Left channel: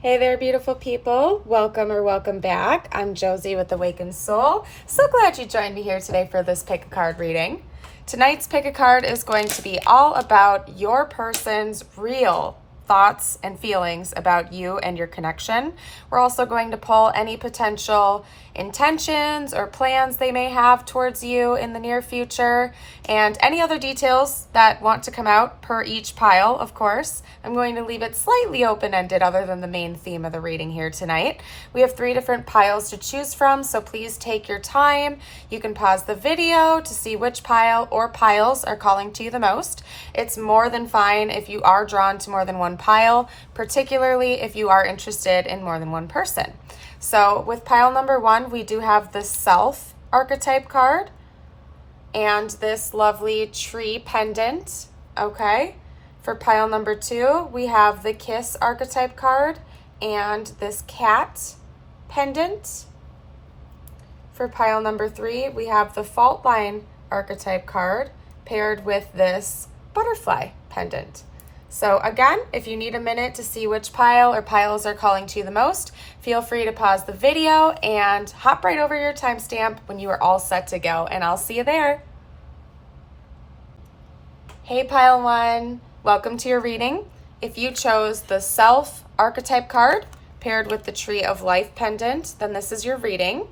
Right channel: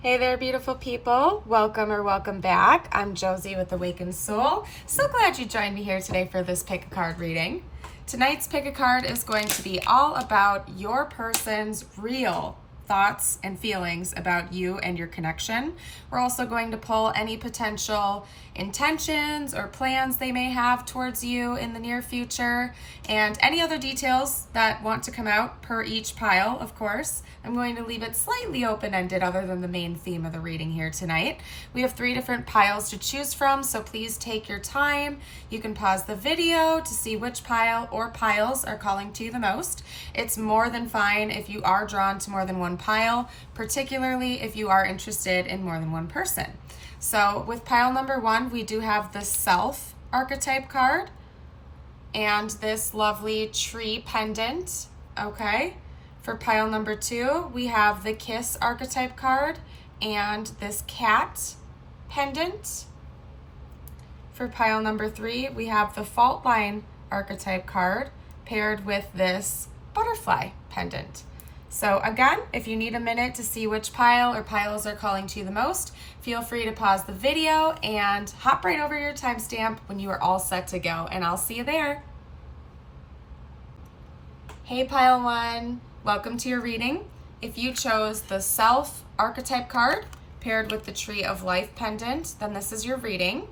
Hey there, beautiful people. Welcome or welcome back. I'm Josie with Awakened Soul. So glad you joined me here today for this pick a card reading. Tonight's pick a card is going to be all about your person's real thoughts and feelings about you and your connection. We're also going to pull any potential intentions or plans they may have towards you in the near future and any other details that want to come out per each pile, of course. I'm going to leave it slightly open-ended other than the main theme of the reading here tonight. We have 3 different piles to choose from, so please take your time. You can pause the video to see which pile or piles are calling to you the most. It's more than fine if you are drawn to more than one pile, particularly if you are interested in more than one person. So with pile number 1, we do have the Self archetype card and this lovely tree pendant, okay? For pile number 2, we have the Kiss archetype card and this cat pendant. For pile number 3, we have the Fault Line archetype card paired with this butterfly pendant. So again, if you need a minute to see which pile or piles are calling to you the most, feel free to pause the video and hop right over your timestamp when you are all set to go, and I'll see you there. Hey pile 1, welcome to your reading. If you chose the Self archetype card paired with the Tree of Life pendant, then this is your reading.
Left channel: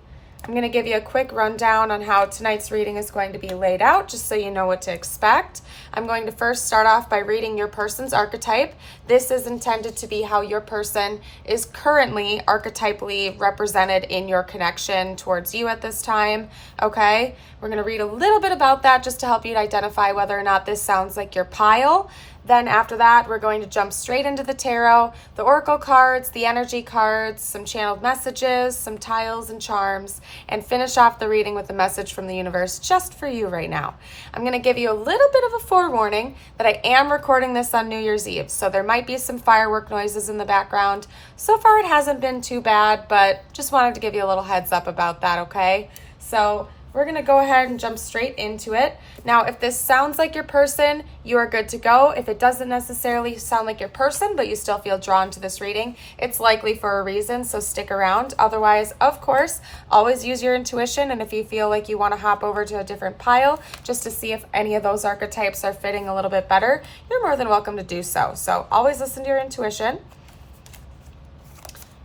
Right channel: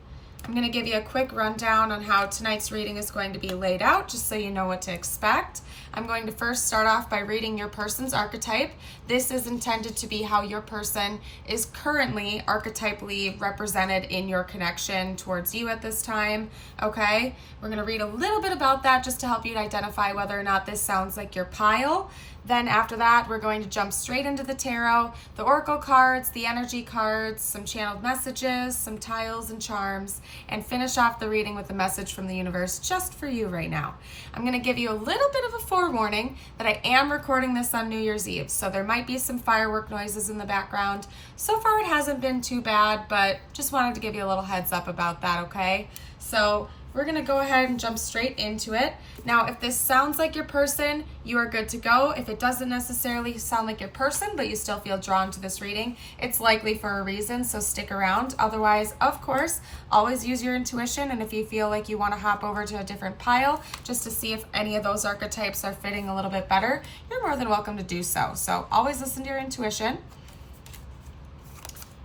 I'm going to give you a quick rundown on how tonight's reading is going to be laid out, just so you know what to expect. I'm going to first start off by reading your person's archetype. This is intended to be how your person is currently archetypally represented in your connection towards you at this time, okay? We're going to read a little bit about that just to help you to identify whether or not this sounds like your pile. Then after that, we're going to jump straight into the tarot, the oracle cards, the energy cards, some channeled messages, some tiles and charms, and finish off the reading with a message from the universe just for you right now. I'm going to give you a little bit of a forewarning that I am recording this on New Year's Eve, so there might be some firework noises in the background. So far it hasn't been too bad, but just wanted to give you a little heads up about that, okay? So we're going to go ahead and jump straight into it. Now, if this sounds like your person, you are good to go. If it doesn't necessarily sound like your person, but you still feel drawn to this reading, it's likely for a reason, so stick around. Otherwise, of course, always use your intuition, and if you feel like you want to hop over to a different pile just to see if any of those archetypes are fitting a little bit better, you're more than welcome to do so. So always listen to your intuition.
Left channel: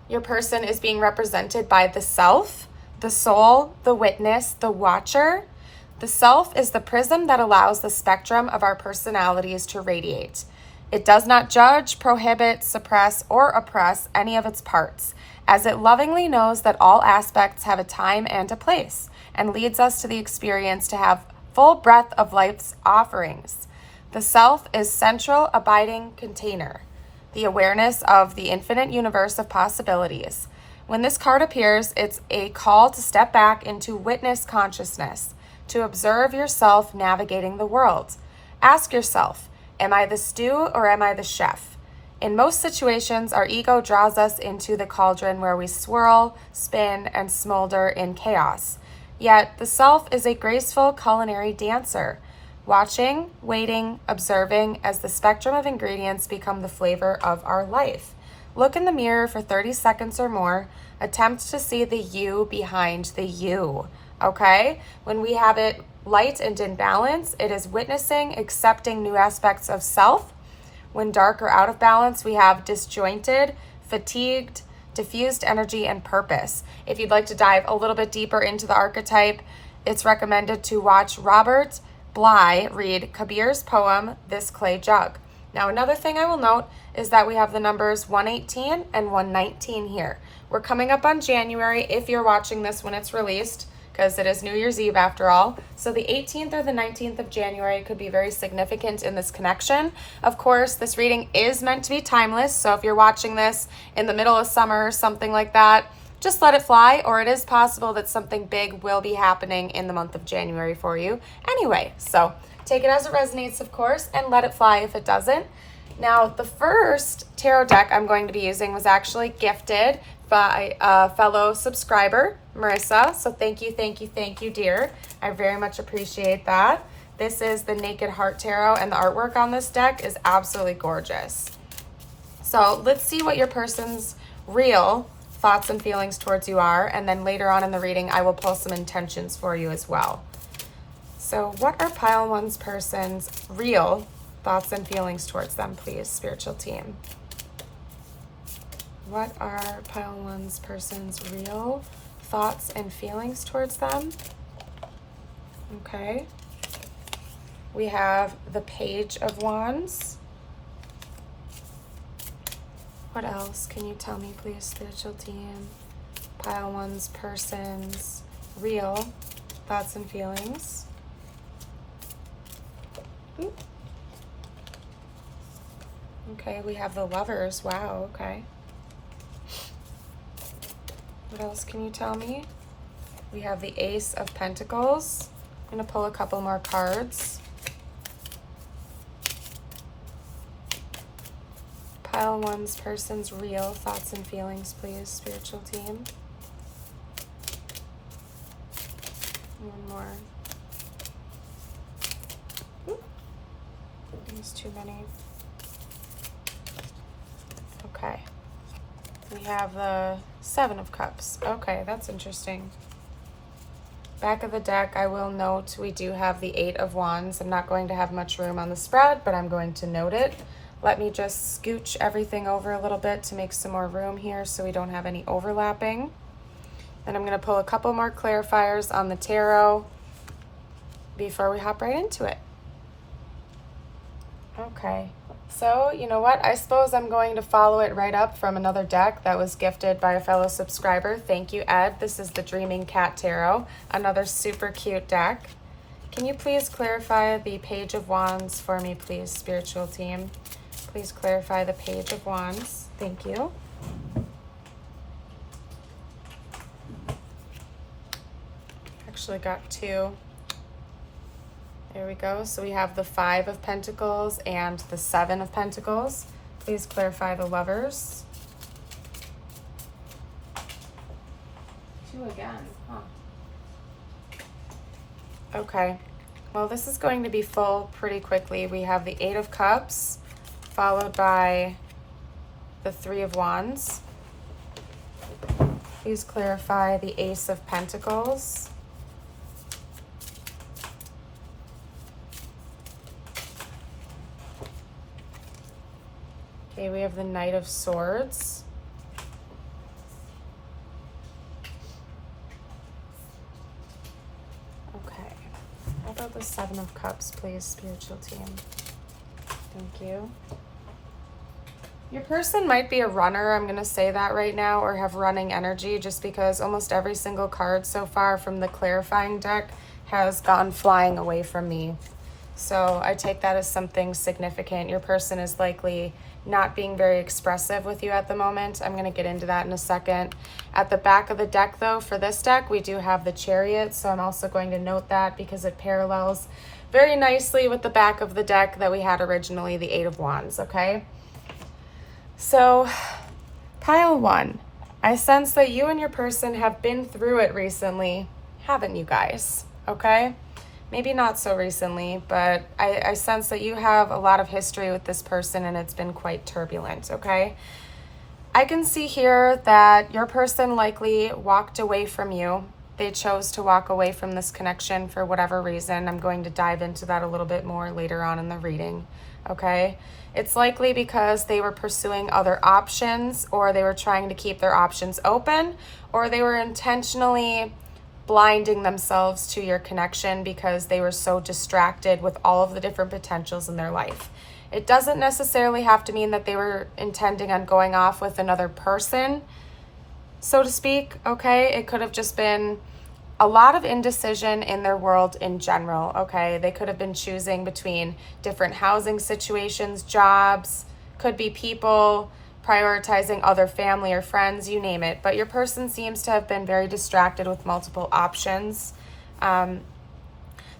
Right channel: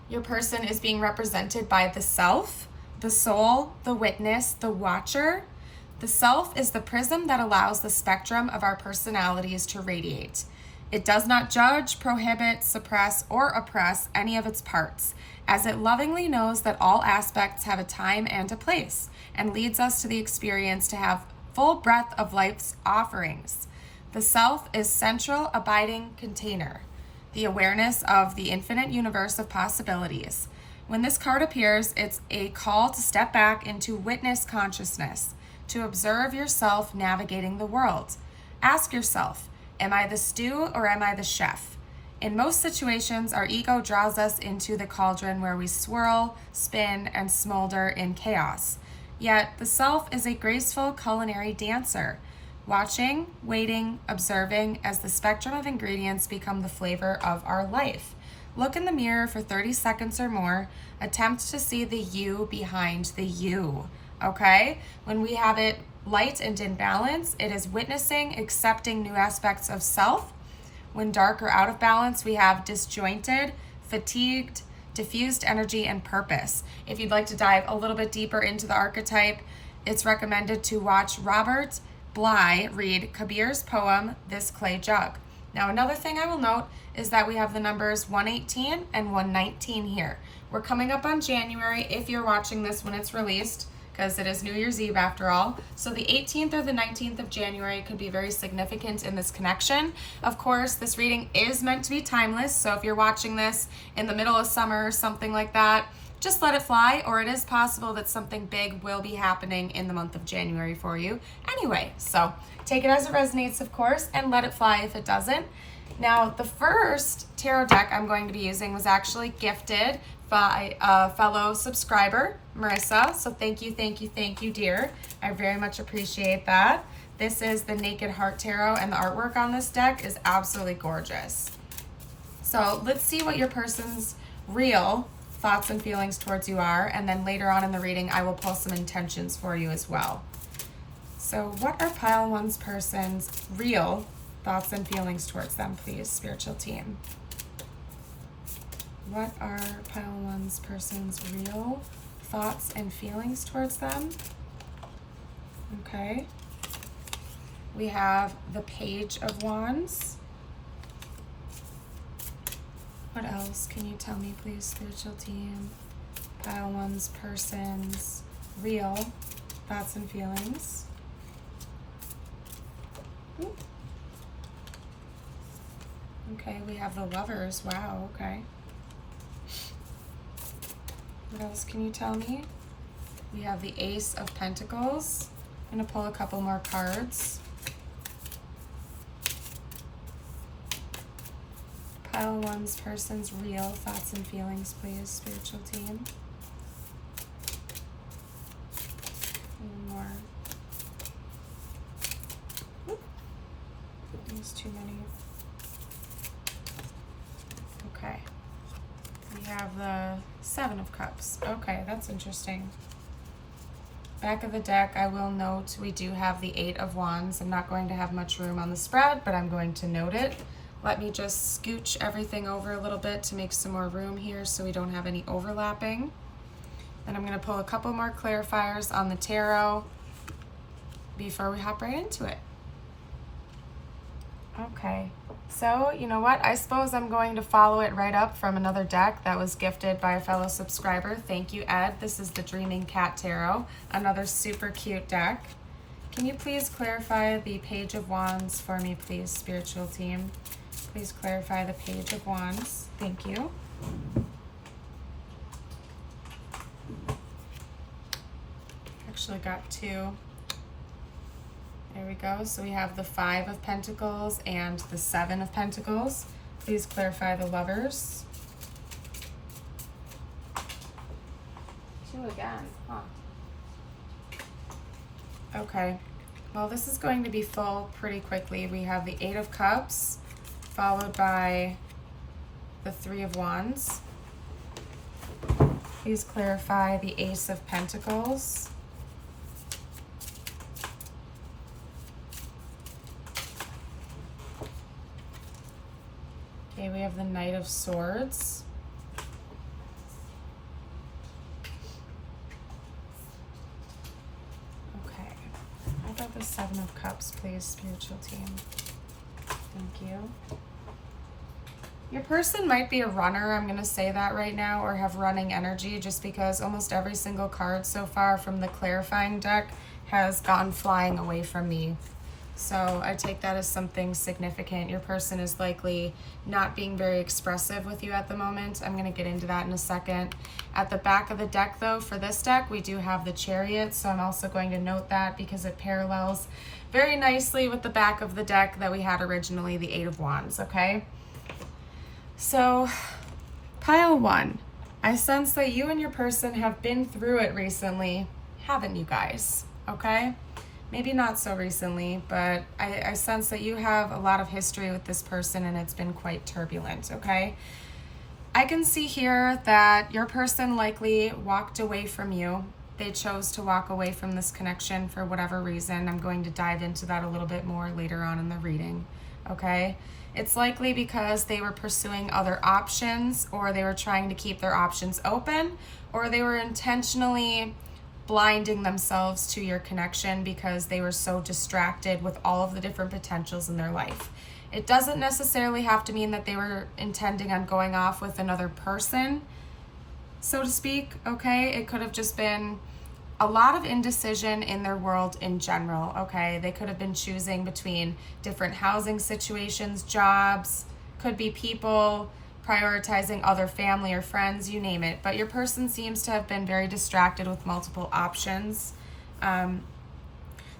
Your person is being represented by the Self, the Soul, the Witness, the Watcher. The Self is the prism that allows the spectrum of our personalities to radiate. It does not judge, prohibit, suppress, or oppress any of its parts, as it lovingly knows that all aspects have a time and a place, and leads us to the experience to have full breadth of life's offerings. The Self is central, abiding container, the awareness of the infinite universe of possibilities. When this card appears, it's a call to step back into witness consciousness, to observe yourself navigating the world. Ask yourself, am I the stew or am I the chef? In most situations, our ego draws us into the cauldron where we swirl, spin, and smolder in chaos. Yet, the Self is a graceful culinary dancer, watching, waiting, observing as the spectrum of ingredients become the flavor of our life. Look in the mirror for 30 seconds or more. Attempt to see the you behind the you, okay? When we have it light and in balance, it is witnessing, accepting new aspects of self. When dark or out of balance, we have disjointed, fatigued, diffused energy and purpose. If you'd like to dive a little bit deeper into the archetype, it's recommended to watch Robert Bly read Kabir's poem, This Clay Jug. Now, another thing I will note is that we have the numbers 118 and 119 here. We're coming up on January if you're watching this when it's released, because it is New Year's Eve after all. So the 18th or the 19th of January could be very significant in this connection. Of course, this reading is meant to be timeless, so if you're watching this in the middle of summer or something like that, just let it fly, or it is possible that something big will be happening in the month of January for you anyway. So take it as it resonates, of course, and let it fly if it doesn't. Now, the first tarot deck I'm going to be using was actually gifted by a fellow subscriber, Marissa. So thank you, dear. I very much appreciate that. This is the Naked Heart Tarot, and the artwork on this deck is absolutely gorgeous. So let's see what your person's real thoughts and feelings towards you are, and then later on in the reading, I will pull some intentions for you as well. So what are Pile 1's person's real thoughts and feelings towards them, please, spiritual team? What are Pile 1's person's real thoughts and feelings towards them? Okay. We have the Page of Wands. What else can you tell me, please, spiritual team? Pile 1's person's real thoughts and feelings. Ooh. Okay, we have the Lovers. Wow, okay. What else can you tell me? We have the Ace of Pentacles. I'm going to pull a couple more cards. Pile 1's person's real thoughts and feelings, please, spiritual team. One more. Ooh. There's too many. Okay. We have the Seven of Cups. Okay, that's interesting. Back of the deck, I will note we do have the Eight of Wands. I'm not going to have much room on the spread, but I'm going to note it. Let me just scooch everything over a little bit to make some more room here so we don't have any overlapping. Then I'm going to pull a couple more clarifiers on the tarot before we hop right into it. Okay, so you know what? I suppose I'm going to follow it right up from another deck that was gifted by a fellow subscriber. Thank you, Ed. This is the Dreaming Cat Tarot, another super cute deck. Can you please clarify the Page of Wands for me, please, spiritual team? Please clarify the Page of Wands. Thank you. Actually got two. There we go. So we have the Five of Pentacles and the Seven of Pentacles. Please clarify the Lovers. Two again, huh? Okay. Well, this is going to be full pretty quickly. We have the Eight of Cups, followed by the Three of Wands. Please clarify the Ace of Pentacles. Okay, we have the Knight of Swords. Okay, how about the Seven of Cups, please, spiritual team? Thank you. Your person might be a runner, I'm going to say that right now, or have running energy, just because almost every single card so far from the clarifying deck has gone flying away from me. So I take that as something significant. Your person is likely not being very expressive with you at the moment. I'm going to get into that in a second. At the back of the deck, though, for this deck, we do have the Chariot, so I'm also going to note that because it parallels very nicely with the back of the deck that we had originally, the Eight of Wands, okay? So, Pile 1, I sense that you and your person have been through it recently, haven't you guys? Okay? Maybe not so recently, but I sense that you have a lot of history with this person and it's been quite turbulent, okay? I can see here that your person likely walked away from you. They chose to walk away from this connection for whatever reason. I'm going to dive into that a little bit more later on in the reading, okay? It's likely because they were pursuing other options, or they were trying to keep their options open, or they were intentionally blinding themselves to your connection because they were so distracted with all of the different potentials in their life. It doesn't necessarily have to mean that they were intending on going off with another person, so to speak, okay? It could have just been a lot of indecision in their world in general, okay? They could have been choosing between different housing situations, jobs, could be people, prioritizing other family or friends, you name it. But your person seems to have been very distracted with multiple options.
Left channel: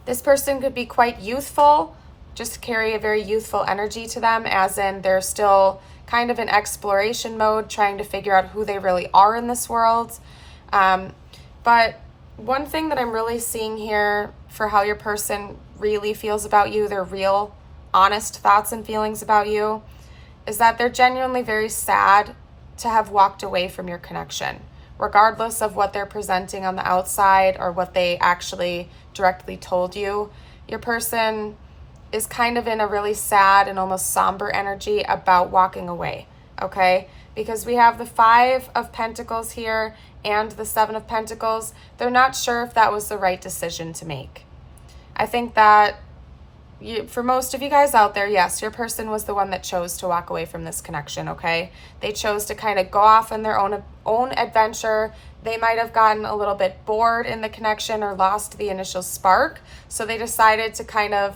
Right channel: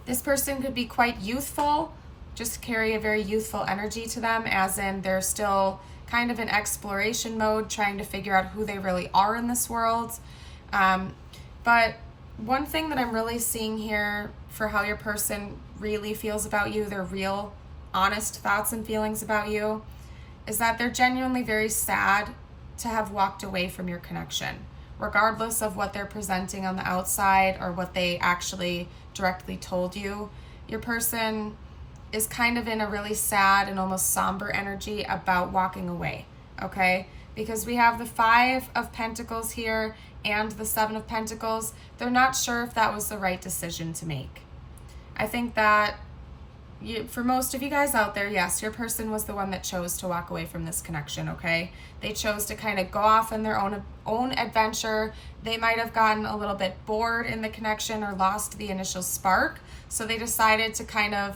This person could be quite youthful, just carry a very youthful energy to them, as in they're still kind of in exploration mode, trying to figure out who they really are in this world. But one thing that I'm really seeing here for how your person really feels about you, their real, honest thoughts and feelings about you, is that they're genuinely very sad to have walked away from your connection. Regardless of what they're presenting on the outside or what they actually directly told you, your person is kind of in a really sad and almost somber energy about walking away, okay? Because we have the 5 of Pentacles here and the 7 of Pentacles. They're not sure if that was the right decision to make. I think that for most of you guys out there, yes, your person was the one that chose to walk away from this connection, okay? They chose to kind of go off on their own adventure. They might have gotten a little bit bored in the connection or lost the initial spark. So they decided to kind of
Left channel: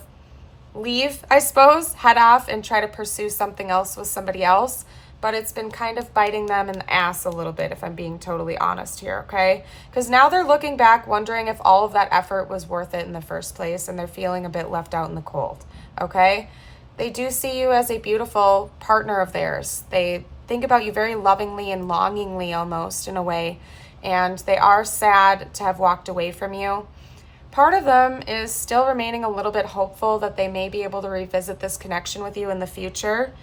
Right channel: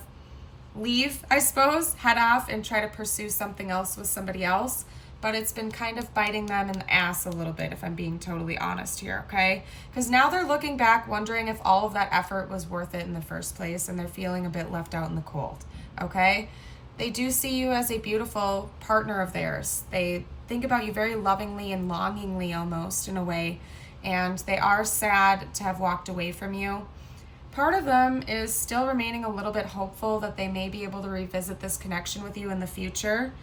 leave, I suppose, head off and try to pursue something else with somebody else. But it's been kind of biting them in the ass a little bit, if I'm being totally honest here, okay? Because now they're looking back, wondering if all of that effort was worth it in the first place, and they're feeling a bit left out in the cold, okay? They do see you as a beautiful partner of theirs. They think about you very lovingly and longingly almost, in a way, and they are sad to have walked away from you. Part of them is still remaining a little bit hopeful that they may be able to revisit this connection with you in the future.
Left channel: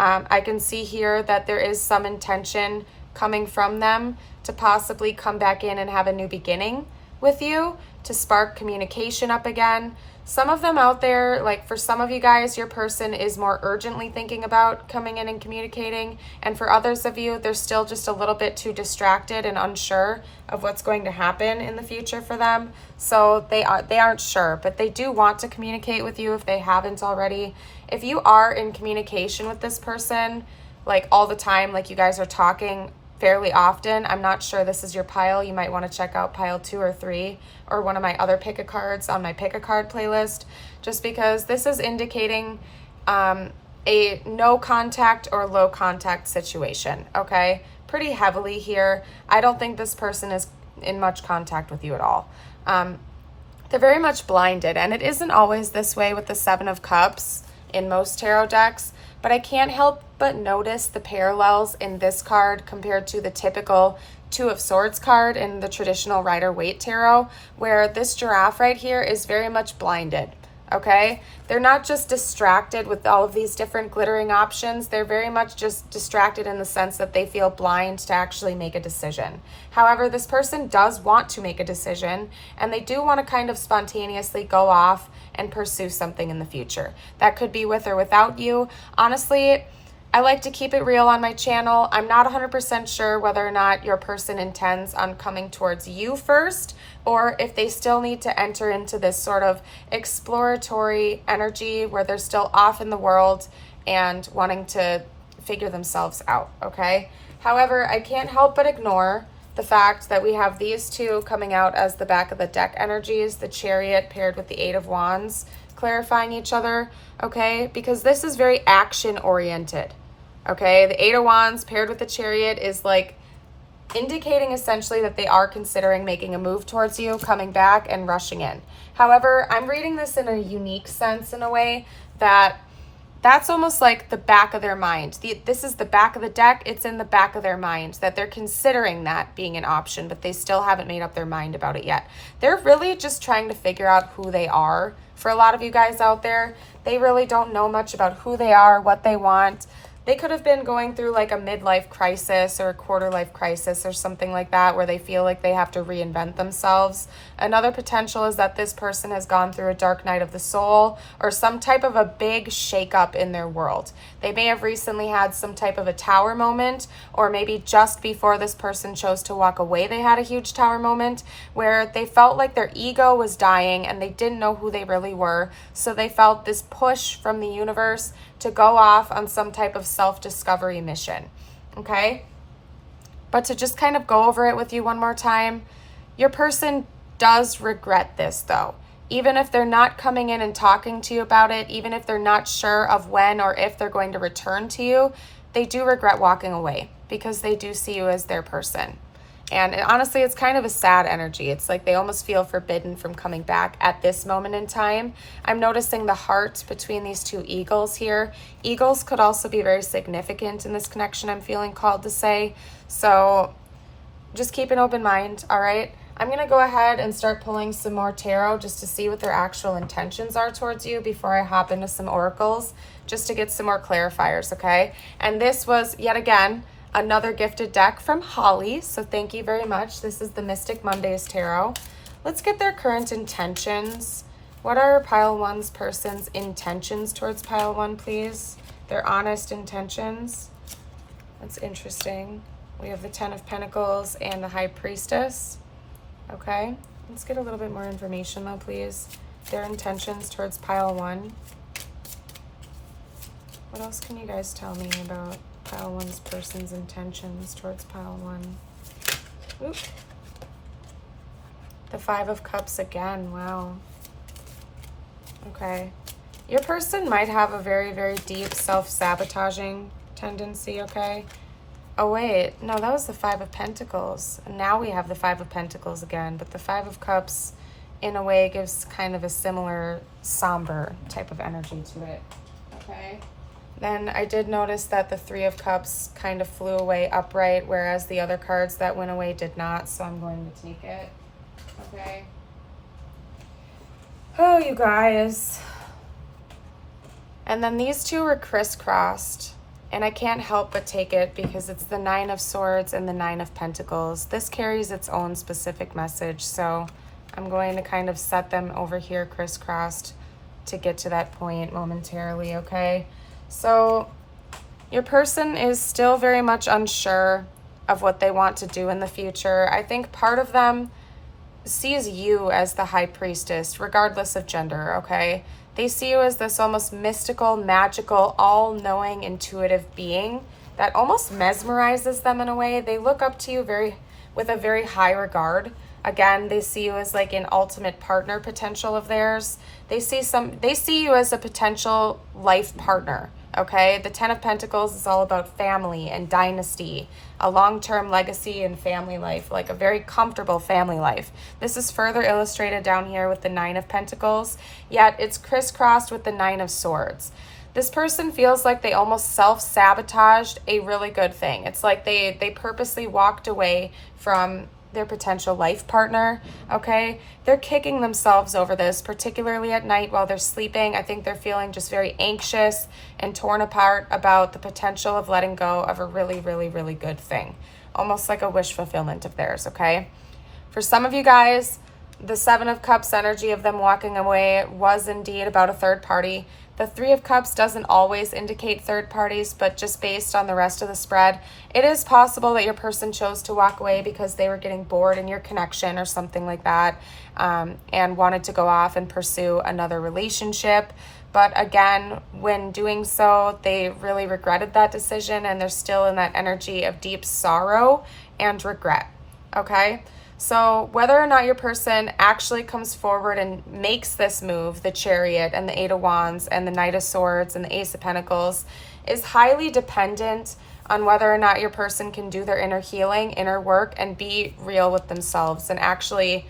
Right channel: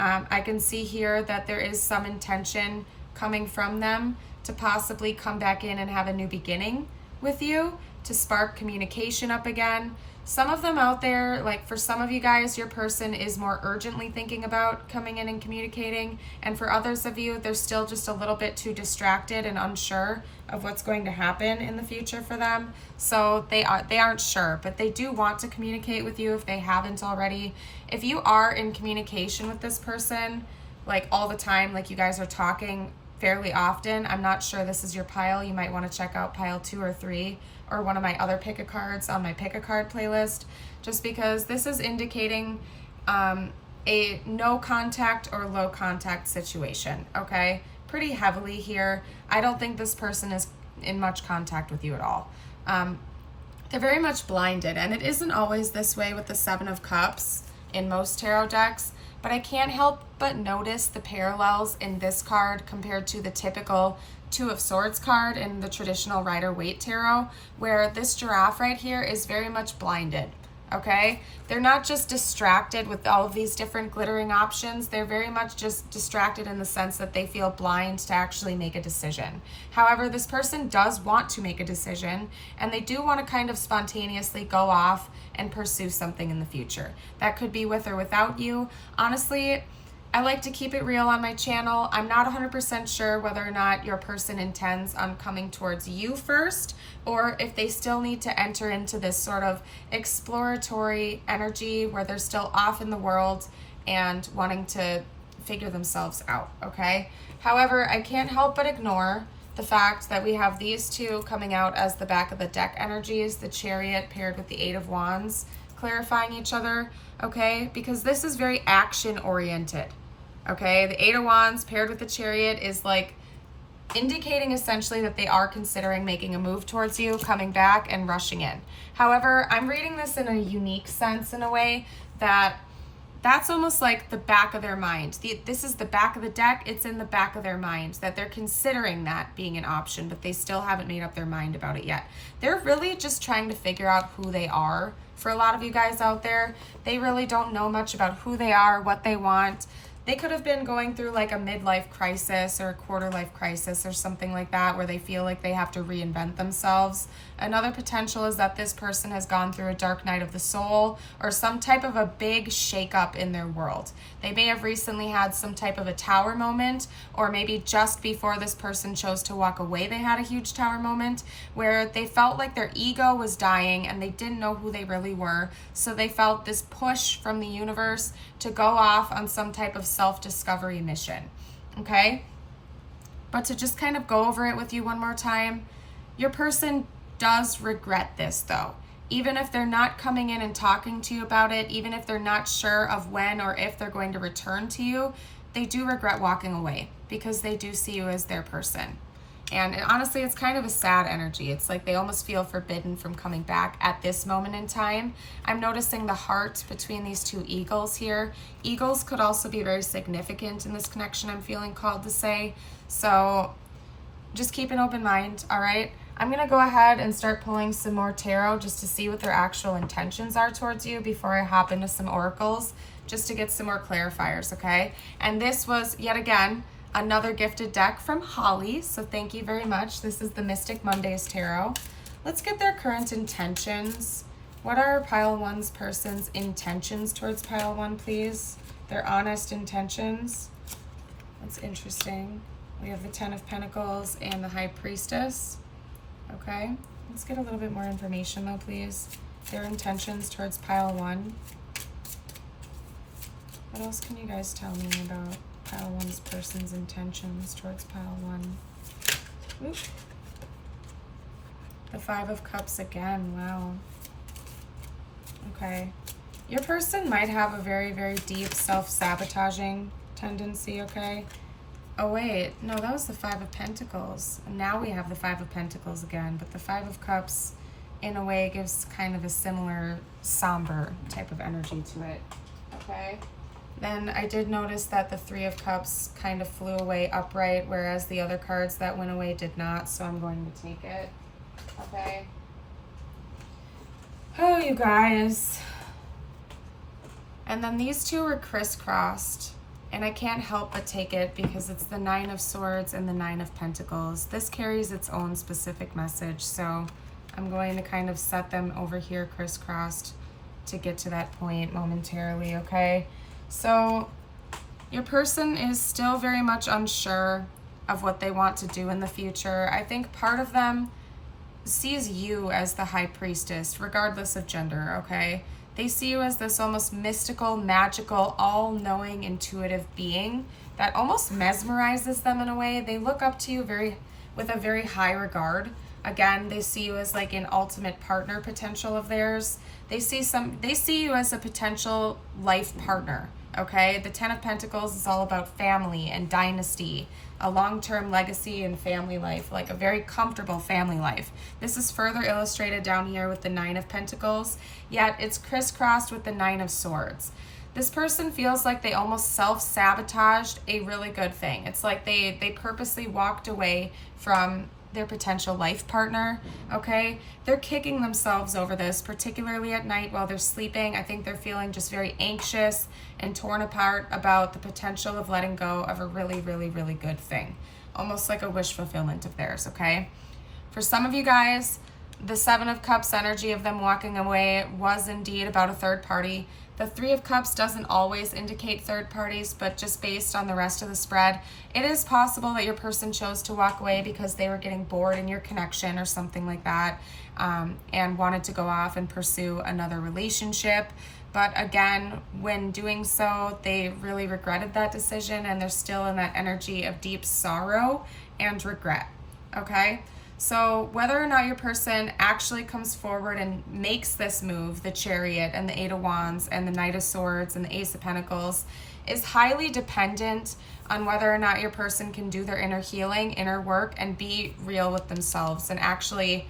I can see here that there is some intention coming from them to possibly come back in and have a new beginning with you, to spark communication up again. Some of them out there, like for some of you guys, your person is more urgently thinking about coming in and communicating. And for others of you, they're still just a little bit too distracted and unsure of what's going to happen in the future for them. So they aren't sure, but they do want to communicate with you if they haven't already. If you are in communication with this person, like all the time, like you guys are talking fairly often, I'm not sure this is your pile. You might want to check out pile 2 or 3 or one of my other pick a cards on my pick a card playlist, just because this is indicating a no contact or low contact situation, okay? Pretty heavily here. I don't think this person is in much contact with you at all. They're very much blinded, and it isn't always this way with the 7 of Cups in most tarot decks, but I can't help but notice the parallels in this card compared to the typical 2 of Swords card in the traditional Rider-Waite tarot, where this giraffe right here is very much blinded, okay? They're not just distracted with all of these different glittering options. They're very much just distracted in the sense that they feel blind to actually make a decision. However, this person does want to make a decision, and they do want to kind of spontaneously go off and pursue something in the future. That could be with or without you. Honestly, I like to keep it real on my channel. I'm not 100% sure whether or not your person intends on coming towards you first, or if they still need to enter into this sort of exploratory energy where they're still off in the world and wanting to figure themselves out, okay? However, I can't help but ignore the fact that we have these 2 coming out as the back of the deck energies, the Chariot paired with the 8 of Wands, clarifying each other, okay? Because this is very action oriented, okay? The 8 of Wands paired with the Chariot is like indicating essentially that they are considering making a move towards you, coming back and rushing in. However, I'm reading this in a unique sense, in a way that that's almost like the back of their mind. This is the back of the deck. It's in the back of their mind that they're considering that being an option, but they still haven't made up their mind about it yet. They're really just trying to figure out who they are. For a lot of you guys out there, they really don't know much about who they are, what they want. They could have been going through like a midlife crisis or a quarter life crisis or something like that, where they feel like they have to reinvent themselves. Another potential is that this person has gone through a dark night of the soul or some type of a big shakeup in their world. They may have recently had some type of a tower moment, or maybe just before this person chose to walk away, they had a huge tower moment where they felt like their ego was dying and they didn't know who they really were. So they felt this push from the universe to go off on some type of self-discovery mission, okay? But to just kind of go over it with you one more time, your person does regret this though. Even if they're not coming in and talking to you about it, even if they're not sure of when or if they're going to return to you, they do regret walking away because they do see you as their person. And honestly, it's kind of a sad energy. It's like they almost feel forbidden from coming back at this moment in time. I'm noticing the heart between these 2 eagles here. Eagles could also be very significant in this connection, I'm feeling called to say. So just keep an open mind, all right? I'm going to go ahead and start pulling some more tarot just to see what their actual intentions are towards you before I hop into some oracles, just to get some more clarifiers, okay? And this was, yet again, Another gifted deck from Holly, so thank you very much. This is the Mystic Mondays Tarot. Let's get their current intentions. What are Pile 1's person's intentions towards Pile 1, please? Their honest intentions. That's interesting. We have the Ten of Pentacles and the High Priestess. Okay, let's get a little bit more information though, please. Their intentions towards Pile 1. What else can you guys tell me about Pile 1's person's intentions towards Pile 1? Oop. The Five of Cups again, wow. Okay. Your person might have a very, very deep self-sabotaging tendency, okay? Oh, wait. No, that was the Five of Pentacles. And now we have the Five of Pentacles again. But the Five of Cups, in a way, gives kind of a similar somber type of energy to it, okay? Then I did notice that the Three of Cups kind of flew away upright, whereas the other cards that went away did not, so I'm going to take it, okay? Oh, you guys. And then these two were crisscrossed, and I can't help but take it because it's the Nine of Swords and the Nine of Pentacles. This carries its own specific message, so I'm going to kind of set them over here crisscrossed to get to that point momentarily, okay? So your person is still very much unsure of what they want to do in the future. I think part of them sees you as the High Priestess, regardless of gender, okay? They see you as this almost mystical, magical, all-knowing, intuitive being that almost mesmerizes them in a way. They look up to you with a very high regard. Again, they see you as like an ultimate partner potential of theirs. They see you as a potential life partner, okay? The Ten of Pentacles is all about family and dynasty, a long-term legacy and family life, like a very comfortable family life. This is further illustrated down here with the Nine of Pentacles, yet it's crisscrossed with the Nine of Swords. This person feels like they almost self-sabotaged a really good thing. It's like they purposely walked away from their potential life partner, okay? They're kicking themselves over this, particularly at night while they're sleeping. I think they're feeling just very anxious and torn apart about the potential of letting go of a really, really, really good thing. Almost like a wish fulfillment of theirs, okay? For some of you guys, the Seven of Cups energy of them walking away was indeed about a third party. The Three of Cups doesn't always indicate third parties, but just based on the rest of the spread, it is possible that your person chose to walk away because they were getting bored in your connection or something like that, and wanted to go off and pursue another relationship. But again, when doing so, they really regretted that decision, and they're still in that energy of deep sorrow and regret, okay? So whether or not your person actually comes forward and makes this move, the Chariot and the Eight of Wands and the Knight of Swords and the Ace of Pentacles, is highly dependent on whether or not your person can do their inner healing, inner work, and be real with themselves and actually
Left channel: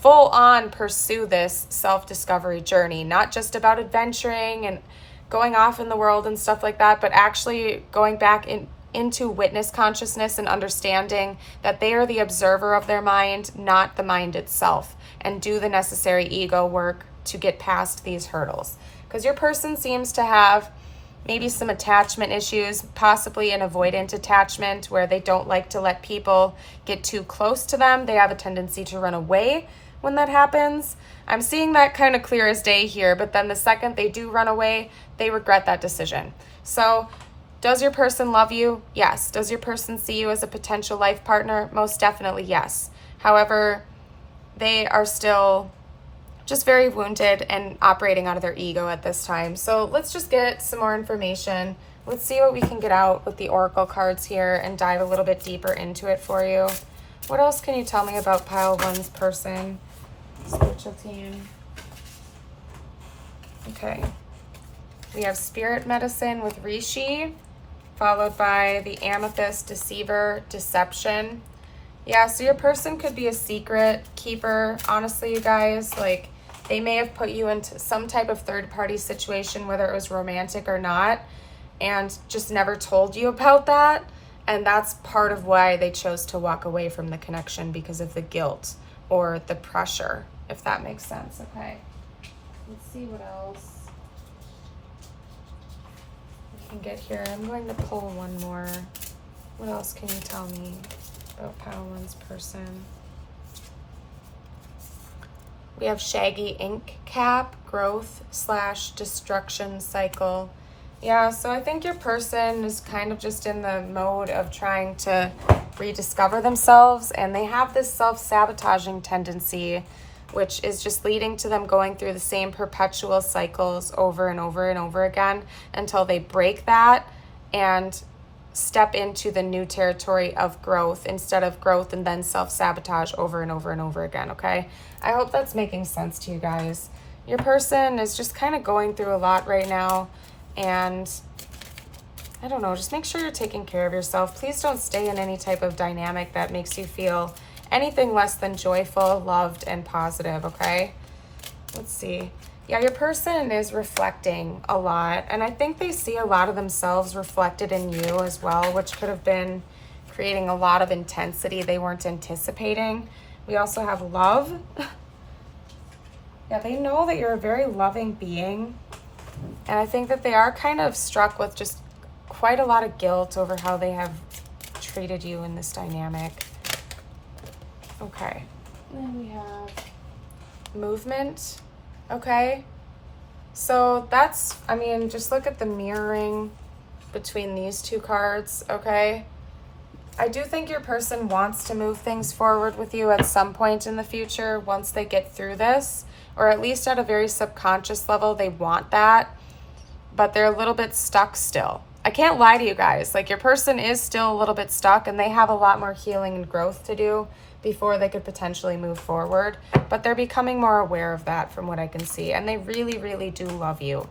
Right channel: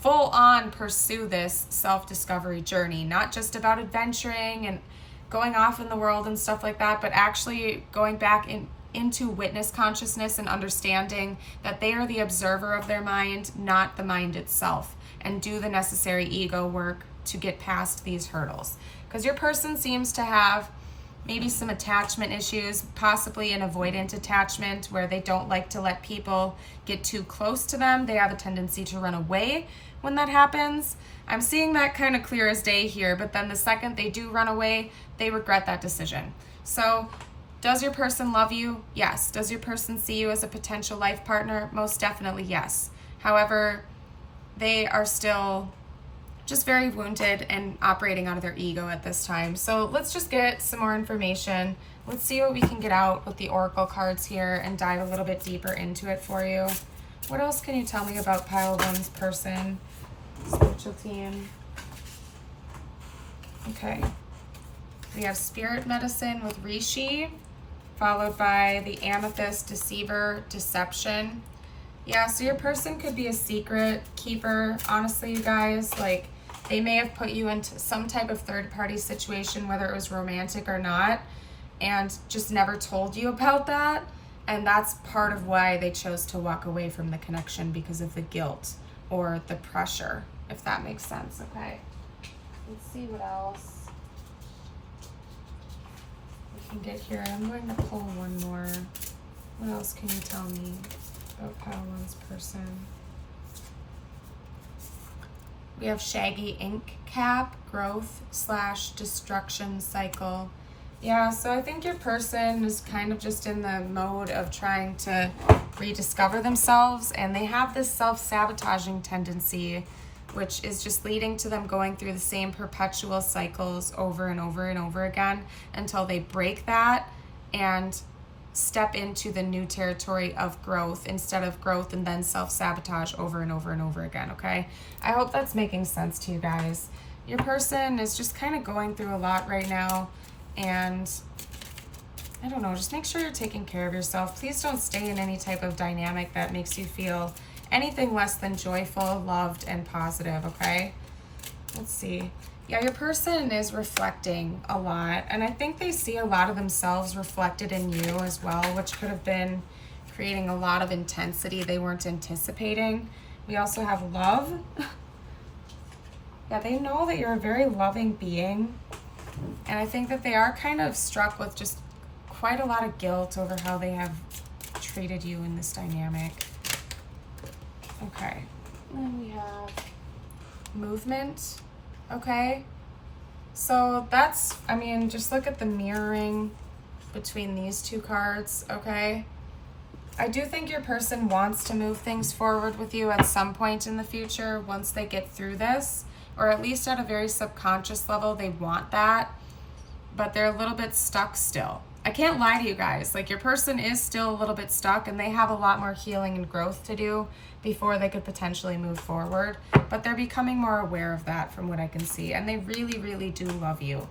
full on pursue this self-discovery journey. Not just about adventuring and going off in the world and stuff like that, but actually going back into witness consciousness and understanding that they are the observer of their mind, not the mind itself, and do the necessary ego work to get past these hurdles. Because your person seems to have maybe some attachment issues, possibly an avoidant attachment where they don't like to let people get too close to them. They have a tendency to run away when that happens. I'm seeing that kind of clear as day here, but then the second they do run away, they regret that decision. So does your person love you? Yes. Does your person see you as a potential life partner? Most definitely yes. However, they are still just very wounded and operating out of their ego at this time. So let's just get some more information. Let's see what we can get out with the Oracle cards here and dive a little bit deeper into it for you. What else can you tell me about Pile 1's person, spiritual team? Okay. We have Spirit Medicine with Rishi, followed by the Amethyst, Deceiver, Deception. Yeah, so your person could be a secret keeper. Honestly, you guys, like, they may have put you into some type of third-party situation, whether it was romantic or not, and just never told you about that. And that's part of why they chose to walk away from the connection, because of the guilt or the pressure, if that makes sense, okay? Let's see what else we can get here. I'm going to pull one more What else can you tell me about Pile One's person? We have shaggy ink cap, growth / destruction cycle. Yeah, so I think your person is kind of just in the mode of trying to rediscover themselves, and they have this self-sabotaging tendency, which is just leading to them going through the same perpetual cycles over and over and over again until they break that and step into the new territory of growth instead of growth and then self-sabotage over and over and over again, okay? I hope that's making sense to you guys. Your person is just kind of going through a lot right now, and I don't know, just make sure you're taking care of yourself. Please don't stay in any type of dynamic that makes you feel anything less than joyful, loved, and positive, okay? Let's see. Yeah, your person is reflecting a lot, and I think they see a lot of themselves reflected in you as well, which could have been creating a lot of intensity they weren't anticipating. We also have love. Yeah, they know that you're a very loving being, and I think that they are kind of struck with just quite a lot of guilt over how they have treated you in this dynamic. Okay, and then we have movement. Okay, so that's, I mean, just look at the mirroring between these two cards, okay? I do think your person wants to move things forward with you at some point in the future once they get through this, or at least at a very subconscious level, they want that, but they're a little bit stuck still. I can't lie to you guys, like your person is still a little bit stuck and they have a lot more healing and growth to do before they could potentially move forward, but they're becoming more aware of that from what I can see, and they really, really do love you.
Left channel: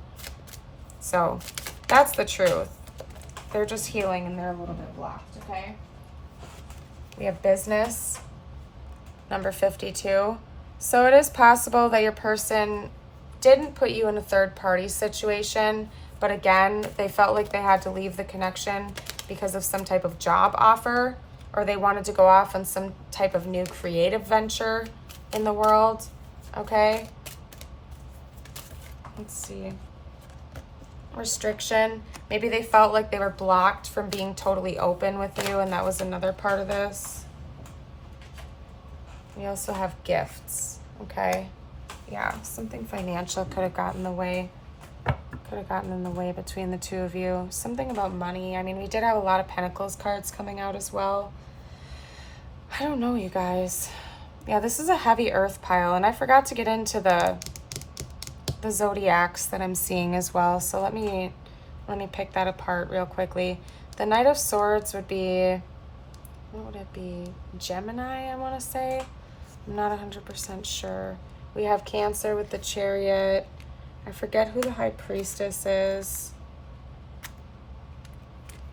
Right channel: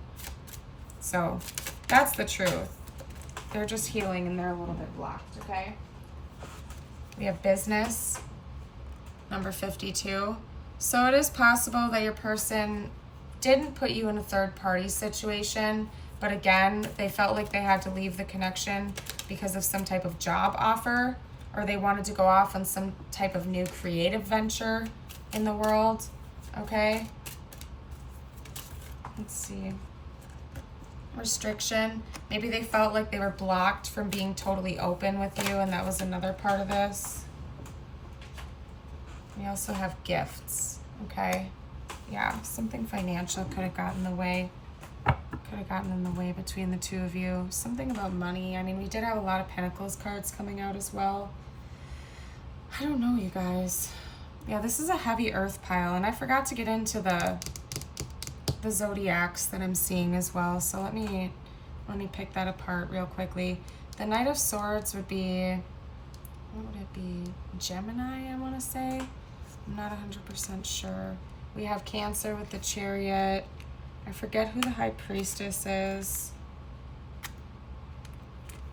So that's the truth. They're just healing and they're a little bit blocked, okay? We have business, number 52. So it is possible that your person didn't put you in a third party situation, but again, they felt like they had to leave the connection because of some type of job offer, or they wanted to go off on some type of new creative venture in the world, okay? Let's see. Restriction. Maybe they felt like they were blocked from being totally open with you, and that was another part of this. We also have gifts, okay? Yeah, something financial could have gotten in the way. Could have gotten in the way between the two of you. Something about money. I mean, we did have a lot of Pentacles cards coming out as well. I don't know, you guys. Yeah, this is a heavy earth pile, and I forgot to get into the zodiacs that I'm seeing as well. So let me pick that apart real quickly. The Knight of Swords would be, what would it be? Gemini, I want to say. I'm not 100% sure. We have Cancer with the Chariot. I forget who the High Priestess is.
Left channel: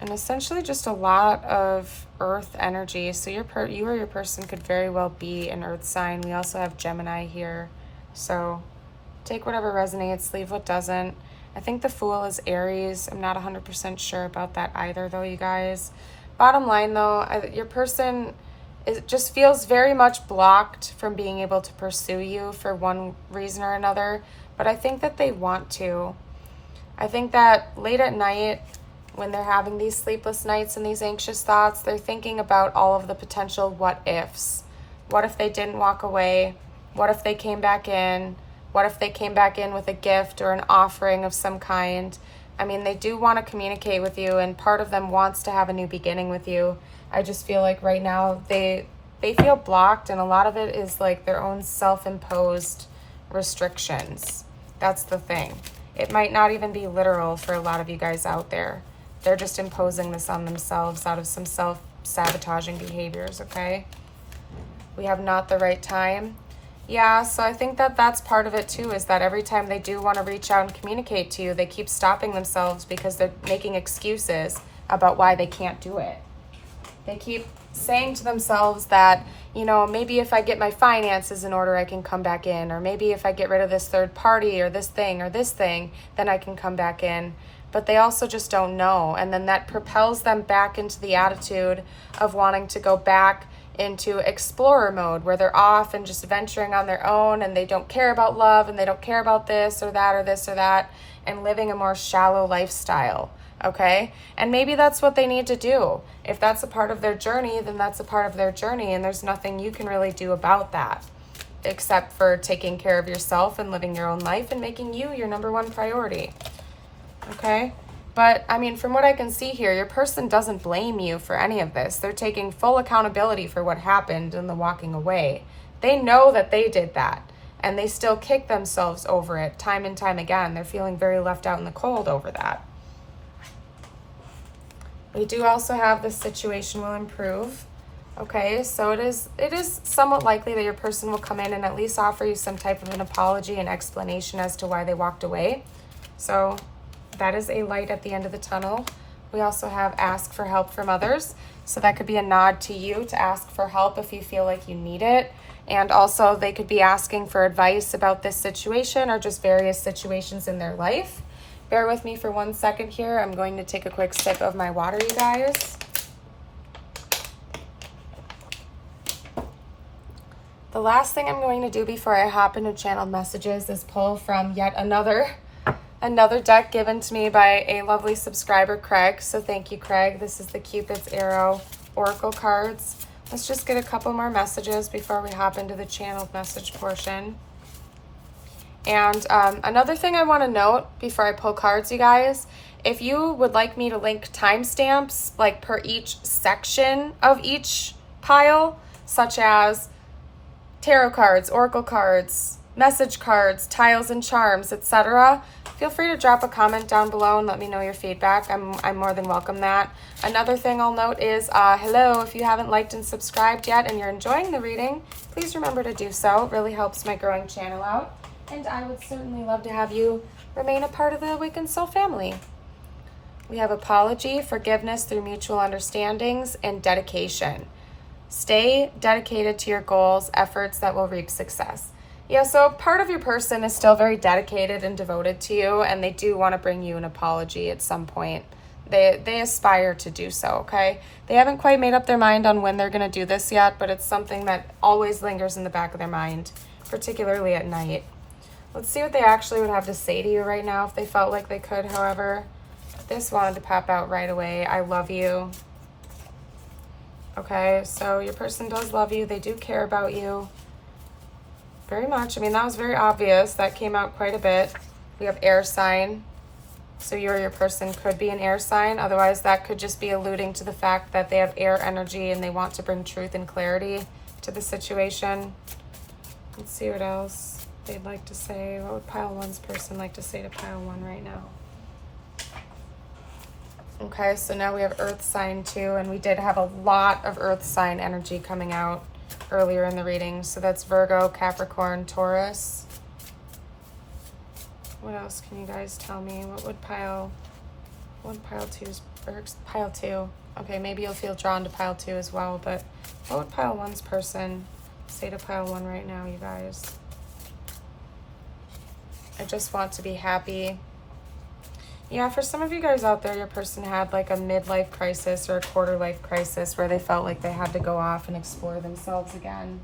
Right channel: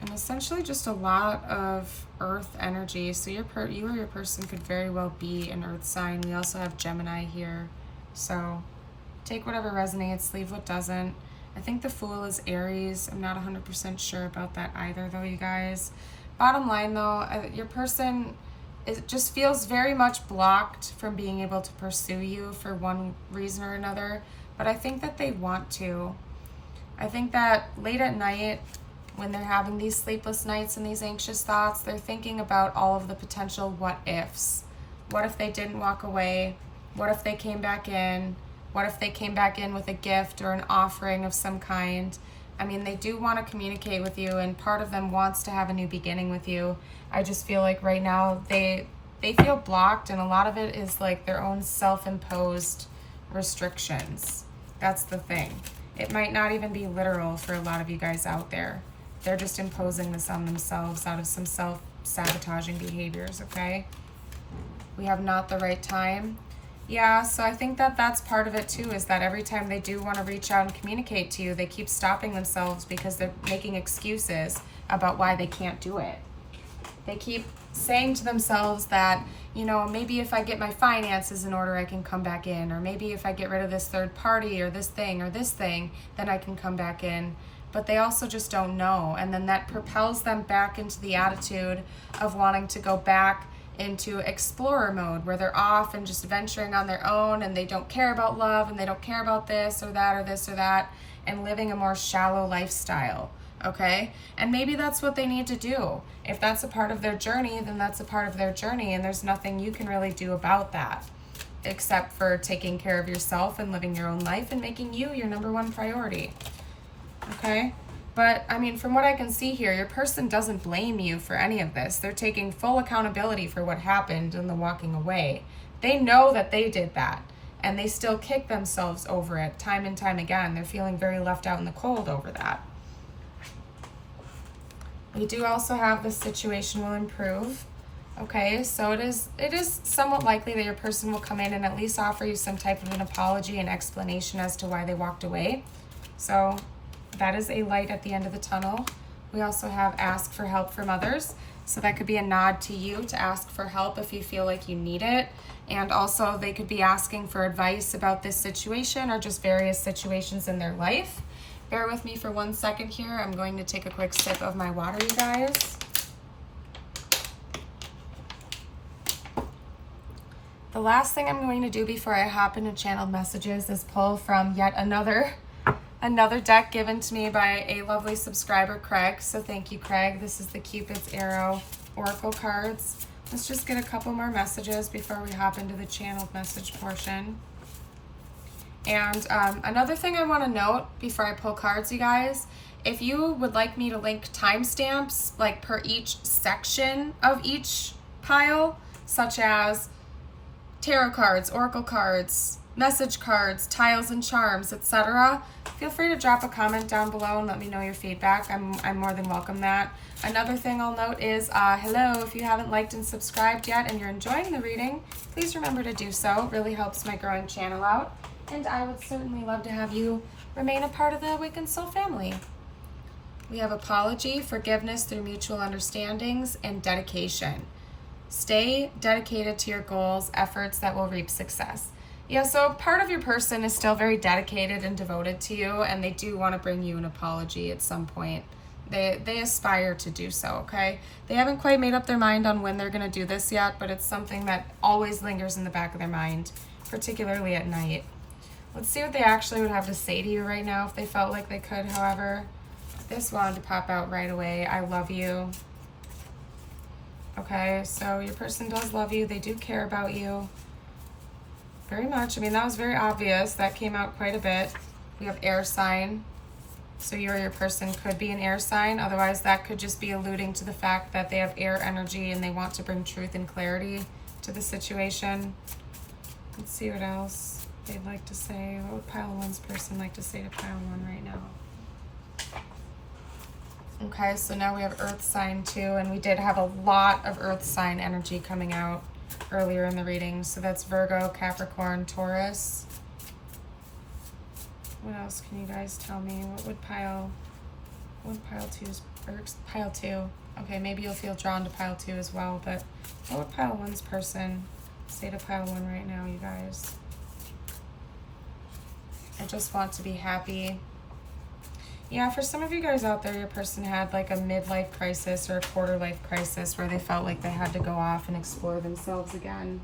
And essentially just a lot of earth energy. So you or your person could very well be an earth sign. We also have Gemini here. So take whatever resonates, leave what doesn't. I think the Fool is Aries. I'm not 100% sure about that either though, you guys. Bottom line though, your person just feels very much blocked from being able to pursue you for one reason or another. But I think that they want to. I think that late at night, when they're having these sleepless nights and these anxious thoughts, they're thinking about all of the potential what ifs. What if they didn't walk away? What if they came back in? What if they came back in with a gift or an offering of some kind? I mean, they do want to communicate with you, and part of them wants to have a new beginning with you. I just feel like right now they feel blocked, and a lot of it is like their own self-imposed restrictions. That's the thing. It might not even be literal for a lot of you guys out there. They're just imposing this on themselves out of some self-sabotaging behaviors, okay? We have not the right time. Yeah, so I think that that's part of it too, is that every time they do want to reach out and communicate to you, they keep stopping themselves because they're making excuses about why they can't do it. They keep saying to themselves that, you know, maybe if I get my finances in order, I can come back in, or maybe if I get rid of this third party or this thing, then I can come back in. But they also just don't know. And then that propels them back into the attitude of wanting to go back into explorer mode, where they're off and just venturing on their own, and they don't care about love, and they don't care about this or that or this or that, and living a more shallow lifestyle. okay? And maybe that's what they need to do. If that's a part of their journey, then that's a part of their journey, and there's nothing you can really do about that, except for taking care of yourself and living your own life and making you your number one priority, okay? But, I mean, from what I can see here, your person doesn't blame you for any of this. They're taking full accountability for what happened in the walking away. They know that they did that, and they still kick themselves over it time and time again. They're feeling very left out in the cold over that. We do also have the situation will improve. Okay, so it is somewhat likely that your person will come in and at least offer you some type of an apology and explanation as to why they walked away. So that is a light at the end of the tunnel. We also have ask for help from others. So that could be a nod to you to ask for help if you feel like you need it. And also they could be asking for advice about this situation or just various situations in their life. Bear with me for 1 second here. I'm going to take a quick sip of my water, you guys. The last thing I'm going to do before I hop into channeled messages is pull from yet another deck given to me by a lovely subscriber, Craig. So thank you, Craig. This is the Cupid's Arrow Oracle cards. Let's just get a couple more messages before we hop into the channeled message portion. And another thing I want to note before I pull cards, you guys, if you would like me to link timestamps like per each section of each pile, such as tarot cards, oracle cards, message cards, tiles and charms, etc., feel free to drop a comment down below and let me know your feedback. I'm more than welcome that. Another thing I'll note is, hello, if you haven't liked and subscribed yet and you're enjoying the reading, please remember to do so. It really helps my growing channel out. And I would certainly love to have you remain a part of the Awakened Soul family. We have apology, forgiveness through mutual understandings, and dedication. Stay dedicated to your goals, efforts that will reap success. Yeah, so part of your person is still very dedicated and devoted to you, and they do want to bring you an apology at some point. They aspire to do so, okay? They haven't quite made up their mind on when they're going to do this yet, but it's something that always lingers in the back of their mind, particularly at night. Let's see what they actually would have to say to you right now if they felt like they could, however. This wanted to pop out right away. I love you. Okay, so your person does love you. They do care about you very much. I mean, that was very obvious. That came out quite a bit. We have air sign. So you or your person could be an air sign. Otherwise, that could just be alluding to the fact that they have air energy and they want to bring truth and clarity to the situation. Let's see what else they'd like to say. What would pile one's person like to say to pile one right now? Okay, so now we have earth sign too, and we did have a lot of earth sign energy coming out earlier in the reading. So that's Virgo, Capricorn, Taurus. What else can you guys tell me? What would pile two's, or pile two? Okay, maybe you'll feel drawn to pile two as well, but what would pile one's person say to pile one right now, you guys? I just want to be happy. Yeah, for some of you guys out there, your person had like a midlife crisis or a quarter life crisis where they felt like they had to go off and explore themselves again.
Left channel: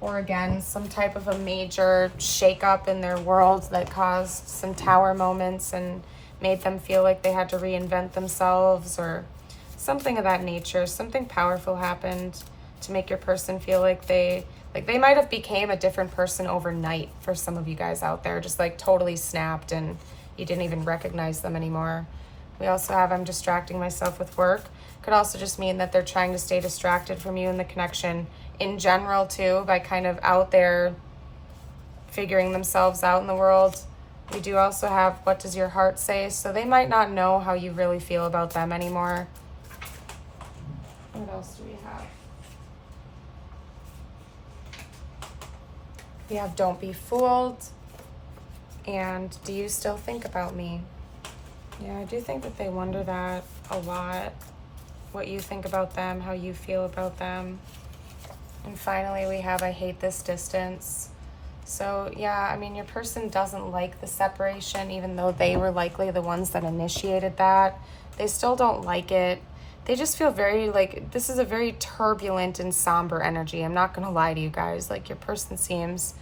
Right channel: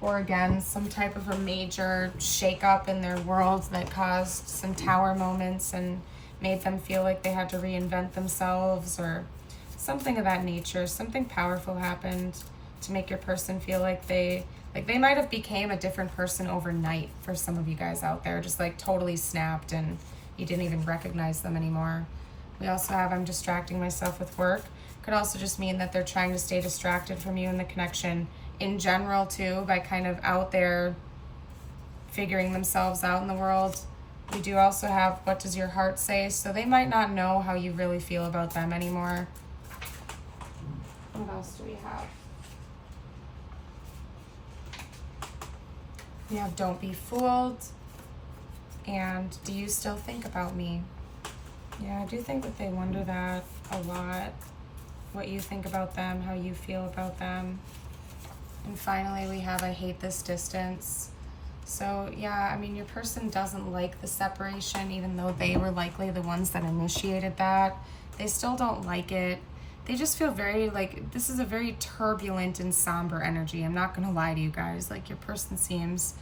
Or again, some type of a major shakeup in their world that caused some tower moments and made them feel like they had to reinvent themselves or something of that nature. Something powerful happened to make your person feel like they might have became a different person overnight for some of you guys out there, just like totally snapped and you didn't even recognize them anymore. We also have, I'm distracting myself with work. Could also just mean that they're trying to stay distracted from you and the connection in general too, by kind of out there figuring themselves out in the world. We do also have, what does your heart say? So they might not know how you really feel about them anymore. What else do we have? We have don't be fooled. And do you still think about me? Yeah, I do think that they wonder that a lot. What you think about them, how you feel about them. And finally, we have I hate this distance. So yeah, I mean, your person doesn't like the separation, even though they were likely the ones that initiated that. They still don't like it. They just feel very like, this is a very turbulent and somber energy. I'm not gonna lie to you guys. Like your person seems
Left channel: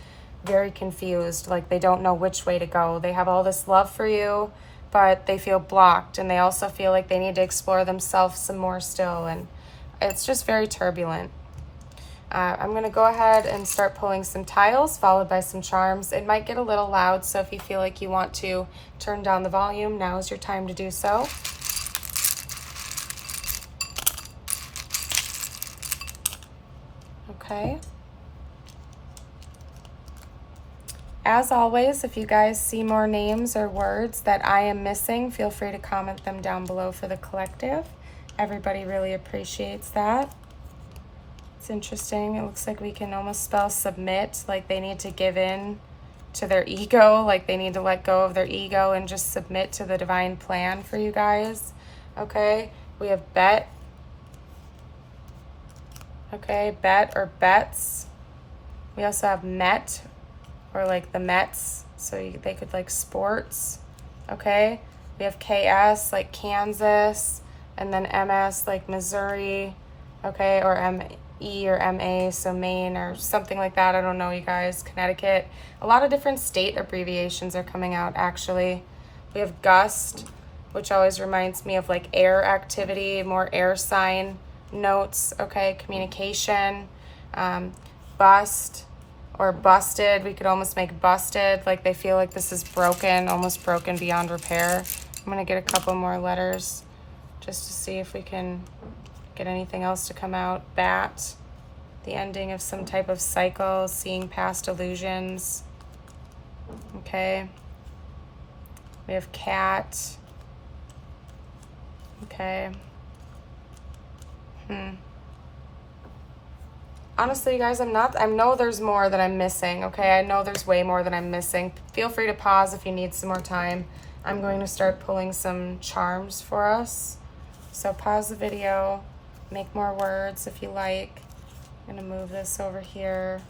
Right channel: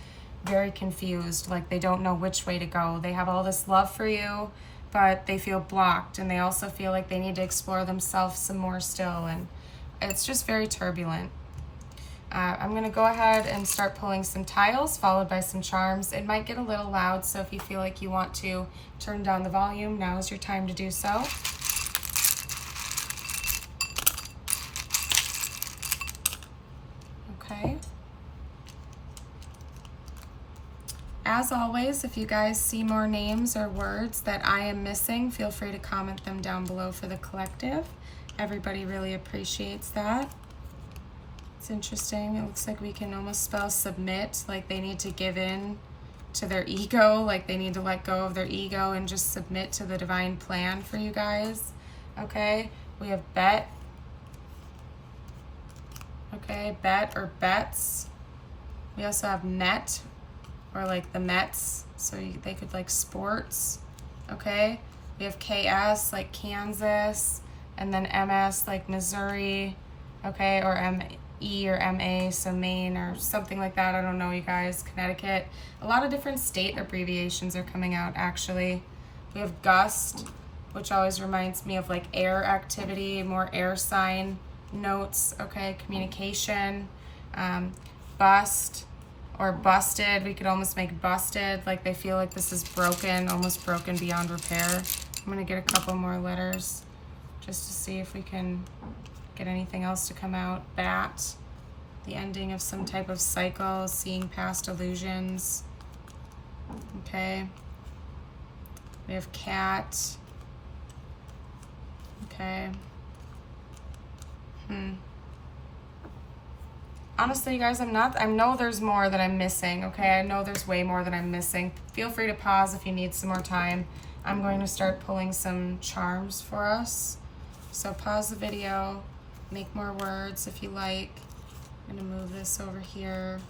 very confused, like they don't know which way to go. They have all this love for you. but they feel blocked, and they also feel like they need to explore themselves some more still, and it's just very turbulent. I'm going to go ahead and start pulling some tiles, followed by some charms. It might get a little loud, so if you feel like you want to turn down the volume, now is your time to do so. Okay. As always, if you guys see more names or words that I am missing, feel free to comment them down below for the collective. Everybody really appreciates that. It's interesting. It looks like we can almost spell submit, like they need to give in to their ego, like they need to let go of their ego and just submit to the divine plan for you guys. Okay, we have bet. Okay, bet or bets. We also have met, or like the Mets, so they could like sports. Okay, we have KS like Kansas, and then MS like Missouri. Okay, or ME or MA, so Maine or something like that. I don't know, you guys. Connecticut. A lot of different state abbreviations are coming out, actually. We have gust, which always reminds me of like air activity, more air sign notes. Okay, communication. Bust or busted. We could almost make busted, like they feel like this is broken, almost broken beyond repair. I'm going to get a couple more letters just to see if we can get anything else to come out. Bat, the ending of some type of cycle, seeing past illusions. Okay. We have cat. Okay. Honestly, you guys, I know there's more that I'm missing, okay? I know there's way more that I'm missing. Feel free to pause if you need some more time. I'm going to start pulling some charms for us. So pause the video, make more words if you like. I'm gonna move this over here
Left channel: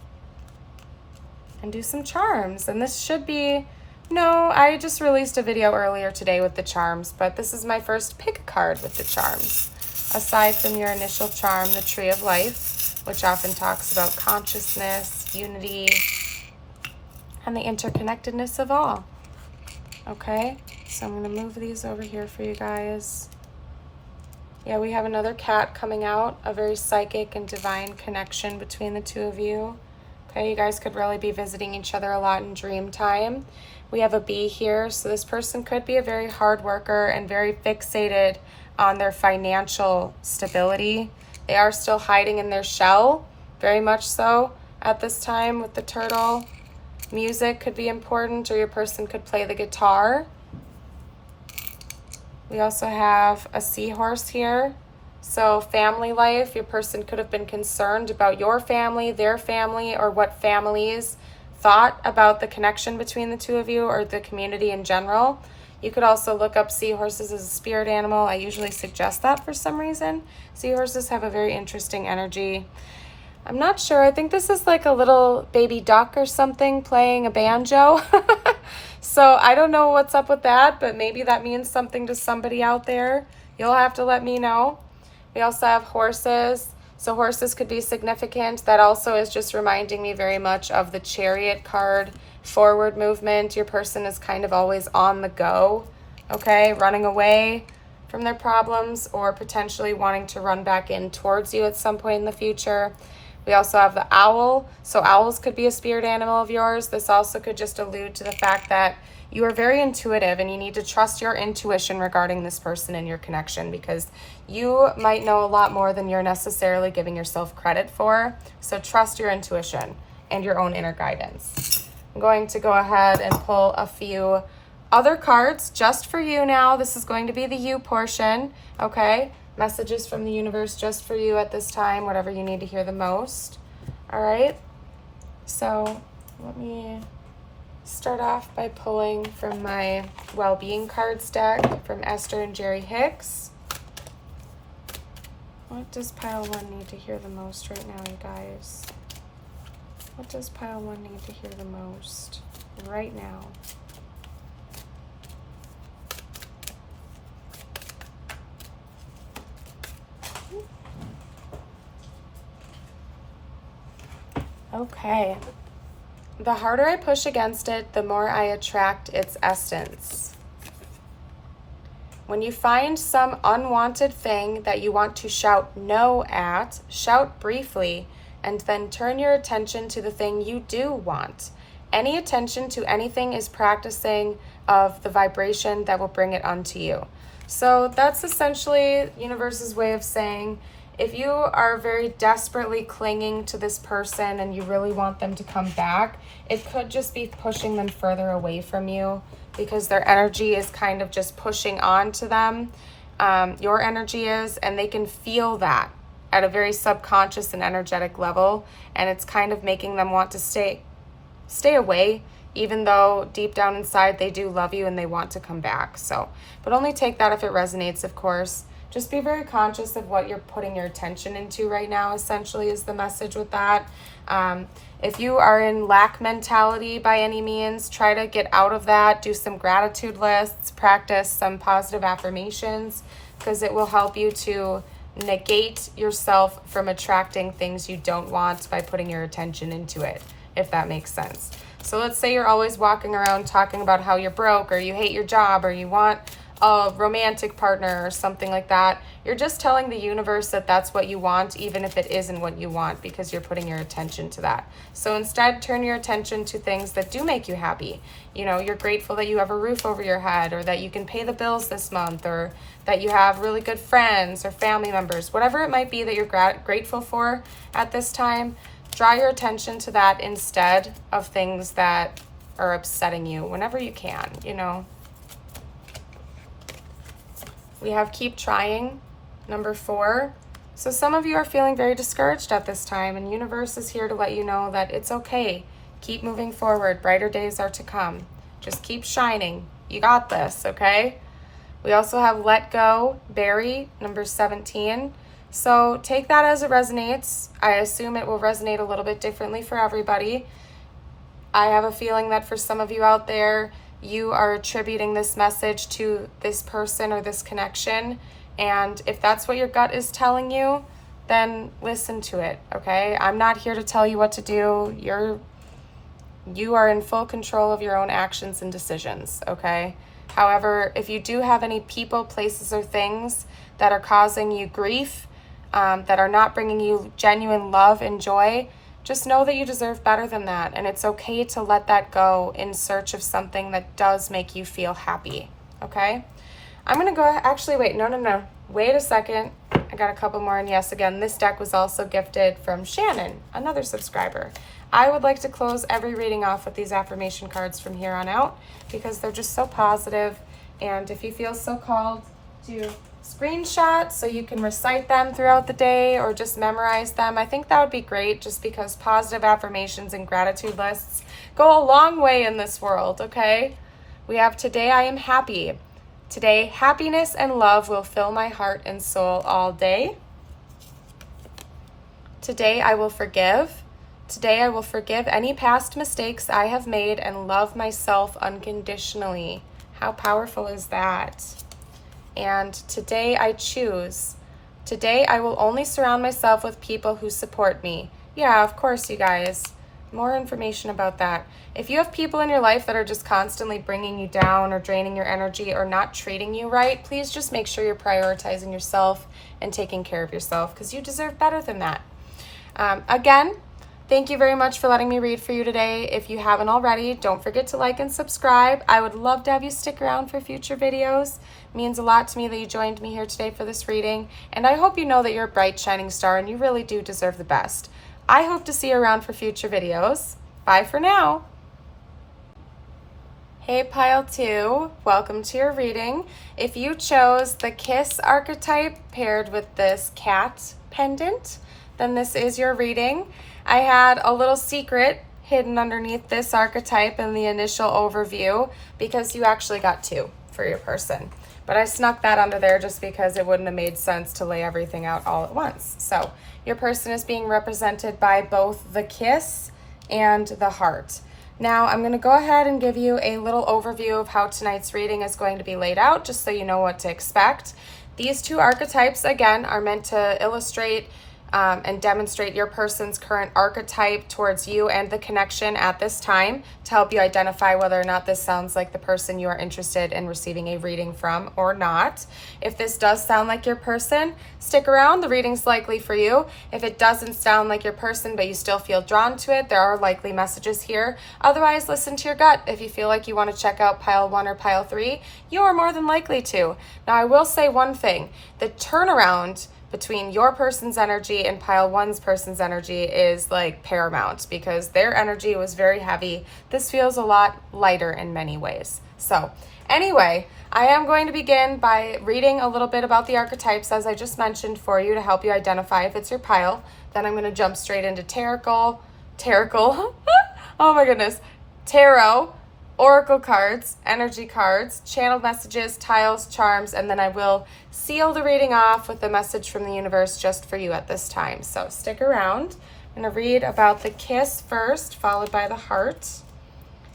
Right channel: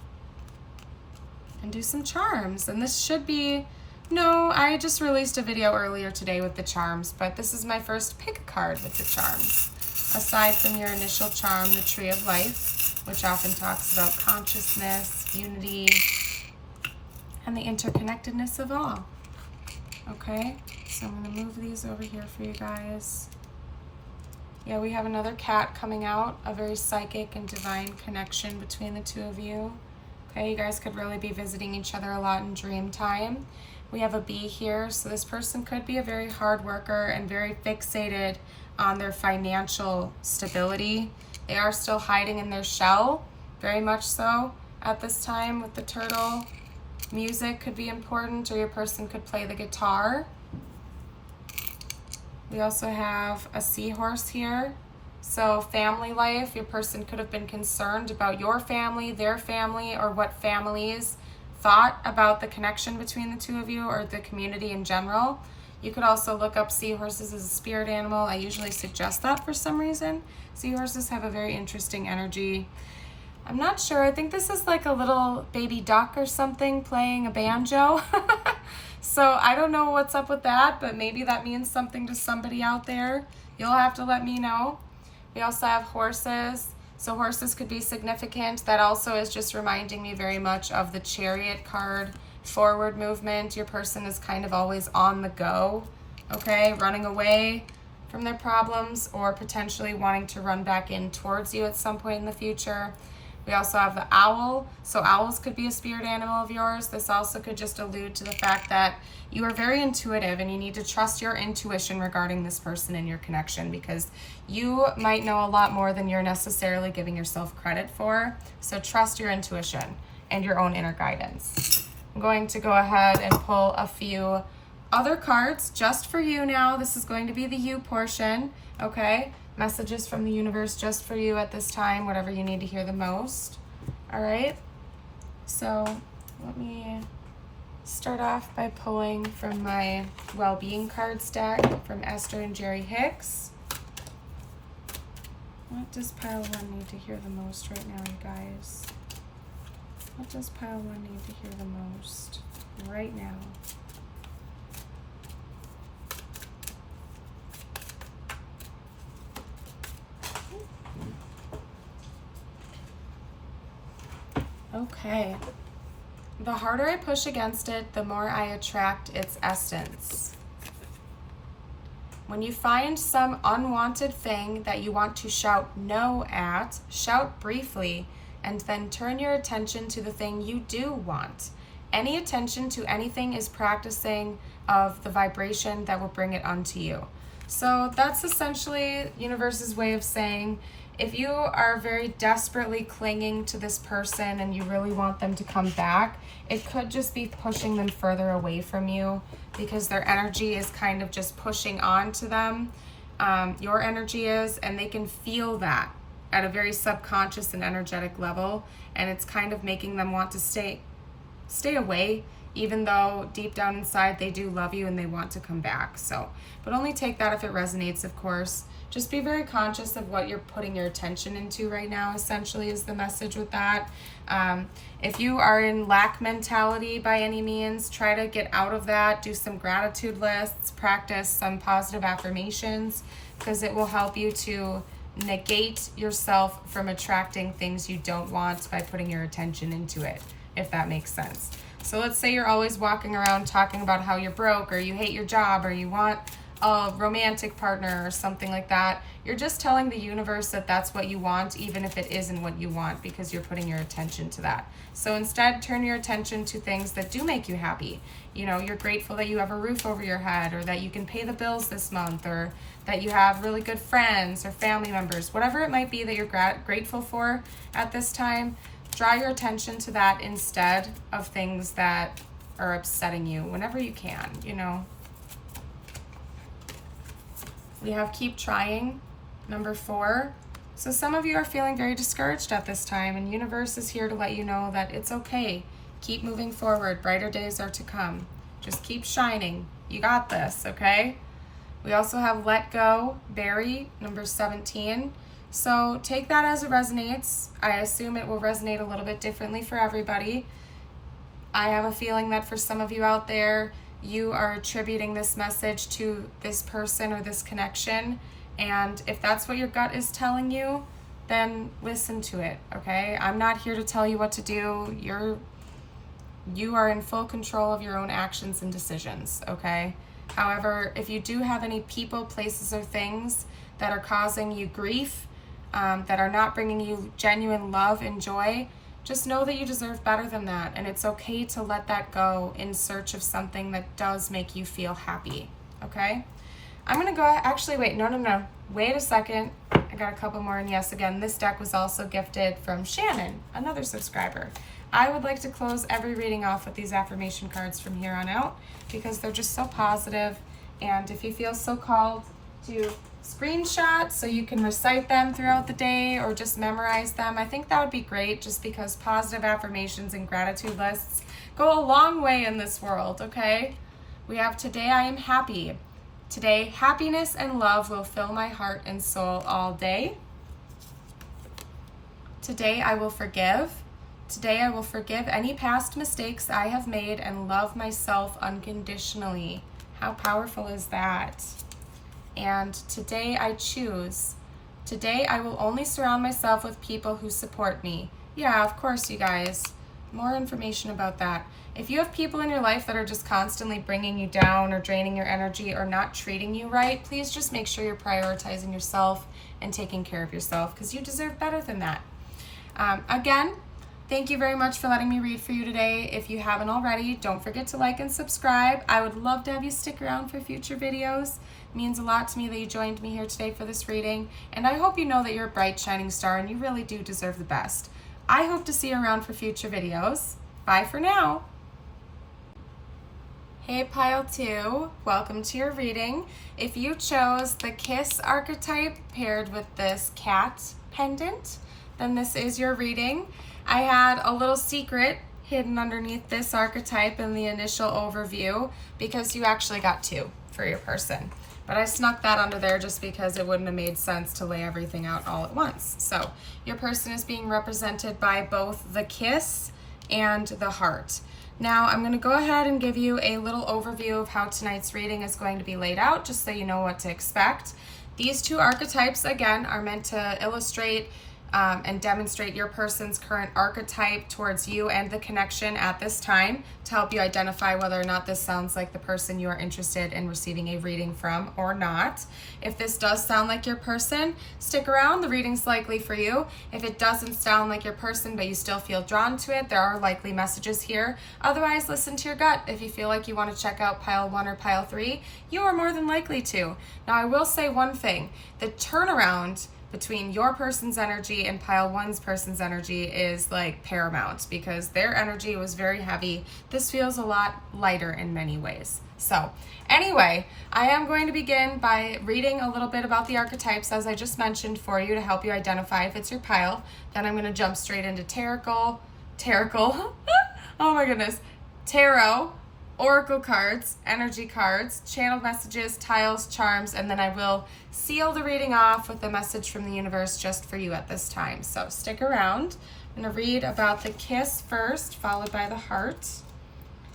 and do some charms. And this should be, no, I just released a video earlier today with the charms, but this is my first pick card with the charms. Aside from your initial charm, the Tree of Life, which often talks about consciousness, unity, and the interconnectedness of all. Okay, so I'm gonna move these over here for you guys. Yeah, we have another cat coming out, a very psychic and divine connection between the two of you. Okay, you guys could really be visiting each other a lot in dream time. We have a bee here, so this person could be a very hard worker and very fixated on their financial stability. They are still hiding in their shell, very much so at this time with the turtle. Music could be important, or your person could play the guitar. We also have a seahorse here. So family life, your person could have been concerned about your family, their family, or what families thought about the connection between the two of you or the community in general. You could also look up seahorses as a spirit animal. I usually suggest that for some reason. Seahorses have a very interesting energy. I'm not sure. I think this is like a little baby duck or something playing a banjo. So I don't know what's up with that, but maybe that means something to somebody out there. You'll have to let me know. We also have horses. So horses could be significant. That also is just reminding me very much of the Chariot card. Forward movement. Your person is kind of always on the go, okay? Running away from their problems or potentially wanting to run back in towards you at some point in the future. We also have the owl. So owls could be a spirit animal of yours. This also could just allude to the fact that you are very intuitive and you need to trust your intuition regarding this person and your connection, because you might know a lot more than you're necessarily giving yourself credit for. So trust your intuition and your own inner guidance. I'm going to go ahead and pull a few other cards just for you now. This is going to be the you portion, okay? Messages from the universe just for you at this time, whatever you need to hear the most. All right, so let me start off by pulling from my well-being cards deck from Esther and Jerry Hicks. What does pile one need to hear the most right now, you guys? What does pile one need to hear the most right now? Okay. The harder I push against it, the more I attract its essence. When you find some unwanted thing that you want to shout no at, shout briefly and then turn your attention to the thing you do want. Any attention to anything is practicing of the vibration that will bring it unto you. So that's essentially universe's way of saying, if you are very desperately clinging to this person and you really want them to come back, it could just be pushing them further away from you because their energy is kind of just pushing on to them. Your energy is, and they can feel that at a very subconscious and energetic level, and it's kind of making them want to stay away, even though deep down inside they do love you and they want to come back. So, but only take that if it resonates, of course. Just be very conscious of what you're putting your attention into right now, essentially, is the message with that. If you are in lack mentality by any means, try to get out of that. Do some gratitude lists, practice some positive affirmations, because it will help you to negate yourself from attracting things you don't want by putting your attention into it, if that makes sense. So let's say you're always walking around talking about how you're broke, or you hate your job, or you want a romantic partner or something like that. You're just telling the universe that that's what you want, even if it isn't what you want, because you're putting your attention to that. So instead, turn your attention to things that do make you happy. You know, you're grateful that you have a roof over your head, or that you can pay the bills this month, or that you have really good friends or family members, whatever it might be that you're grateful for at this time. Draw your attention to that instead of things that are upsetting you whenever you can, you know. We have keep trying, number 4. So some of you are feeling very discouraged at this time, and universe is here to let you know that it's okay. Keep moving forward. Brighter days are to come. Just keep shining. You got this, okay? We also have let go, bury, number 17. So take that as it resonates. I assume it will resonate a little bit differently for everybody. I have a feeling that for some of you out there, you are attributing this message to this person or this connection. And if that's what your gut is telling you, then listen to it, okay? I'm not here to tell you what to do. You are in full control of your own actions and decisions, okay? However, if you do have any people, places, or things that are causing you grief, that are not bringing you genuine love and joy, just know that you deserve better than that, and it's okay to let that go in search of something that does make you feel happy, okay? I'm gonna go, actually, wait, no. Wait a second. I got a couple more, and yes, again, this deck was also gifted from Shannon, another subscriber. I would like to close every reading off with these affirmation cards from here on out because they're just so positive, and if you feel so called to screenshot so you can recite them throughout the day or just memorize them, I think that would be great, just because positive affirmations and gratitude lists go a long way in this world, okay? We have today I am happy. Today, happiness and love will fill my heart and soul all day. Today I will forgive. Today I will forgive any past mistakes I have made and love myself unconditionally. How powerful is that? And today I choose. Today I will only surround myself with people who support me. Yeah, of course, you guys. More information about that. If you have people in your life that are just constantly bringing you down or draining your energy or not treating you right, please just make sure you're prioritizing yourself and taking care of yourself, because you deserve better than that. Again, thank you very much for letting me read for you today. If you haven't already, don't forget to like and subscribe. I would love to have you stick around for future videos. It means a lot to me that you joined me here today for this reading, and I hope you know that you're a bright, shining star and you really do deserve the best. I hope to see you around for future videos. Bye for now. Hey Pile 2, welcome to your reading. If you chose the Kiss archetype paired with this cat pendant, then this is your reading. I had a little secret hidden underneath this archetype in the initial overview because you actually got 2 for your person. But I snuck that under there just because it wouldn't have made sense to lay everything out all at once. So your person is being represented by both the kiss and the heart. Now I'm going to go ahead and give you a little overview of how tonight's reading is going to be laid out, just so you know what to expect. These 2 archetypes, again, are meant to illustrate and demonstrate your person's current archetype towards you and the connection at this time to help you identify whether or not this sounds like the person you are interested in receiving a reading from or not. If this does sound like your person, stick around. The reading's likely for you. If it doesn't sound like your person, but you still feel drawn to it, there are likely messages here. Otherwise, listen to your gut. If you feel like you want to check out pile 1 or pile 3, you are more than likely to. Now, I will say one thing. The turnaround between your person's energy and pile 1's person's energy is like paramount because their energy was very heavy. This feels a lot lighter in many ways. So anyway, I am going to begin by reading a little bit about the archetypes as I just mentioned for you to help you identify if it's your pile. Then I'm going to jump straight into tarot, oh my goodness, tarot, oracle cards, energy cards, channeled messages, tiles, charms, and then I will seal the reading off with a message from the universe just for you at this time. So stick around. I'm going to read about the kiss first, followed by the heart.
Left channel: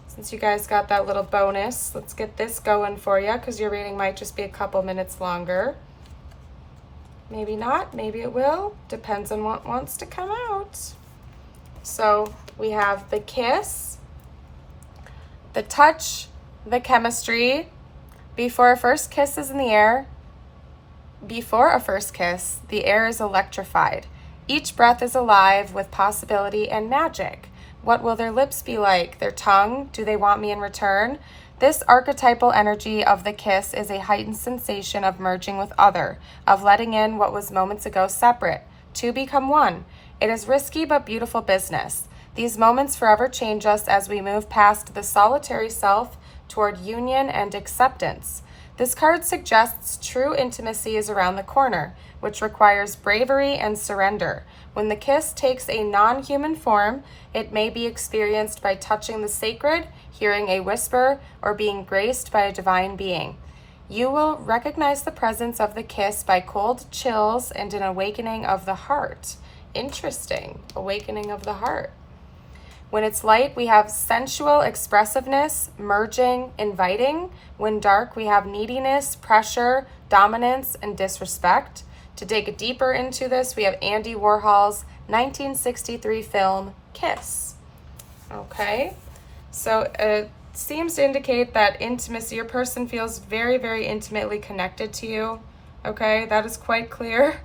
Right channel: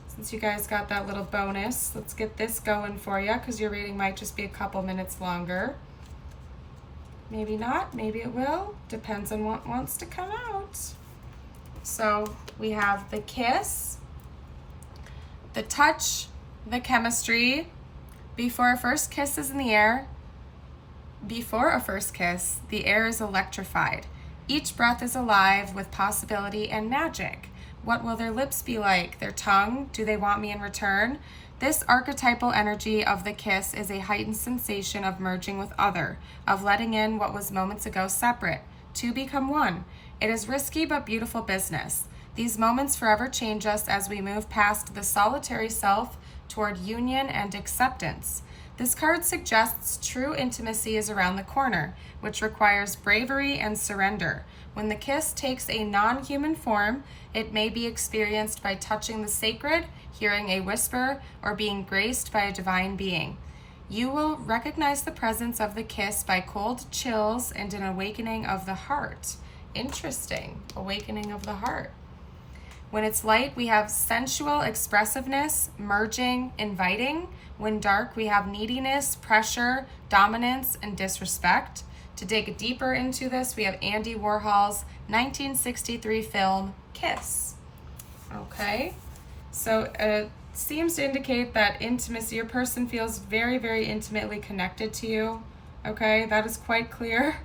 Since you guys got that little bonus, let's get this going for you because your reading might just be a couple minutes longer. Maybe not, maybe it will. Depends on what wants to come out. So we have the kiss, the touch, the chemistry. Before a first kiss is in the air, before a first kiss, the air is electrified. Each breath is alive with possibility and magic. What will their lips be like? Their tongue? Do they want me in return? This archetypal energy of the kiss is a heightened sensation of merging with other, of letting in what was moments ago separate, to become one. It is risky but beautiful business. These moments forever change us as we move past the solitary self toward union and acceptance. This card suggests true intimacy is around the corner, which requires bravery and surrender. When the kiss takes a non-human form, it may be experienced by touching the sacred, hearing a whisper, or being graced by a divine being. You will recognize the presence of the kiss by cold chills and an awakening of the heart. Interesting. Awakening of the heart. When it's light, we have sensual expressiveness, merging, inviting. When dark, we have neediness, pressure, dominance, and disrespect. To dig deeper into this, we have Andy Warhol's 1963 film, Kiss. Okay, so it seems to indicate that intimacy, your person feels very, very intimately connected to you. Okay, that is quite clear.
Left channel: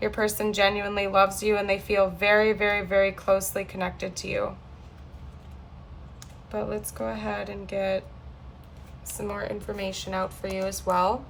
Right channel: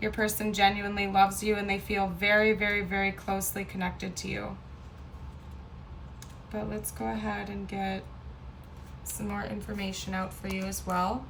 Your person genuinely loves you and they feel very, very, very closely connected to you. But let's go ahead and get some more information out for you as well.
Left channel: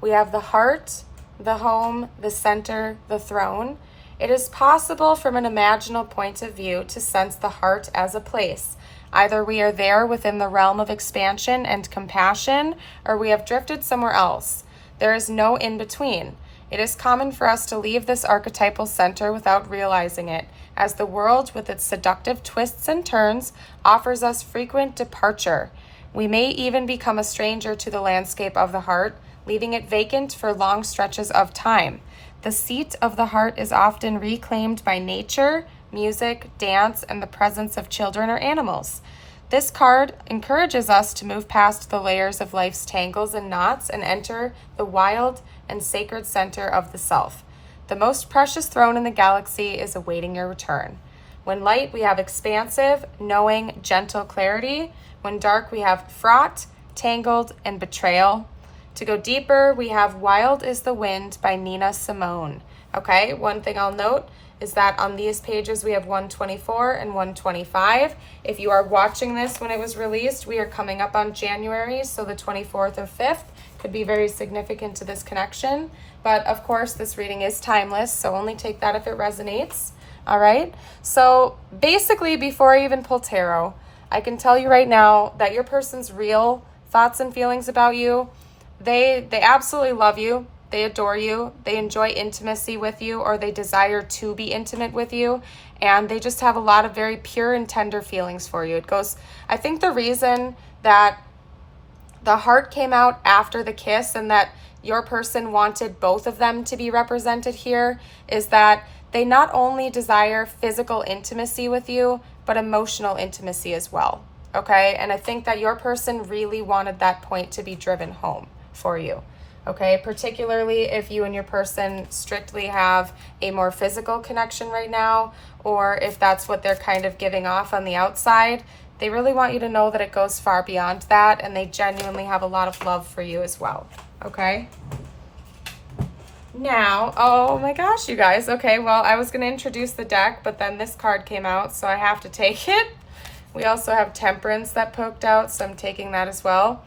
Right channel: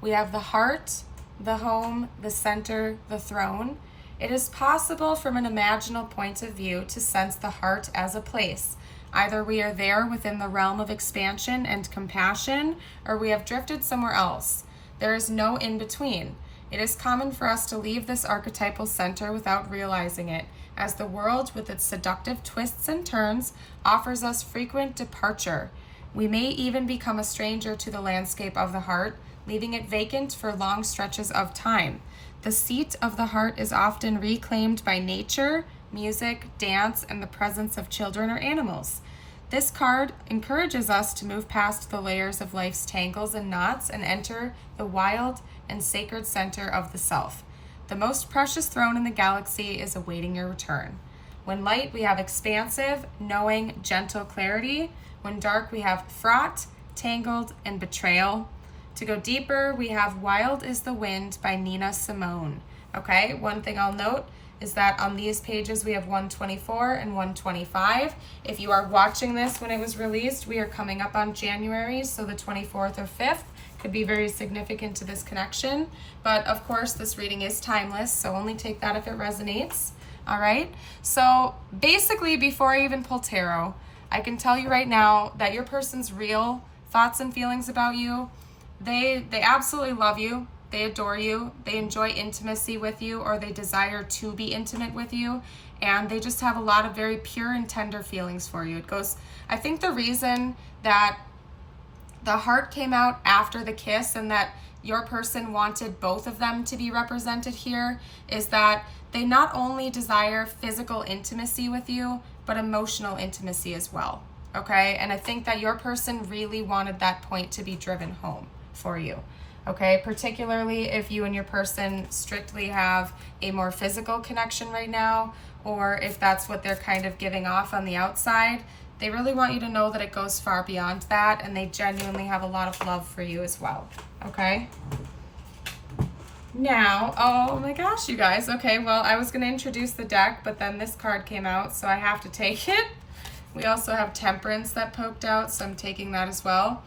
We have the heart, the home, the center, the throne. It is possible from an imaginal point of view to sense the heart as a place. Either we are there within the realm of expansion and compassion, or we have drifted somewhere else. There is no in-between. It is common for us to leave this archetypal center without realizing it, as the world, with its seductive twists and turns, offers us frequent departure. We may even become a stranger to the landscape of the heart, leaving it vacant for long stretches of time. The seat of the heart is often reclaimed by nature, music, dance, and the presence of children or animals. This card encourages us to move past the layers of life's tangles and knots and enter the wild and sacred center of the self. The most precious throne in the galaxy is awaiting your return. When light, we have expansive, knowing, gentle clarity. When dark, we have fraught, tangled, and betrayal. To go deeper, we have Wild is the Wind by Nina Simone. Okay, one thing I'll note is that on these pages we have 124 and 125. If you are watching this when it was released, we are coming up on January, so the 24th or 5th could be very significant to this connection. But of course, this reading is timeless, so only take that if it resonates. All right, so basically before I even pull tarot, I can tell you right now that your person's real thoughts and feelings about you, they absolutely love you. They adore you, they enjoy intimacy with you, or they desire to be intimate with you, and they just have a lot of very pure and tender feelings for you. I think the reason that the heart came out after the kiss and that your person wanted both of them to be represented here is that they not only desire physical intimacy with you, but emotional intimacy as well, okay? And I think that your person really wanted that point to be driven home for you. okay? Particularly if you and your person strictly have a more physical connection right now, or if that's what they're kind of giving off on the outside. They really want you to know that it goes far beyond that, and they genuinely have a lot of love for you as well, okay? Now, oh my gosh, you guys. Okay, well, I was going to introduce the deck, but then this card came out, so I have to take it. We also have Temperance that poked out, so I'm taking that as well.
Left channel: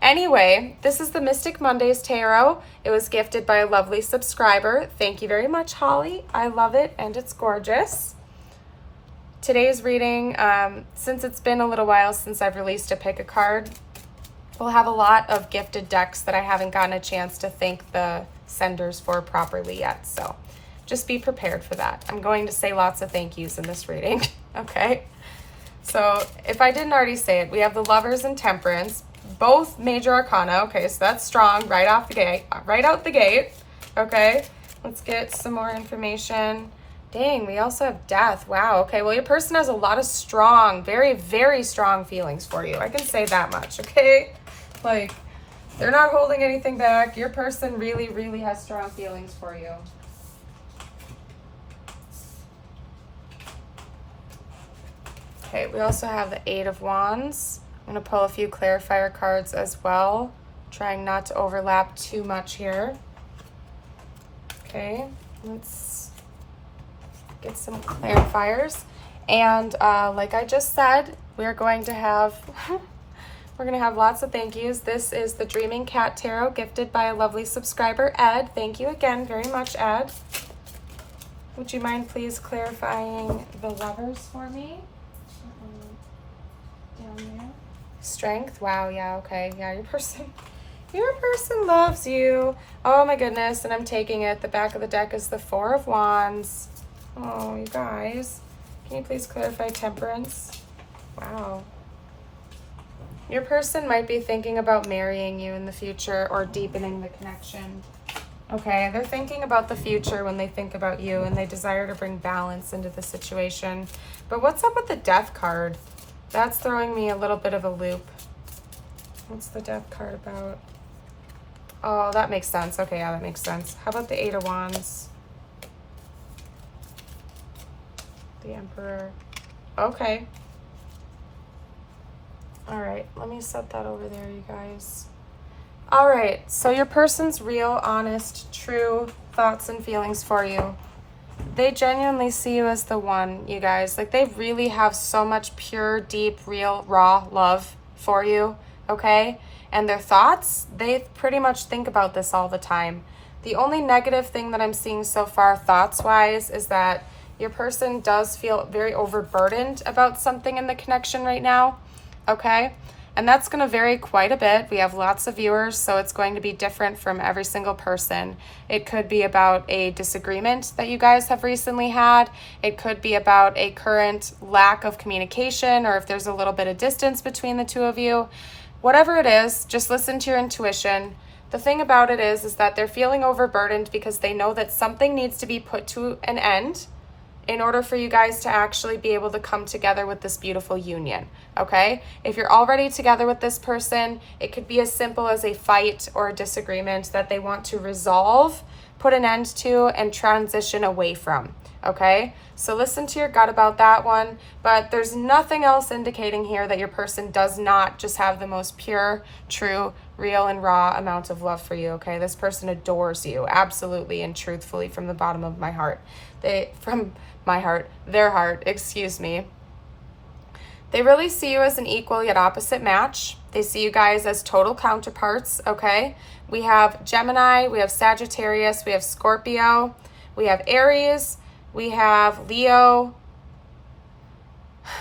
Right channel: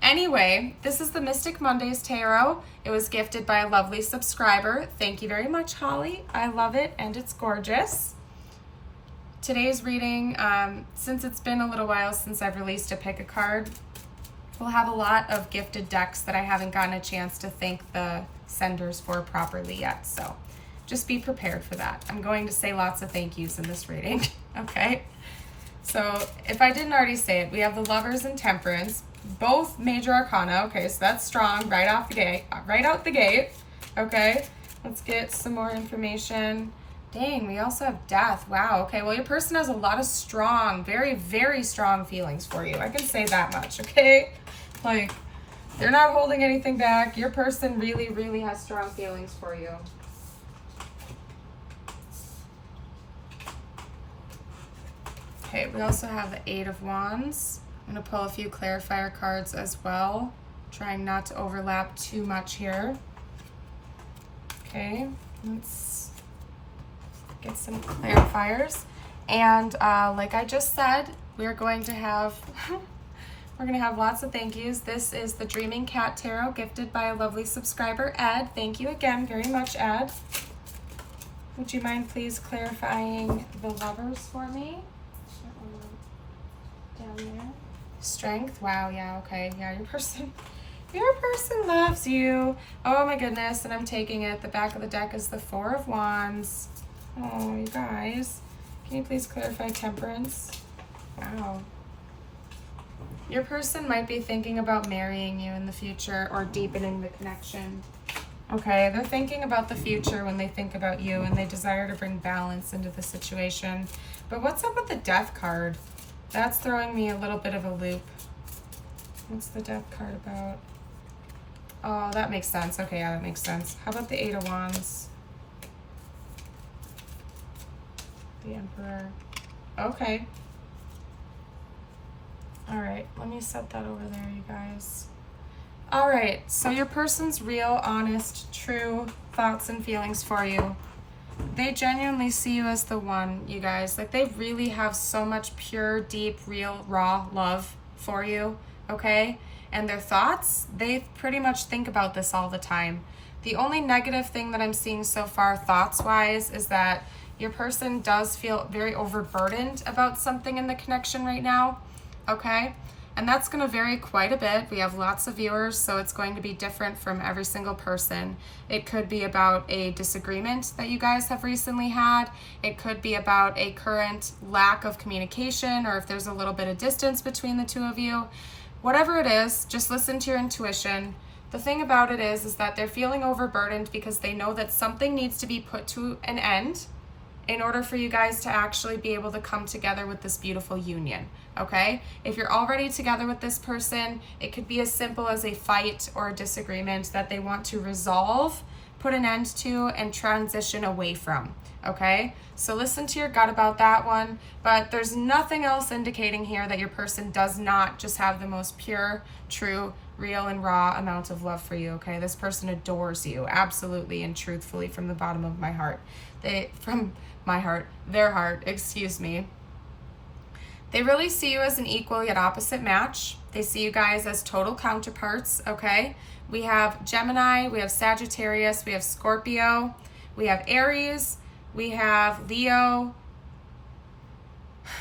Anyway, this is the Mystic Mondays Tarot. It was gifted by a lovely subscriber. Thank you very much, Holly. I love it, and it's gorgeous. Today's reading, since it's been a little while since I've released a pick a card, we'll have a lot of gifted decks that I haven't gotten a chance to thank the senders for properly yet. So just be prepared for that. I'm going to say lots of thank yous in this reading, okay? So if I didn't already say it, we have the Lovers and Temperance, both major arcana. Okay, so that's strong right off the gate, right out the gate. Okay, let's get some more information. Dang, we also have Death. Wow. Okay, well, your person has a lot of strong, very, very strong feelings for you. I can say that much, okay? Like, they're not holding anything back. Your person really, really has strong feelings for you. Okay, we also have the Eight of Wands. I'm going to pull a few clarifier cards as well, trying not to overlap too much here. Okay, let's get some clarifiers. And like I just said, we're going to have lots of thank yous. This is the Dreaming Cat Tarot, gifted by a lovely subscriber, Ed. Thank you again very much, Ed. Would you mind please clarifying the Lovers for me? Down there. Strength. Wow, yeah, okay. Yeah, your person loves you. Oh my goodness, and I'm taking it. The back of the deck is the Four of Wands. Oh, you guys. Can you please clarify Temperance? Wow. Your person might be thinking about marrying you in the future or deepening the connection. Okay, they're thinking about the future when they think about you, and they desire to bring balance into the situation. But what's up with the Death card? That's throwing me a little bit of a loop. What's the Death card about? Oh, that makes sense. Okay, yeah, that makes sense. How about the Eight of Wands? The Emperor. Okay. All right, let me set that over there, you guys. All right, so your person's real, honest, true thoughts and feelings for you. They genuinely see you as the one, you guys. Like, they really have so much pure, deep, real, raw love for you, okay? And their thoughts, they pretty much think about this all the time. The only negative thing that I'm seeing so far, thoughts-wise, is that your person does feel very overburdened about something in the connection right now, okay? And that's going to vary quite a bit. We have lots of viewers, so it's going to be different from every single person. It could be about a disagreement that you guys have recently had. It could be about a current lack of communication, or if there's a little bit of distance between the two of you. Whatever it is, just listen to your intuition. The thing about it is that they're feeling overburdened because they know that something needs to be put to an end in order for you guys to actually be able to come together with this beautiful union, okay? If you're already together with this person, it could be as simple as a fight or a disagreement that they want to resolve, put an end to, and transition away from, okay? So listen to your gut about that one, but there's nothing else indicating here that your person does not just have the most pure, true, real, and raw amount of love for you, okay? This person adores you, absolutely and truthfully, from the bottom of my heart. Their heart, excuse me. They really see you as an equal yet opposite match. They see you guys as total counterparts, okay? We have Gemini, we have Sagittarius, we have Scorpio, we have Aries, we have Leo,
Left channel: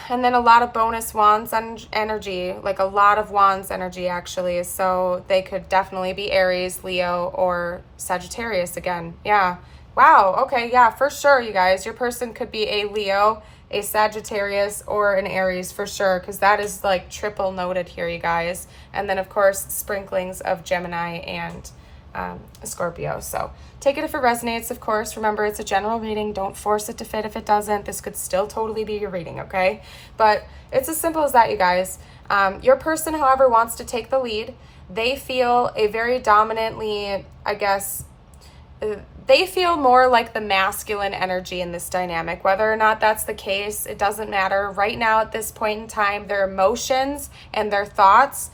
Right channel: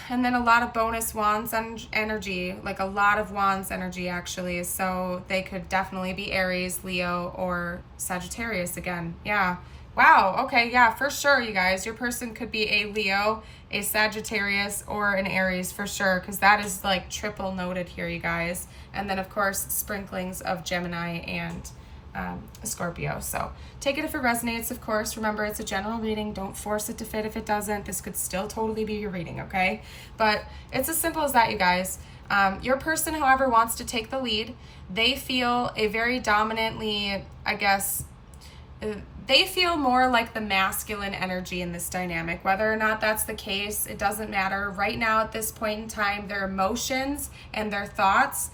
and then a lot of bonus Wands energy, like a lot of Wands energy actually. So they could definitely be Aries, Leo, or Sagittarius again. Yeah. Wow, okay, yeah, for sure, you guys. Your person could be a Leo, a Sagittarius, or an Aries for sure, because that is like triple noted here, you guys. And then, of course, sprinklings of Gemini and Scorpio. So take it if it resonates, of course. Remember, it's a general reading. Don't force it to fit if it doesn't. This could still totally be your reading, okay? But it's as simple as that, you guys. Your person, however, wants to take the lead. they feel a very dominantly, I guess, they feel more like the masculine energy in this dynamic. Whether or not that's the case, it doesn't matter. Right now, at this point in time, their emotions and their thoughts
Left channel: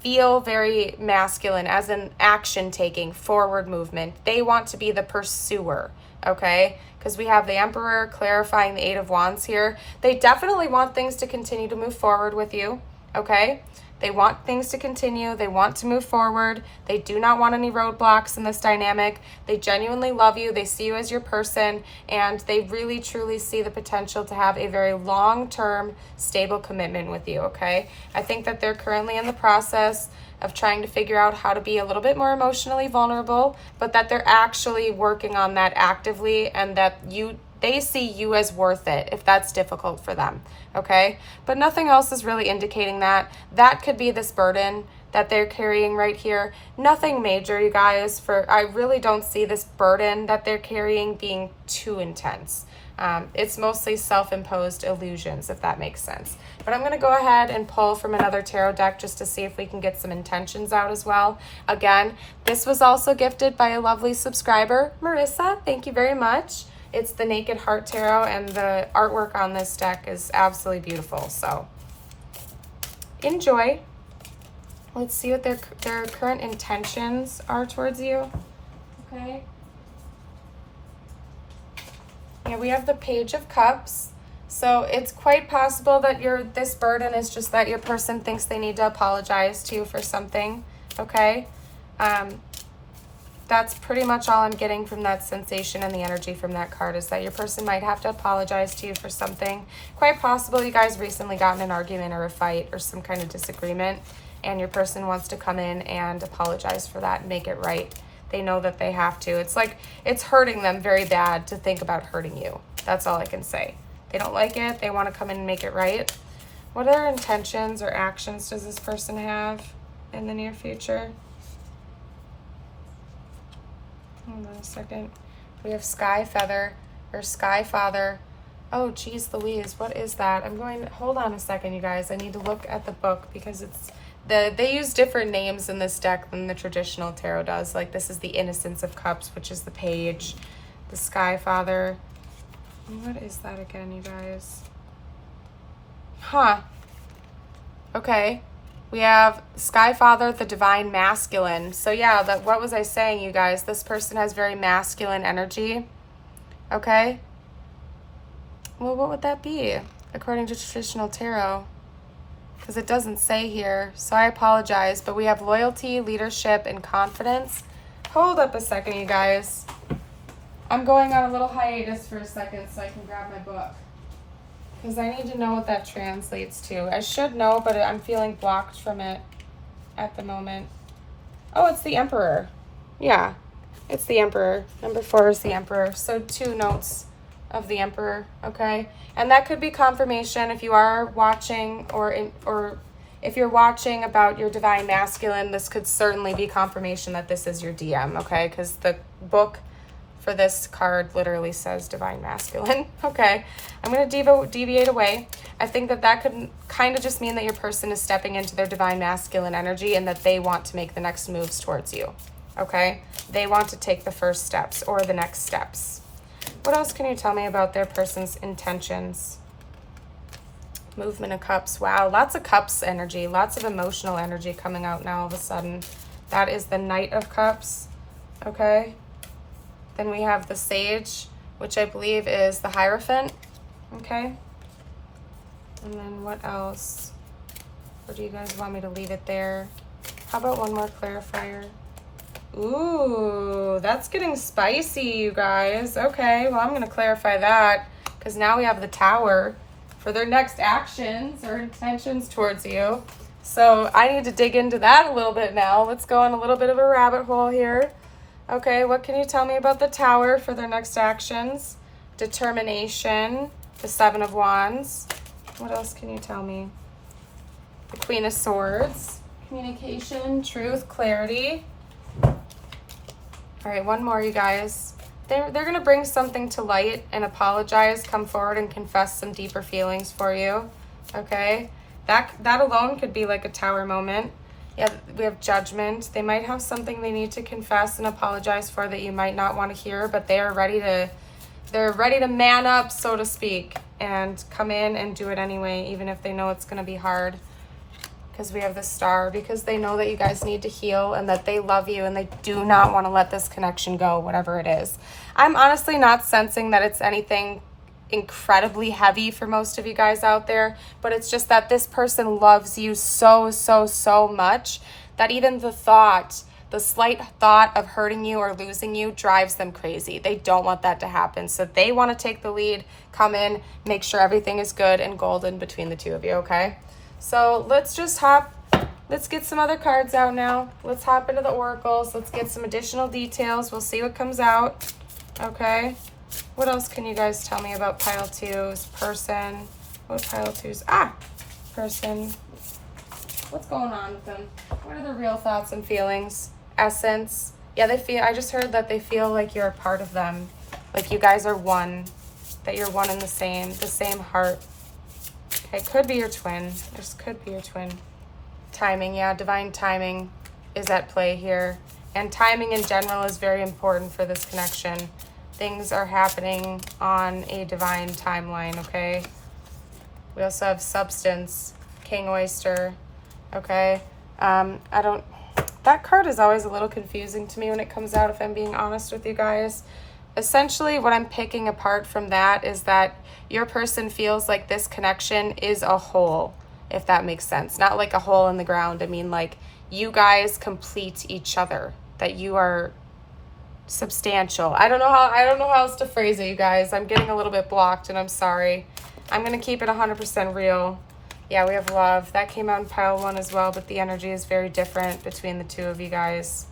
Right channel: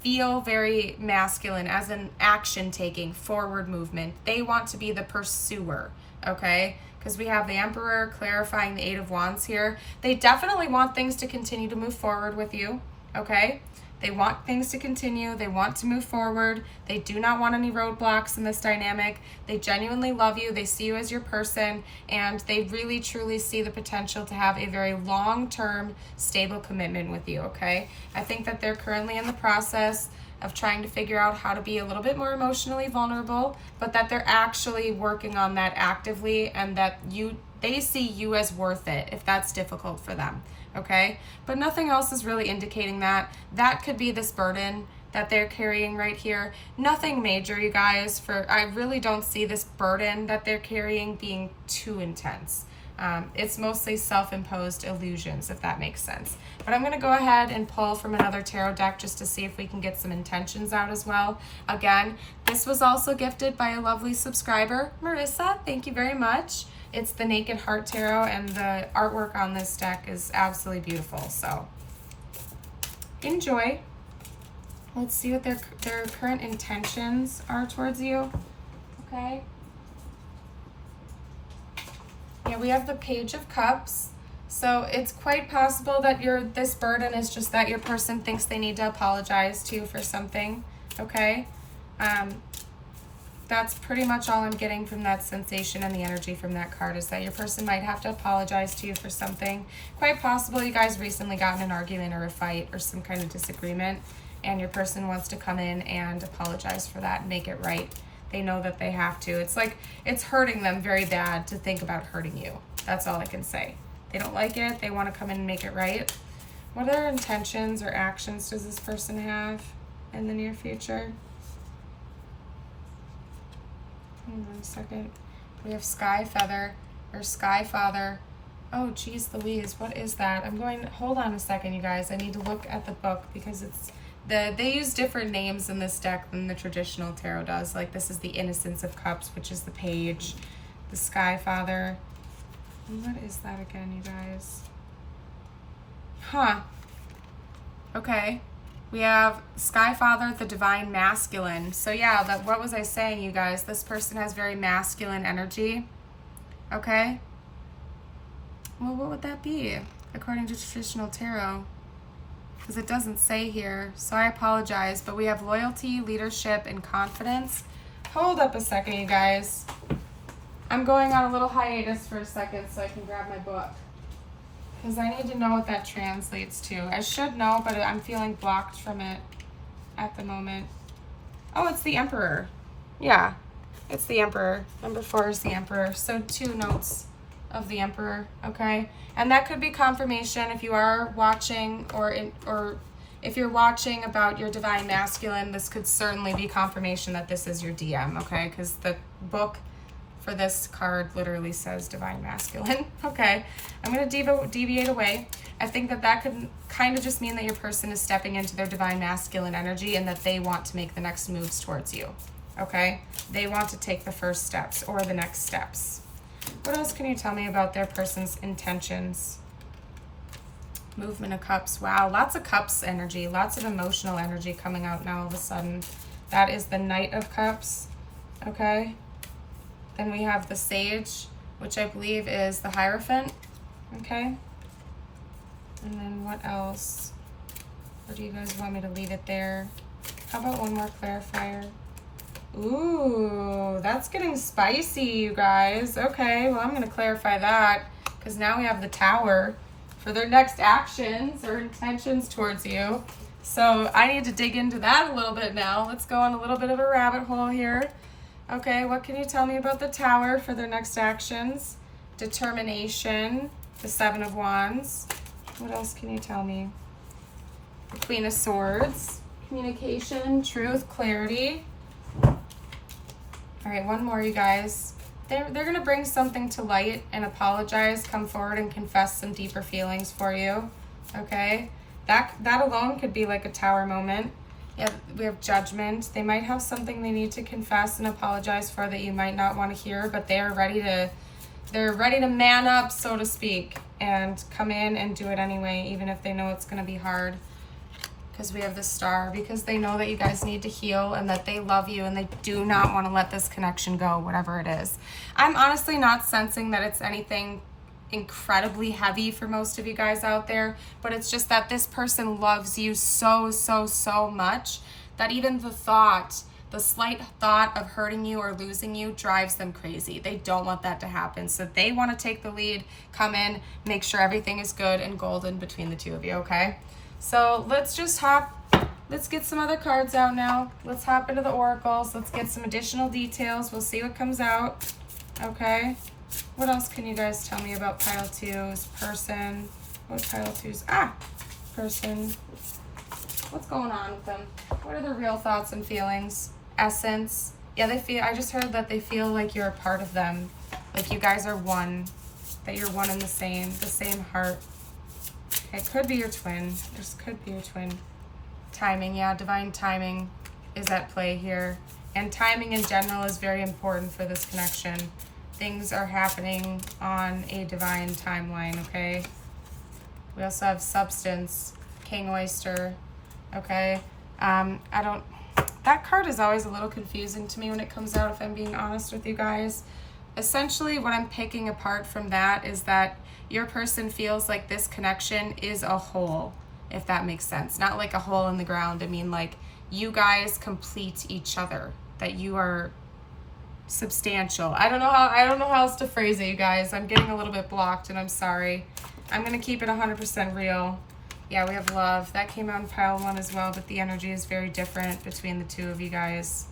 feel very masculine, as in action taking, forward movement. They want to be the pursuer, okay? Because we have the Emperor clarifying the Eight of Wands here. They definitely want things to continue to move forward with you, okay? They want things to continue. They want to move forward. They do not want any roadblocks in this dynamic. They genuinely love you. They see you as your person, and they really, truly see the potential to have a very long-term, stable commitment with you, okay? I think that they're currently in the process of trying to figure out how to be a little bit more emotionally vulnerable, but that they're actually working on that actively, and that they see you as worth it if that's difficult for them, okay? But nothing else is really indicating that. That could be this burden that they're carrying right here. Nothing major, you guys. I really don't see this burden that they're carrying being too intense. It's mostly self-imposed illusions, if that makes sense. But I'm going to go ahead and pull from another tarot deck just to see if we can get some intentions out as well. Again, this was also gifted by a lovely subscriber, Marissa. Thank you very much. It's the Naked Heart Tarot, and the artwork on this deck is absolutely beautiful. So enjoy. Let's see what their current intentions are towards you. Okay. Yeah, we have the Page of Cups. So it's quite possible that this burden is just that your person thinks they need to apologize to you for something. Okay. That's pretty much all I'm getting from that sensation, and the energy from that card is that your person might have to apologize to you for something. Quite possible you guys recently got in an argument or a fight or some kind of disagreement, and your person wants to come in and apologize for that and make it right. They know that they have to. It's like it's hurting them very bad to think about hurting you. That's all I can say. They don't like it. They want to come in and make it right. What other intentions or actions does this person have in the near future? Hold on a second. We have Sky Feather or Sky Father. Oh, geez Louise, what is that? Hold on a second, you guys. I need to look at the book because they use different names in this deck than the traditional tarot does. Like this is the Innocence of Cups, which is the Page, the Sky Father. What is that again, you guys? Huh. Okay. We have Sky Father, the Divine Masculine. So yeah, what was I saying, you guys? This person has very masculine energy. Okay. Well, what would that be according to traditional tarot? Because it doesn't say here, so I apologize. But we have loyalty, leadership, and confidence. Hold up a second, you guys. I'm going on a little hiatus for a second so I can grab my book, because I need to know what that translates to. I should know, but I'm feeling blocked from it at the moment. Oh, it's the Emperor. Yeah, it's the Emperor. Number 4 is the Emperor. So 2 notes of the Emperor, okay? And that could be confirmation if you are watching, or if you're watching about your Divine Masculine, this could certainly be confirmation that this is your DM, okay? Because the book for this card literally says Divine Masculine. Okay, I'm going to deviate away. I think that could kind of just mean that your person is stepping into their Divine Masculine energy and that they want to make the next moves towards you. Okay, they want to take the first steps or the next steps. What else can you tell me about their person's intentions? Movement of Cups. Wow, lots of Cups energy, lots of emotional energy coming out now all of a sudden. That is the Knight of Cups. Okay. Then we have the Sage, which I believe is the Hierophant, okay? And then what else? Or do you guys want me to leave it there? How about one more clarifier? Ooh, that's getting spicy, you guys. Okay, well, I'm going to clarify that, because now we have the Tower for their next actions or intentions towards you. So I need to dig into that a little bit now. Let's go on a little bit of a rabbit hole here. Okay, what can you tell me about the Tower for their next actions? Determination, the 7 of Wands. What else can you tell me? The Queen of Swords, communication, truth, clarity. All right, one more, you guys. They're going to bring something to light and apologize, come forward and confess some deeper feelings for you. Okay, that alone could be like a Tower moment. Yeah, we have judgment. They might have something they need to confess and apologize for that you might not want to hear, but they're ready to man up, so to speak, and come in and do it anyway, even if they know it's going to be hard. Because we have the Star, because they know that you guys need to heal and that they love you and they do not want to let this connection go, whatever it is. I'm honestly not sensing that it's anything incredibly heavy for most of you guys out there, but it's just that this person loves you so, so, so much that even the slight thought of hurting you or losing you drives them crazy. They don't want that to happen. So they want to take the lead, come in, make sure everything is good and golden between the two of you, okay? So let's get some other cards out now. Let's hop into the oracles. Let's get some additional details. We'll see what comes out, okay? What else can you guys tell me about pile 2's person? What pile 2's? Person. What's going on with them? What are their real thoughts and feelings? Essence. Yeah, I just heard that they feel like you're a part of them. Like you guys are one. That you're one and the same heart. Okay, could be your twin. This could be your twin. Timing, yeah, divine timing is at play here. And timing in general is very important for this connection. Things are happening on a divine timeline, okay? We also have substance, King Oyster, okay? That card is always a little confusing to me when it comes out, if I'm being honest with you guys. Essentially, what I'm picking apart from that is that your person feels like this connection is a whole, if that makes sense. Not like a hole in the ground. I mean, like, you guys complete each other, that you are substantial. I don't know how else to phrase it, you guys. I'm getting a little bit blocked, and I'm sorry. I'm going to keep it 100% real. Yeah, we have love. That came out in pile 1 as well, but the energy is very different between the two of you guys.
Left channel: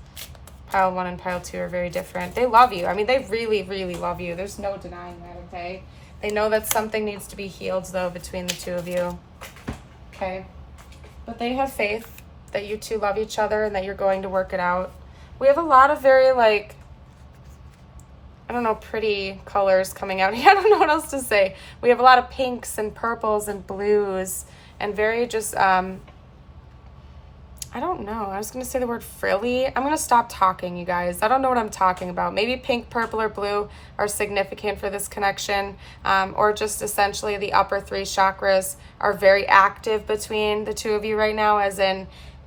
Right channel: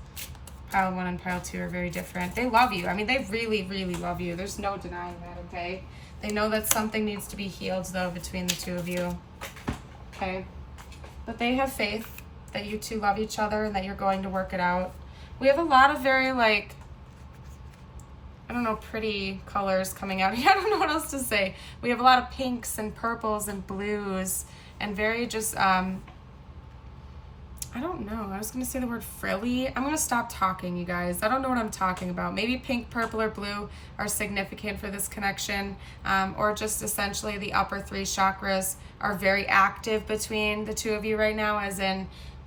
Pile 1 and pile 2 are very different. They love you. I mean, they really, really love you. There's no denying that, okay? They know that something needs to be healed, though, between the two of you. Okay? But they have faith that you two love each other and that you're going to work it out. We have a lot of very, like, I don't know, pretty colors coming out. I don't know what else to say. We have a lot of pinks and purples and blues and very just, I don't know. I was going to say the word frilly. I'm going to stop talking, you guys. I don't know what I'm talking about. Maybe pink, purple, or blue are significant for this connection, or just essentially the upper 3 chakras are very active between the two of you right now, as in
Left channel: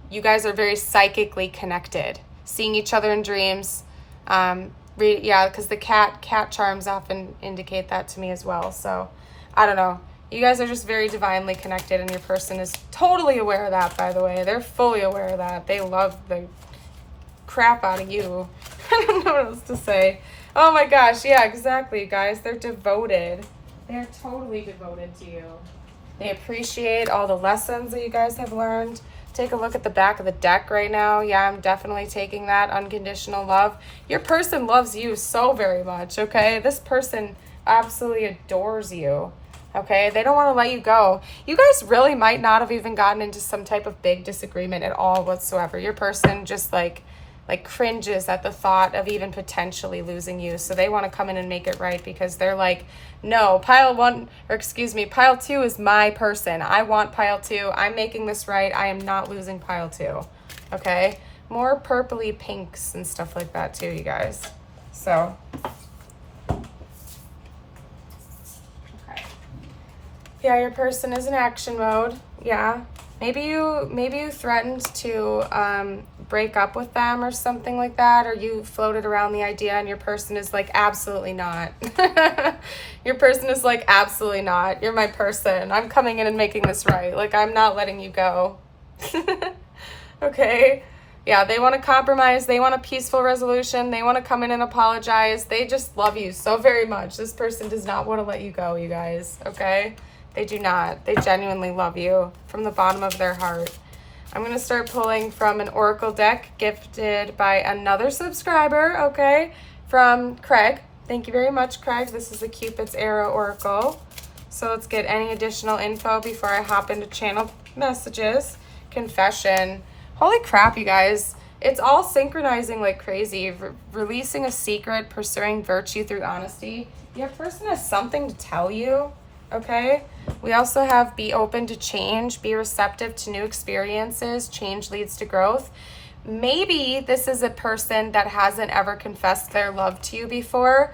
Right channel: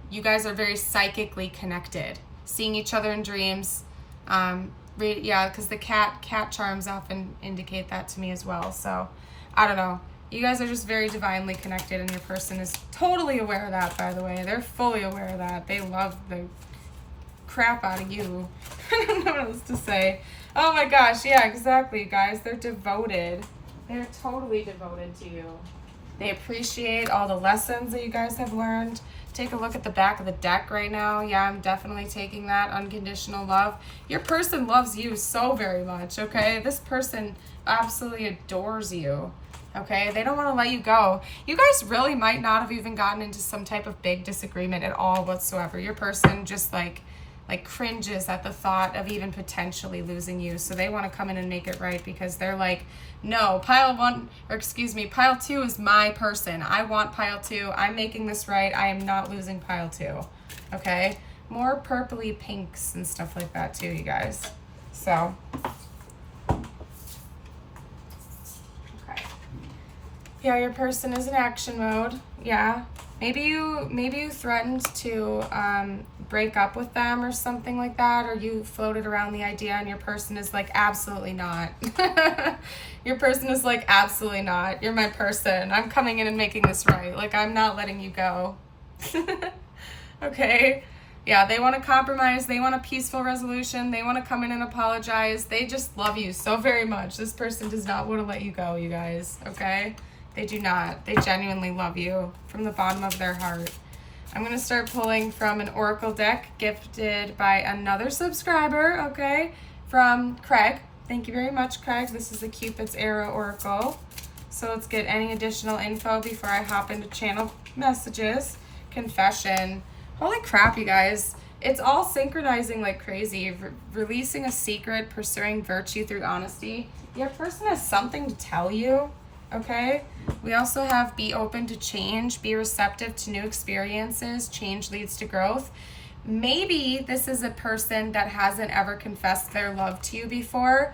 you guys are very psychically connected, seeing each other in dreams. Yeah, because the cat charms often indicate that to me as well. So I don't know. You guys are just very divinely connected, and your person is totally aware of that, by the way. They're fully aware of that. They love the crap out of you. I don't know what else to say. Oh my gosh, yeah, exactly, guys. They're devoted. They're totally devoted to you. They appreciate all the lessons that you guys have learned. Take a look at the back of the deck right now. Yeah, I'm definitely taking that. Unconditional love. Your person loves you so very much, okay? This person absolutely adores you. Okay, they don't want to let you go. You guys really might not have even gotten into some type of big disagreement at all whatsoever. Your person just like cringes at the thought of even potentially losing you. So they want to come in and make it right, because they're like, no, pile 2 is my person. I want pile 2. I'm making this right. I am not losing pile 2. Okay, more purpley pinks and stuff like that too, you guys. So yeah, your person is in action mode. Yeah. Maybe you threatened to break up with them or something like that, or you floated around the idea and your person is like, absolutely not. Your person is like, absolutely not. You're my person. I'm coming in and making this right. Like, I'm not letting you go. Okay. Yeah, they want to compromise. They want a peaceful resolution. They want to come in and apologize. They just love you so very much. This person does not want to let you go, you guys. Okay? They do not. They genuinely love you from the bottom of their heart. I'm going to start pulling from an oracle deck gifted by another subscriber, okay, from Craig. Thank you very much, Craig. This is the Cupid's Arrow Oracle. So let's get any additional info before I hop into channel messages. Confession. Holy crap, you guys. It's all synchronizing like crazy. Releasing a secret, pursuing virtue through honesty. Your person has something to tell you. okay? We also have be open to change, be receptive to new experiences, change leads to growth. Maybe this is a person that hasn't ever confessed their love to you before.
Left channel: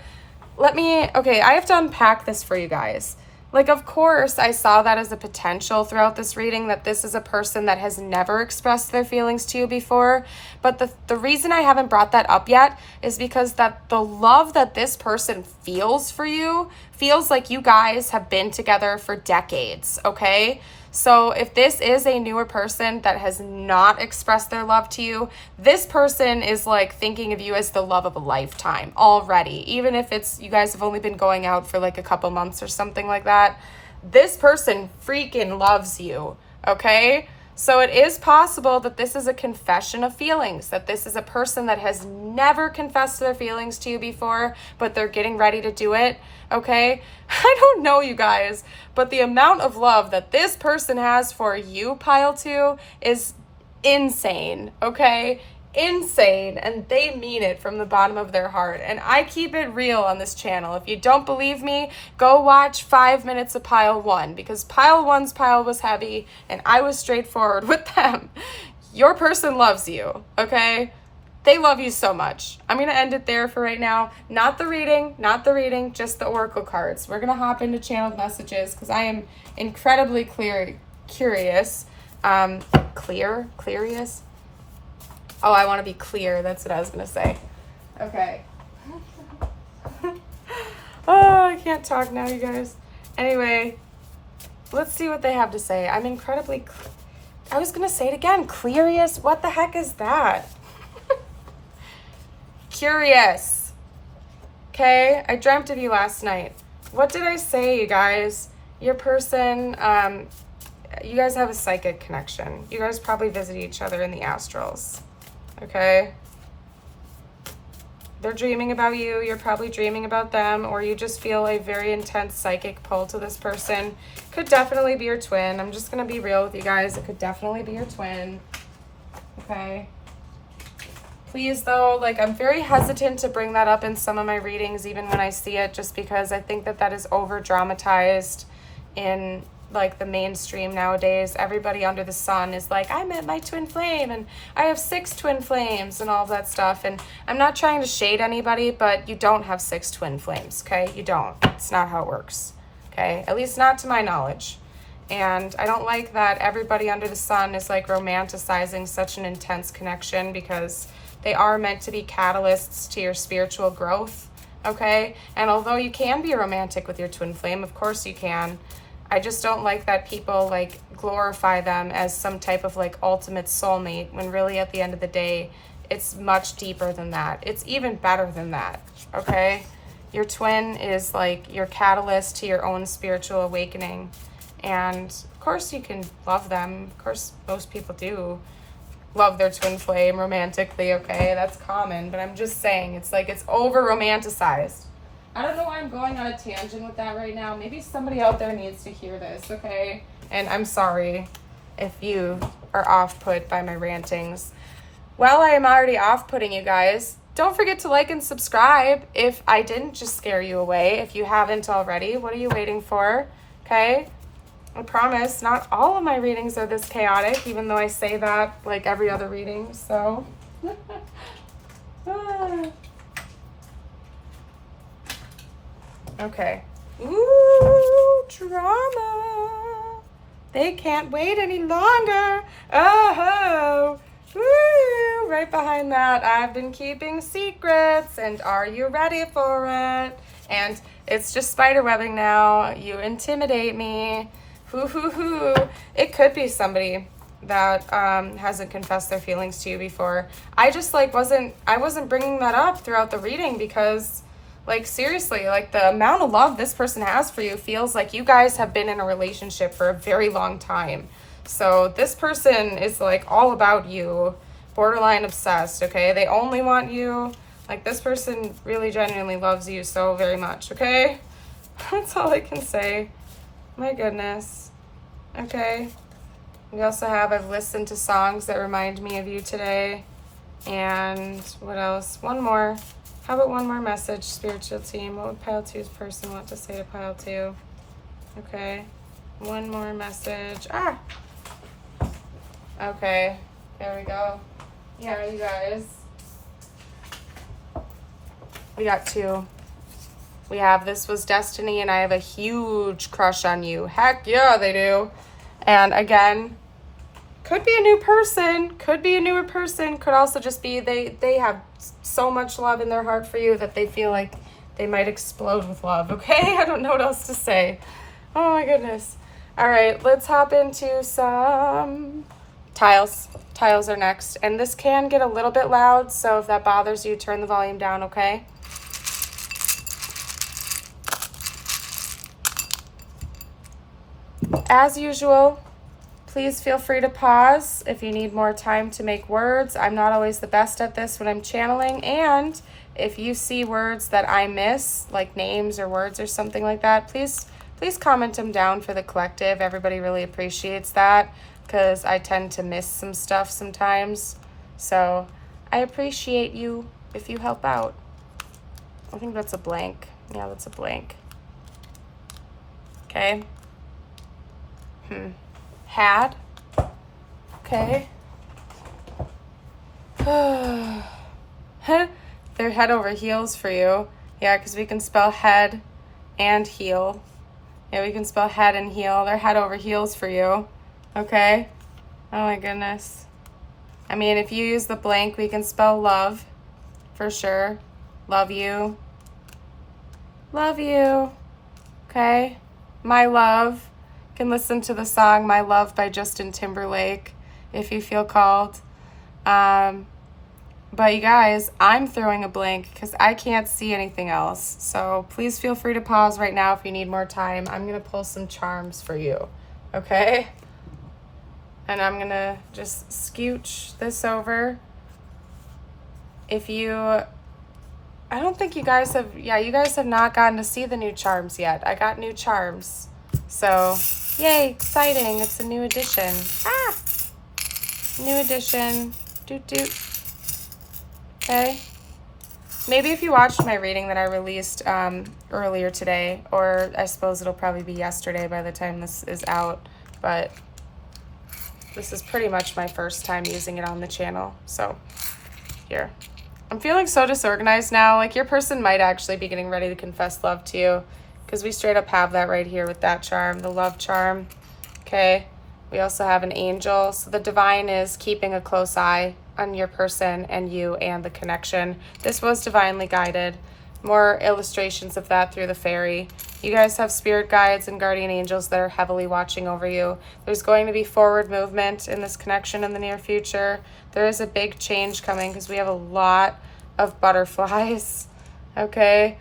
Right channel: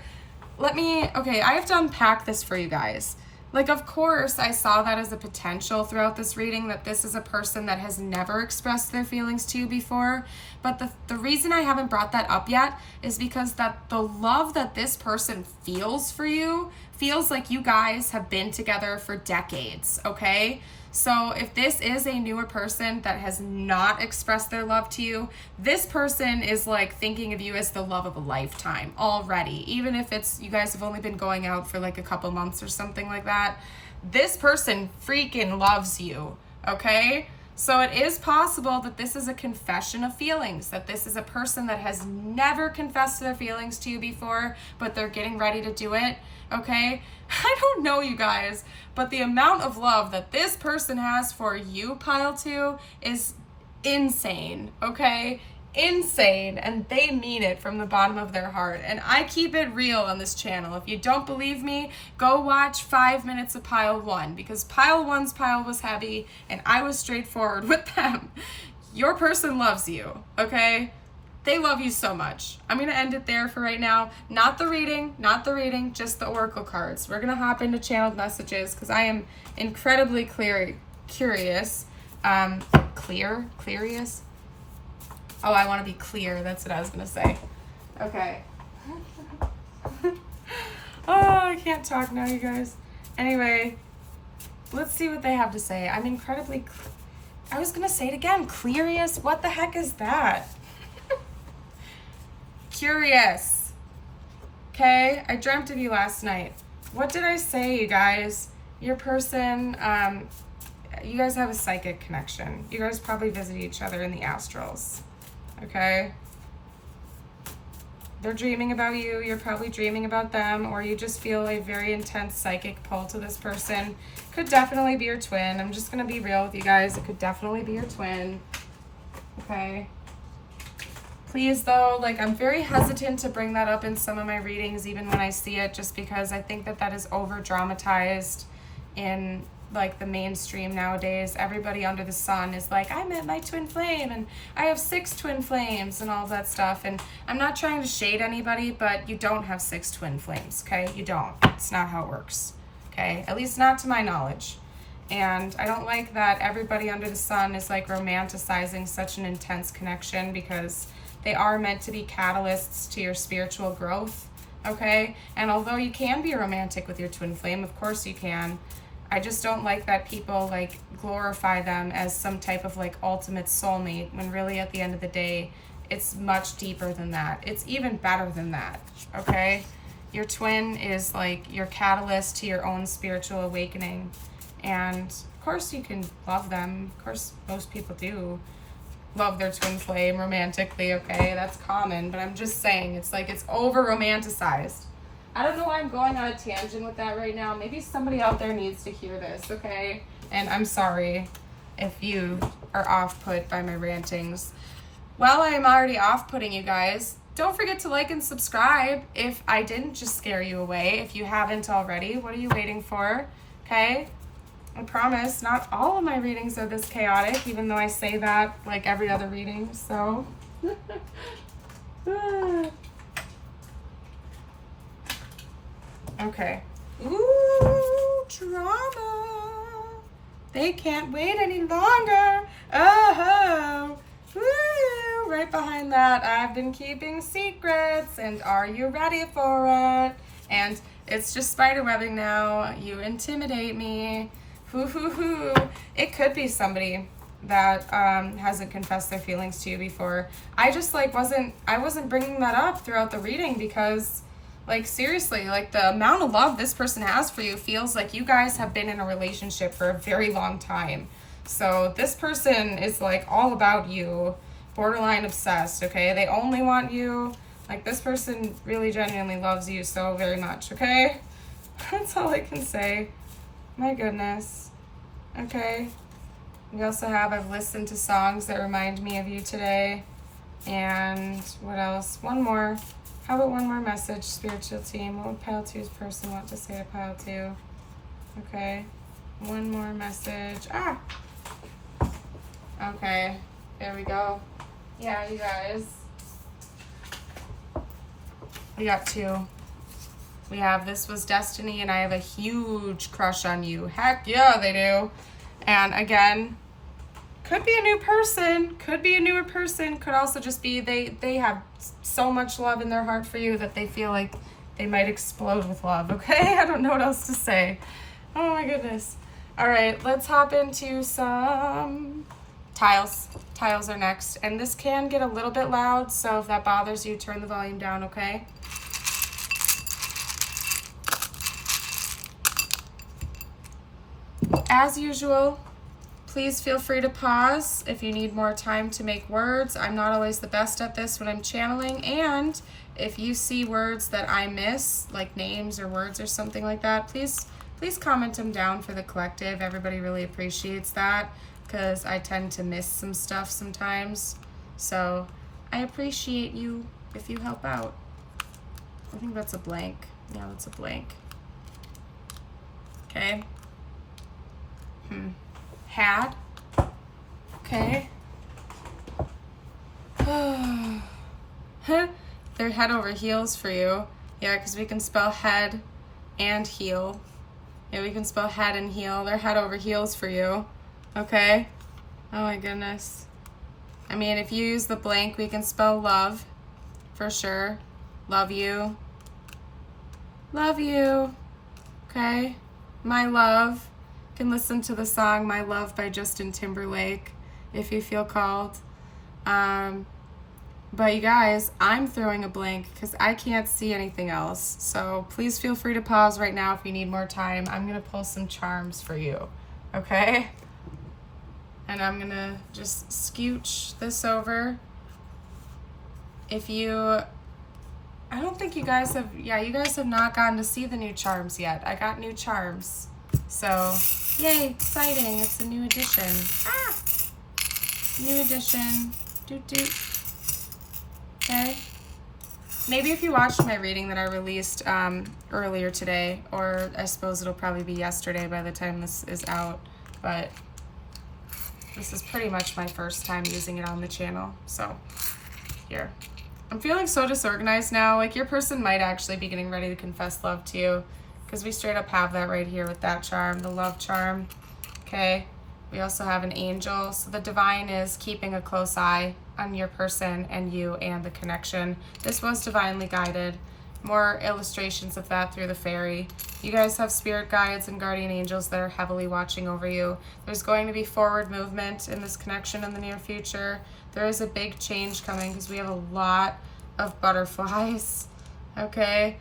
Okay, I have to unpack this for you guys. Like, of course, I saw that as a potential throughout this reading, that this is a person that has never expressed their feelings to you before. But the reason I haven't brought that up yet is because that the love that this person feels for you feels like you guys have been together for decades, okay? So if this is a newer person that has not expressed their love to you, this person is like thinking of you as the love of a lifetime already. Even if it's you guys have only been going out for like a couple months or something like that, this person freaking loves you, okay? So it is possible that this is a confession of feelings, that this is a person that has never confessed their feelings to you before, but they're getting ready to do it, okay? I don't know, you guys, but the amount of love that this person has for you, pile 2, is insane, okay? Insane, and they mean it from the bottom of their heart. And I keep it real on this channel. If you don't believe me, go watch 5 minutes of pile 1, because pile 1's pile was heavy and I was straightforward with them. Your person loves you, okay? They love you so much. I'm going to end it there for right now. Not the reading, just the oracle cards. We're going to hop into channeled messages because I am incredibly curious. Curious? Oh, I want to be clear. That's what I was going to say. Okay. Oh, I can't talk now, you guys. Anyway, let's see what they have to say. I'm incredibly... I was going to say it again. Curious? What the heck is that? Curious. Okay? I dreamt of you last night. What did I say, you guys? Your person... you guys have a psychic connection. You guys probably visit each other in the astrals. Okay? They're dreaming about you, you're probably dreaming about them, or you just feel a very intense psychic pull to this person. Could definitely be your twin. I'm just going to be real with you guys. It could definitely be your twin. Okay? Please, though, like, I'm very hesitant to bring that up in some of my readings, even when I see it, just because I think that that is over-dramatized in... like the mainstream nowadays. Everybody under the sun is like, I met my twin flame and I have 6 twin flames and all that stuff. And I'm not trying to shade anybody, but you don't have 6 twin flames, okay? You don't. It's not how it works, okay? At least not to my knowledge. And I don't like that everybody under the sun is like romanticizing such an intense connection, because they are meant to be catalysts to your spiritual growth, okay? And although you can be romantic with your twin flame, of course you can, I just don't like that people like glorify them as some type of like ultimate soulmate, when really at the end of the day, it's much deeper than that. It's even better than that, okay? Your twin is like your catalyst to your own spiritual awakening. And of course you can love them. Of course, most people do love their twin flame romantically, okay? That's common, but I'm just saying it's like it's over romanticized. I don't know why I'm going on a tangent with that right now. Maybe somebody out there needs to hear this, okay? And I'm sorry if you are off-put by my rantings. Well, I am already off-putting you guys. Don't forget to like and subscribe if I didn't just scare you away. If you haven't already, what are you waiting for? Okay? I promise not all of my readings are this chaotic, even though I say that like every other reading, so... Okay. Ooh, drama. They can't wait any longer. Oh, woo. Right behind that, I've been keeping secrets, and are you ready for it? And it's just spiderwebbing now. You intimidate me. Hoo, hoo, hoo. It could be somebody that hasn't confessed their feelings to you before. I just like I wasn't bringing that up throughout the reading because... like, seriously, like, the amount of love this person has for you feels like you guys have been in a relationship for a very long time. So this person is, like, all about you, borderline obsessed, okay? They only want you. Like, this person really genuinely loves you so very much, okay? That's all I can say. My goodness. Okay. We also have, I've listened to songs that remind me of you today. And what else? One more. How about one more message, spiritual team? What would pile 2's person want to say to pile 2? Okay, one more message. Ah! Okay, there we go. Yeah, you guys. We got 2. We have This Was Destiny, and I have a huge crush on you. Heck yeah, they do. And again, could be a new person, could be a newer person, could also just be they have so much love in their heart for you that they feel like they might explode with love, okay? I don't know what else to say. Oh my goodness. All right, let's hop into some tiles. Tiles are next. And this can get a little bit loud, so if that bothers you, turn the volume down, okay? As usual, please feel free to pause if you need more time to make words. I'm not always the best at this when I'm channeling, and if you see words that I miss, like names or words or something like that, please comment them down for the collective. Everybody really appreciates that because I tend to miss some stuff sometimes. So I appreciate you if you help out. I think that's a blank. Yeah, that's a blank. Okay. Had. Okay. They're head over heels for you. Yeah, because we can spell head and heel. Yeah, we can spell head and heel. They're head over heels for you. Okay? Oh my goodness. I mean, if you use the blank, we can spell love for sure. Love you. Love you. Okay? My love. You can listen to the song My Love by Justin Timberlake if you feel called. But you guys, I'm throwing a blank because I can't see anything else. So please feel free to pause right now if you need more time. I'm going to pull some charms for you, okay? And I'm going to just scooch this over. I don't think you guys have not gotten to see the new charms yet. I got new charms. So, yay, exciting. It's a new edition. Ah! New edition. Doot doot. Okay. Maybe if you watched my reading that I released earlier today, or I suppose it'll probably be yesterday by the time this is out, but this is pretty much my first time using it on the channel. So, here. I'm feeling so disorganized now. Like, your person might actually be getting ready to confess love to you, because we straight up have that right here with that charm, the love charm. Okay. We also have an angel. So the divine is keeping a close eye on your person and you and the connection. This was divinely guided. More illustrations of that through the fairy. You guys have spirit guides and guardian angels that are heavily watching over you. There's going to be forward movement in this connection in the near future. There is a big change coming because we have a lot of butterflies. Okay.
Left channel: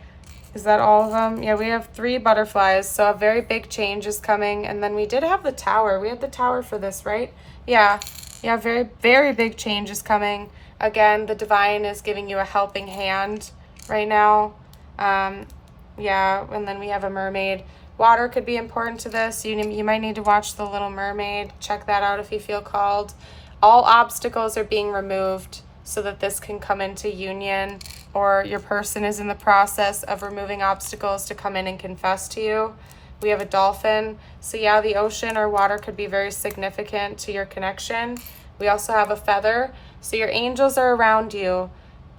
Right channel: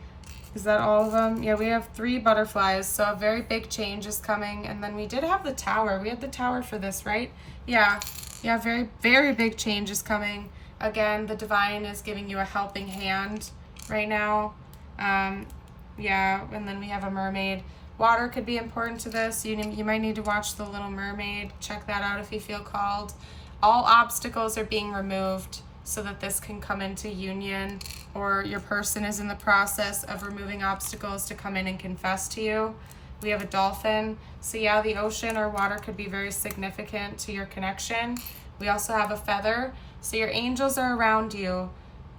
Is that all of them? Yeah, we have 3 butterflies, so a very big change is coming. And then we did have the tower. We had the tower for this, right? Yeah, very, very big change is coming. Again, the divine is giving you a helping hand right now. Yeah, and then we have a mermaid. Water could be important to this. You might need to watch The Little Mermaid. Check that out if you feel called. All obstacles are being removed so that this can come into union, or your person is in the process of removing obstacles to come in and confess to you. We have a dolphin. So yeah, the ocean or water could be very significant to your connection. We also have a feather. So your angels are around you.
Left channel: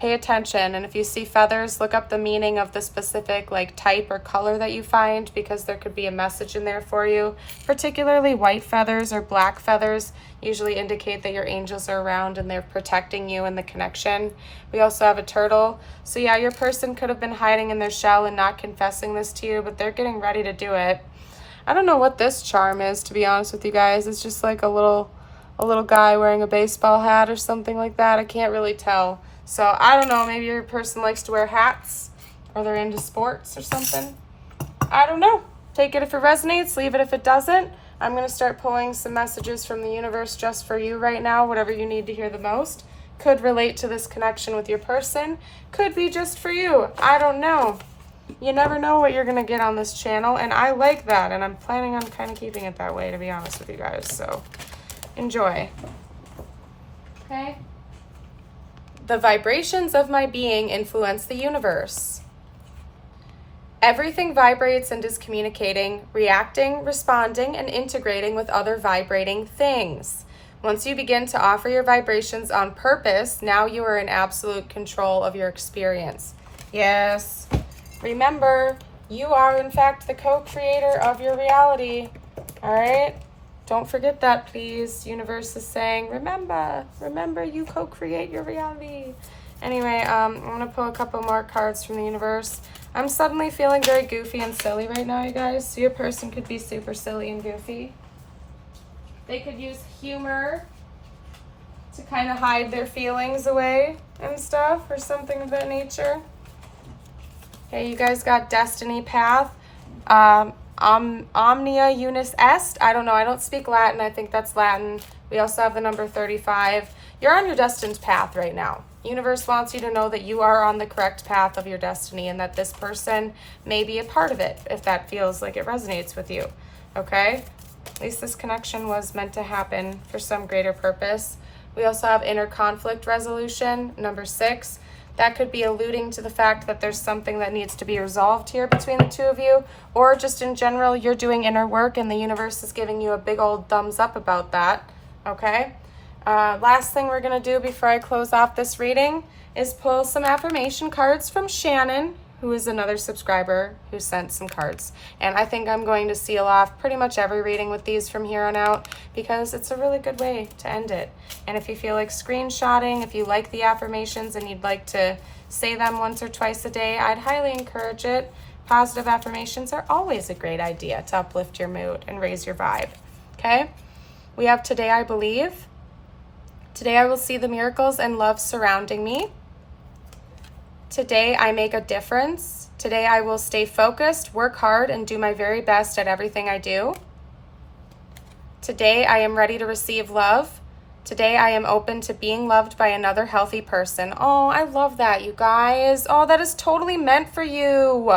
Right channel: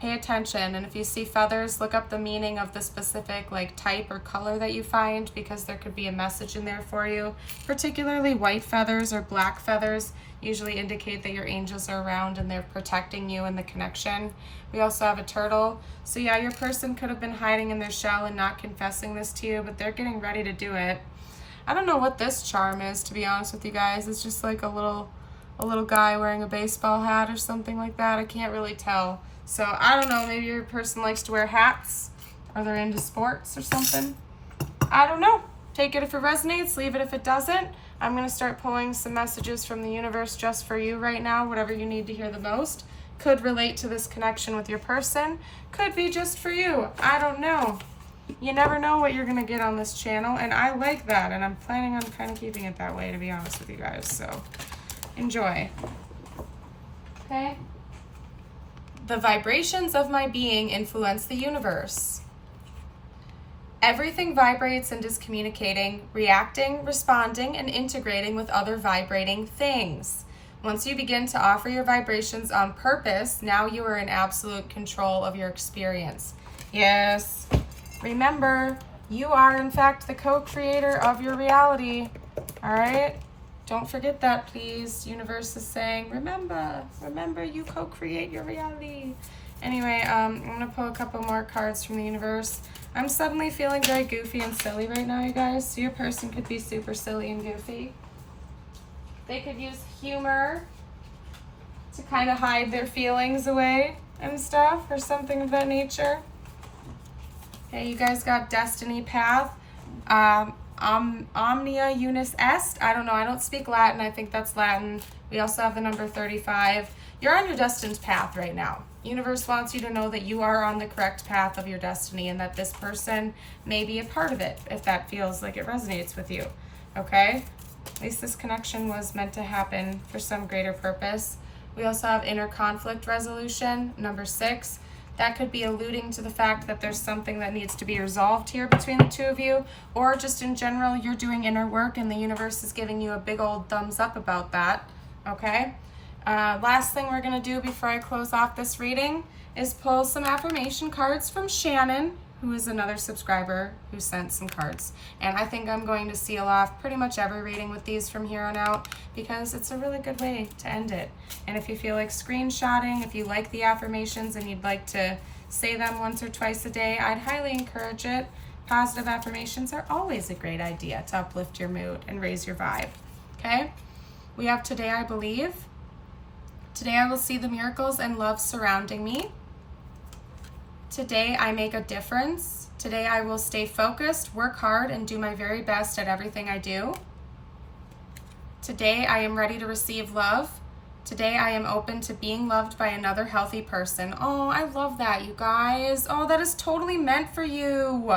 Pay attention, and if you see feathers, look up the meaning of the specific type or color that you find, because there could be a message in there for you. Particularly white feathers or black feathers usually indicate that your angels are around and they're protecting you in the connection. We also have a turtle. So yeah, your person could have been hiding in their shell and not confessing this to you, but they're getting ready to do it. I don't know what this charm is, to be honest with you guys. It's just like a little guy wearing a baseball hat or something like that. I can't really tell. So I don't know, maybe your person likes to wear hats, or they're into sports or something. I don't know. Take it if it resonates, leave it if it doesn't. I'm going to start pulling some messages from the universe just for you right now, whatever you need to hear the most. Could relate to this connection with your person. Could be just for you. I don't know. You never know what you're going to get on this channel, and I like that, and I'm planning on kind of keeping it that way, to be honest with you guys. So enjoy. Okay? The vibrations of my being influence the universe. Everything vibrates and is communicating, reacting, responding, and integrating with other vibrating things. Once you begin to offer your vibrations on purpose, now you are in absolute control of your experience. Yes. Remember, you are in fact the co-creator of your reality. All right? Don't forget that, please. Universe is saying, remember you co-create your reality. Anyway, I'm going to pull a couple more cards from the universe. I'm suddenly feeling very goofy and silly right now, you guys. So your person could be super silly and goofy. They could use humor to kind of hide their feelings away and stuff, or something of that nature. Okay, you guys got Destiny Path. Omnia Unis Est. I don't know. I don't speak Latin. I think that's Latin. We also have the number 35. You're on your destined path right now. Universe wants you to know that you are on the correct path of your destiny and that this person may be a part of it if that feels like it resonates with you. Okay? At least this connection was meant to happen for some greater purpose. We also have inner conflict resolution, number 6. That could be alluding to the fact that there's something that needs to be resolved here between the two of you, or just in general, you're doing inner work and the universe is giving you a big old thumbs up about that, okay? Last thing we're going to do before I close off this reading is pull some affirmation cards from Shannon, who is another subscriber who sent some cards. And I think I'm going to seal off pretty much every reading with these from here on out because it's a really good way to end it. And if you feel like screenshotting, if you like the affirmations and you'd like to say them once or twice a day, I'd highly encourage it. Positive affirmations are always a great idea to uplift your mood and raise your vibe. Okay? We have Today I Believe. Today I will see the miracles and love surrounding me. Today I make a difference. Today I will stay focused, work hard, and do my very best at everything I do. Today I am ready to receive love. Today I am open to being loved by another healthy person. Oh, I love that, you guys. Oh, that is totally meant for you.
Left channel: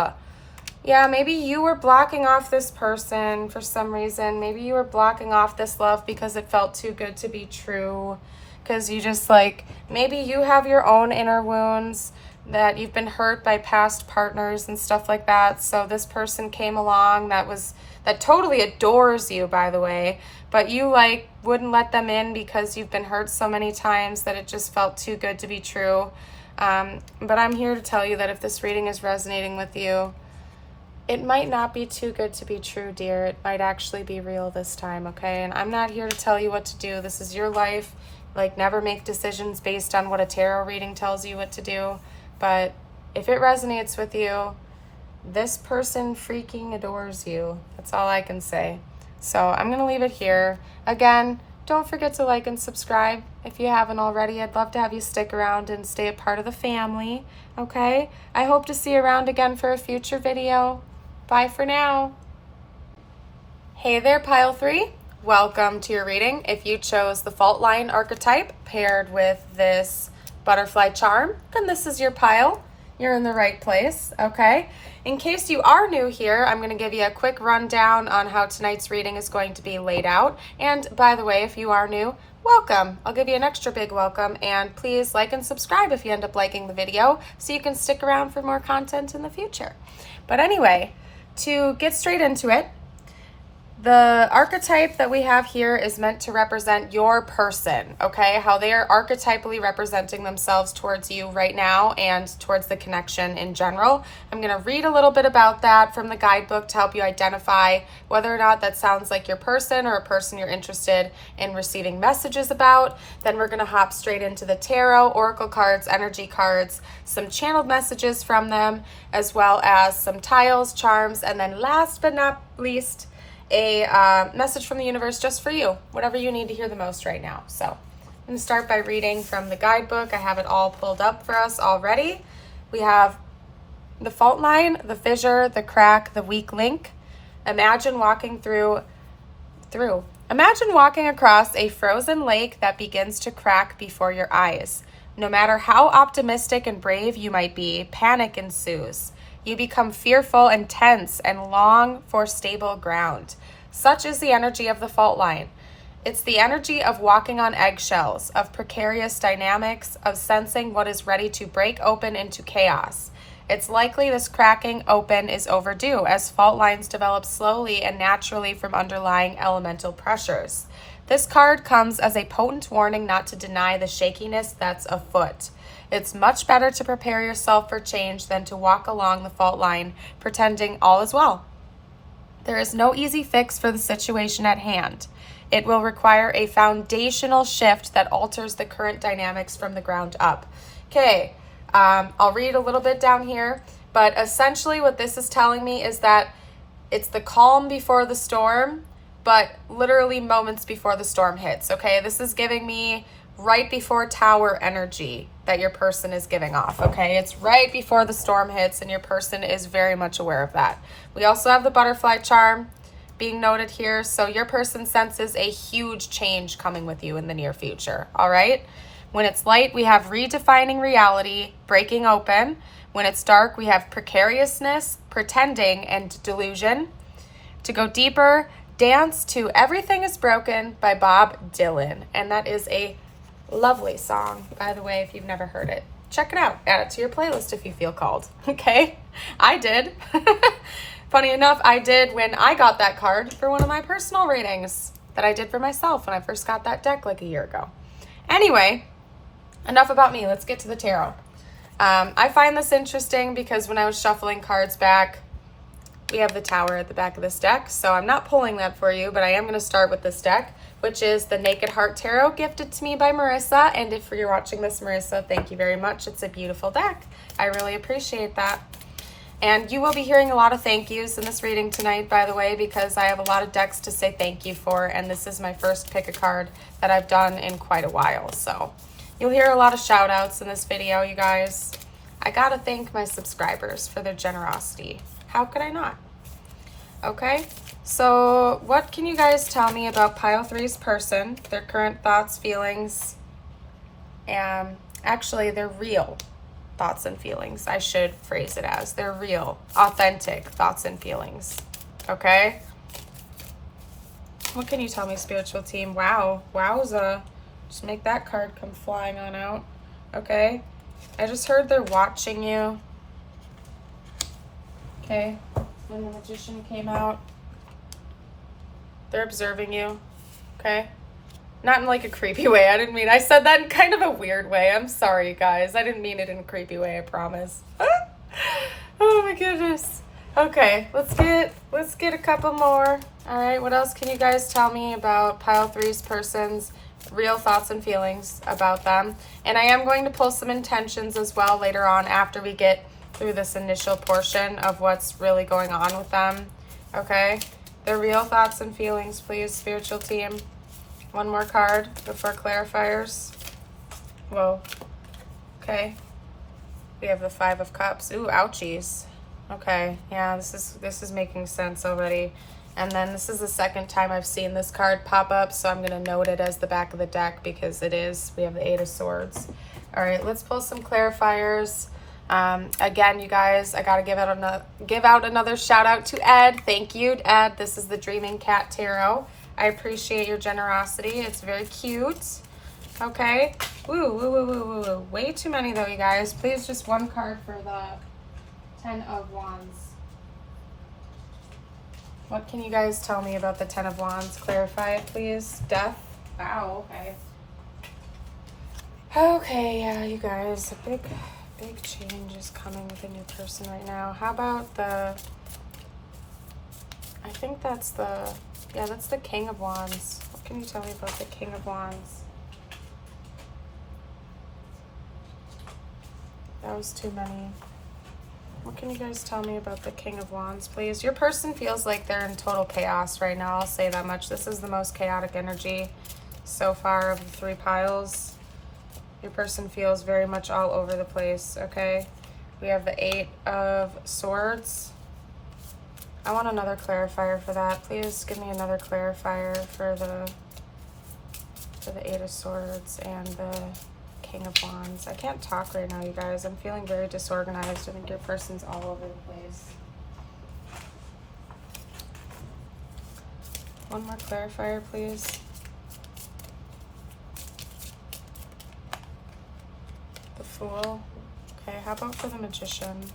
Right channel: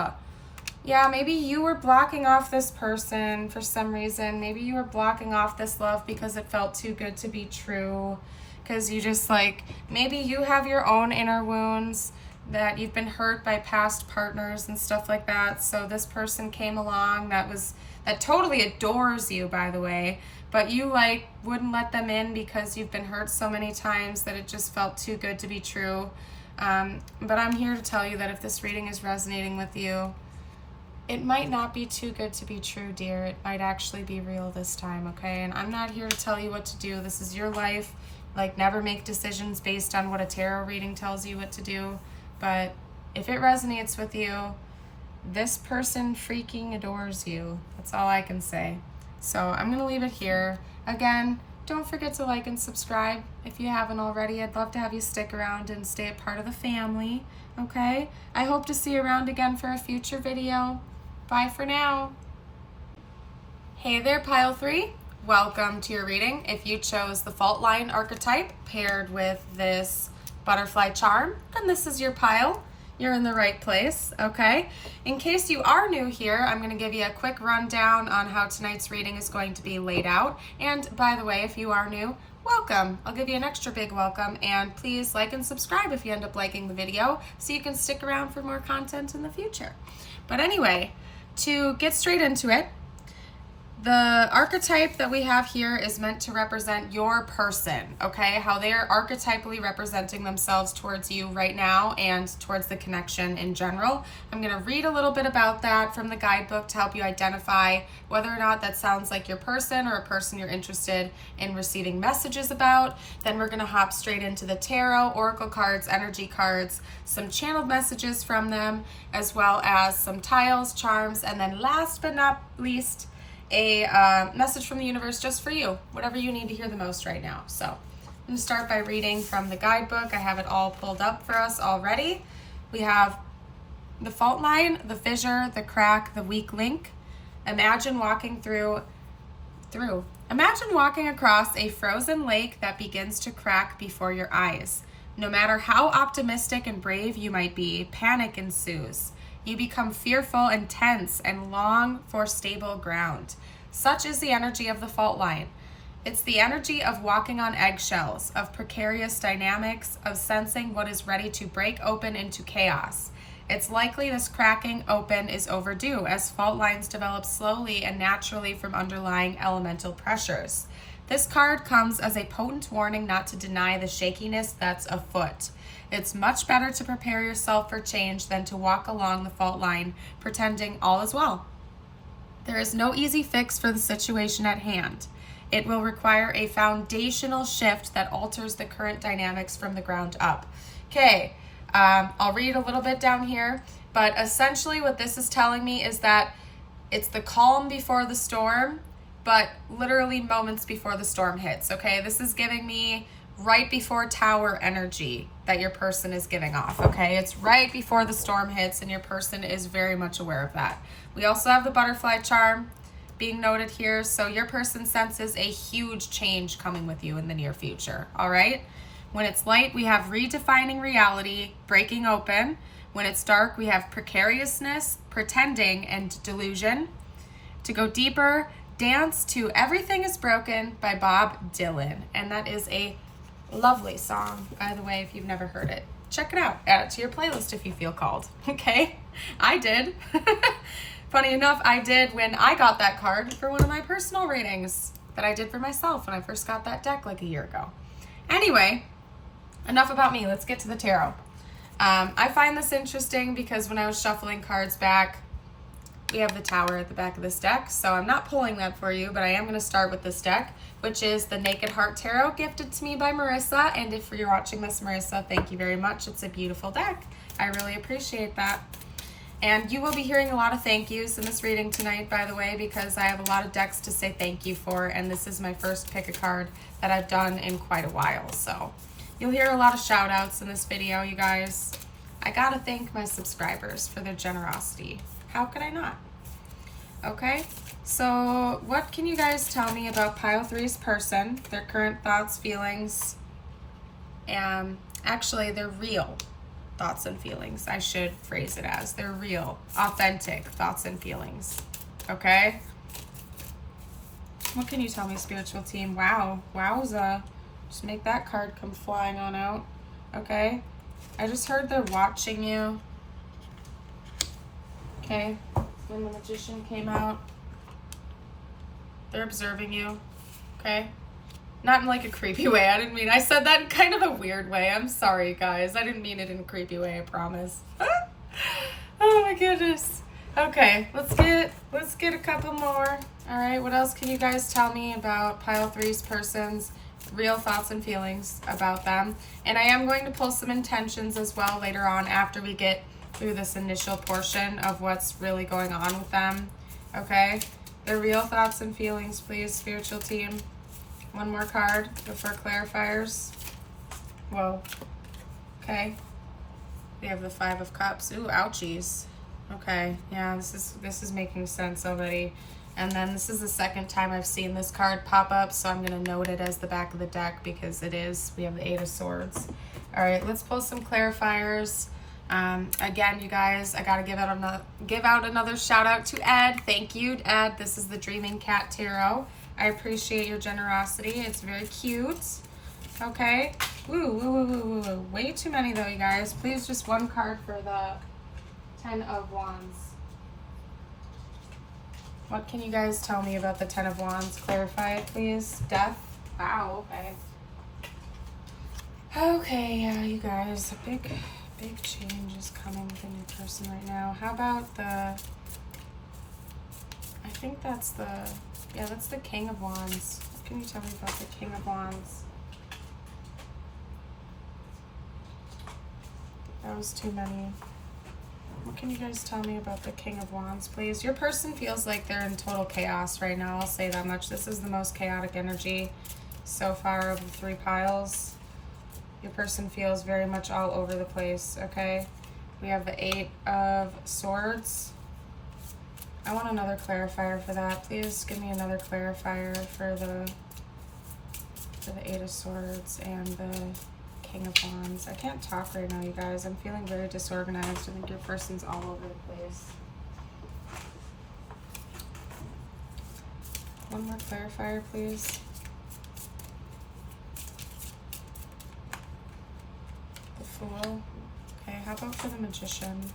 Yeah, maybe you were blocking off this person for some reason. Maybe you were blocking off this love because it felt too good to be true. Because you just maybe you have your own inner wounds, that you've been hurt by past partners and stuff like that. So this person came along that totally adores you, by the way, but you wouldn't let them in because you've been hurt so many times that it just felt too good to be true. But I'm here to tell you that if this reading is resonating with you, it might not be too good to be true, dear. It might actually be real this time, okay? And I'm not here to tell you what to do. This is your life. Never make decisions based on what a tarot reading tells you what to do. But if it resonates with you, this person freaking adores you. That's all I can say. So I'm going to leave it here. Again, don't forget to like and subscribe if you haven't already. I'd love to have you stick around and stay a part of the family, okay? I hope to see you around again for a future video. Bye for now. Hey there, Pile 3. Welcome to your reading. If you chose the fault line archetype paired with this butterfly charm, then this is your pile. You're in the right place, okay? In case you are new here, I'm going to give you a quick rundown on how tonight's reading is going to be laid out. And by the way, if you are new, welcome. I'll give you an extra big welcome, and please like and subscribe if you end up liking the video so you can stick around for more content in the future. But anyway, to get straight into it, the archetype that we have here is meant to represent your person, okay? How they are archetypally representing themselves towards you right now and towards the connection in general. I'm going to read a little bit about that from the guidebook to help you identify whether or not that sounds like your person or a person you're interested in receiving messages about. Then we're going to hop straight into the tarot, oracle cards, energy cards, some channeled messages from them, as well as some tiles, charms, and then last but not least, a message from the universe just for you, whatever you need to hear the most right now. So I'm going to start by reading from the guidebook. I have it all pulled up for us already. We have the fault line, the fissure, the crack, the weak link. Imagine walking Imagine walking across a frozen lake that begins to crack before your eyes. No matter how optimistic and brave you might be, panic ensues. You become fearful and tense and long for stable ground. Such is the energy of the fault line. It's the energy of walking on eggshells, of precarious dynamics, of sensing what is ready to break open into chaos. It's likely this cracking open is overdue, as fault lines develop slowly and naturally from underlying elemental pressures. This card comes as a potent warning not to deny the shakiness that's afoot. It's much better to prepare yourself for change than to walk along the fault line pretending all is well. There is no easy fix for the situation at hand. It will require a foundational shift that alters the current dynamics from the ground up. Okay, I'll read a little bit down here, but essentially what this is telling me is that it's the calm before the storm, but literally moments before the storm hits, okay? This is giving me right before tower energy that your person is giving off, okay? It's right before the storm hits, and your person is very much aware of that. We also have the butterfly charm being noted here, so your person senses a huge change coming with you in the near future, all right? When it's light, we have redefining reality, breaking open. When it's dark, we have precariousness, pretending, and delusion. To go deeper, dance to Everything is Broken by Bob Dylan, and that is a lovely song, by the way, if you've never heard it. Check it out. Add it to your playlist if you feel called, okay? I did. Funny enough, I did when I got that card for one of my personal readings that I did for myself when I first got that deck like a year ago. Anyway, enough about me. Let's get to the tarot. I find this interesting because when I was shuffling cards back, we have the Tower at the back of this deck, so I'm not pulling that for you, but I am going to start with this deck, which is the Naked Heart Tarot, gifted to me by Marissa. And if you're watching this, Marissa, thank you very much. It's a beautiful deck. I really appreciate that. And you will be hearing a lot of thank yous in this reading tonight, by the way, because I have a lot of decks to say thank you for, and this is my first pick a card that I've done in quite a while. So you'll hear a lot of shout outs in this video, you guys. I gotta thank my subscribers for their generosity. How could I not? Okay, so what can you guys tell me about Pile 3's person, their current thoughts, feelings, and actually their real thoughts and feelings, I should phrase it as. They're real, authentic thoughts and feelings, okay? What can you tell me, spiritual team? Wow, wowza. Just make that card come flying on out, okay? I just heard they're watching you, okay? When the Magician came out, they're observing you, okay? Not in like a creepy way. I said that in kind of a weird way. I'm sorry, guys. I didn't mean it in a creepy way, I promise. Oh my goodness. Okay, let's get a couple more. All right, what else can you guys tell me about Pile 3's person's real thoughts and feelings about them? And I am going to pull some intentions as well later on after we get through this initial portion of what's really going on with them, okay? Their real thoughts and feelings, please, spiritual team. One more card before clarifiers. Whoa. Okay. We have the 5 of Cups. Ooh, ouchies. Okay. Yeah, this is making sense already. And then this is the second time I've seen this card pop up, so I'm going to note it as the back of the deck because it is. We have the 8 of Swords. All right, let's pull some clarifiers. Again, you guys, I got to give out another shout out to Ed. Thank you, Ed. This is the Dreaming Cat Tarot. I appreciate your generosity. It's very cute. Okay. Woo. Way too many though, you guys. Please, just one card for the 10 of Wands. What can you guys tell me about the 10 of Wands? Clarify it, please. Death. Wow, okay. Okay, yeah, you guys. A big change is coming with a new person right now. How about the... I think that's the... Yeah, that's the King of Wands. What can you tell me about the King of Wands? That was too many. What can you guys tell me about the King of Wands, please? Your person feels like they're in total chaos right now. I'll say that much. This is the most chaotic energy so far of the 3 piles. Your person feels very much all over the place, okay? We have the 8 of Swords. I want another clarifier for that. Please give me another clarifier for the 8 of Swords and the King of Wands. I can't talk right now, you guys. I'm feeling very disorganized. I think your person's all over the place. One more clarifier, please. The Fool. Okay, how about for the Magician?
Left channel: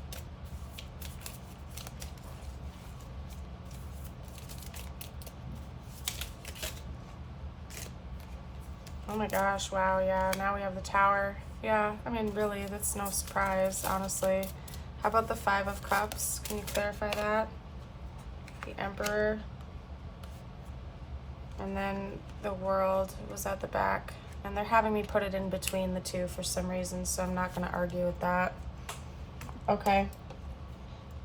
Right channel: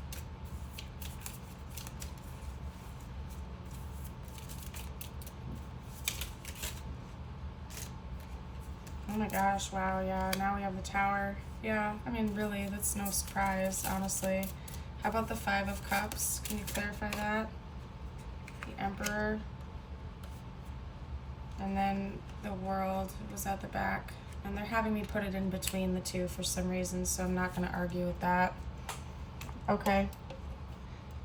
Oh my gosh, wow, yeah, now we have the Tower. Yeah, I mean, really, that's no surprise, honestly. How about the Five of Cups? Can you clarify that? The Emperor. And then the World was at the back. And they're having me put it in between the two for some reason, so I'm not going to argue with that. Okay.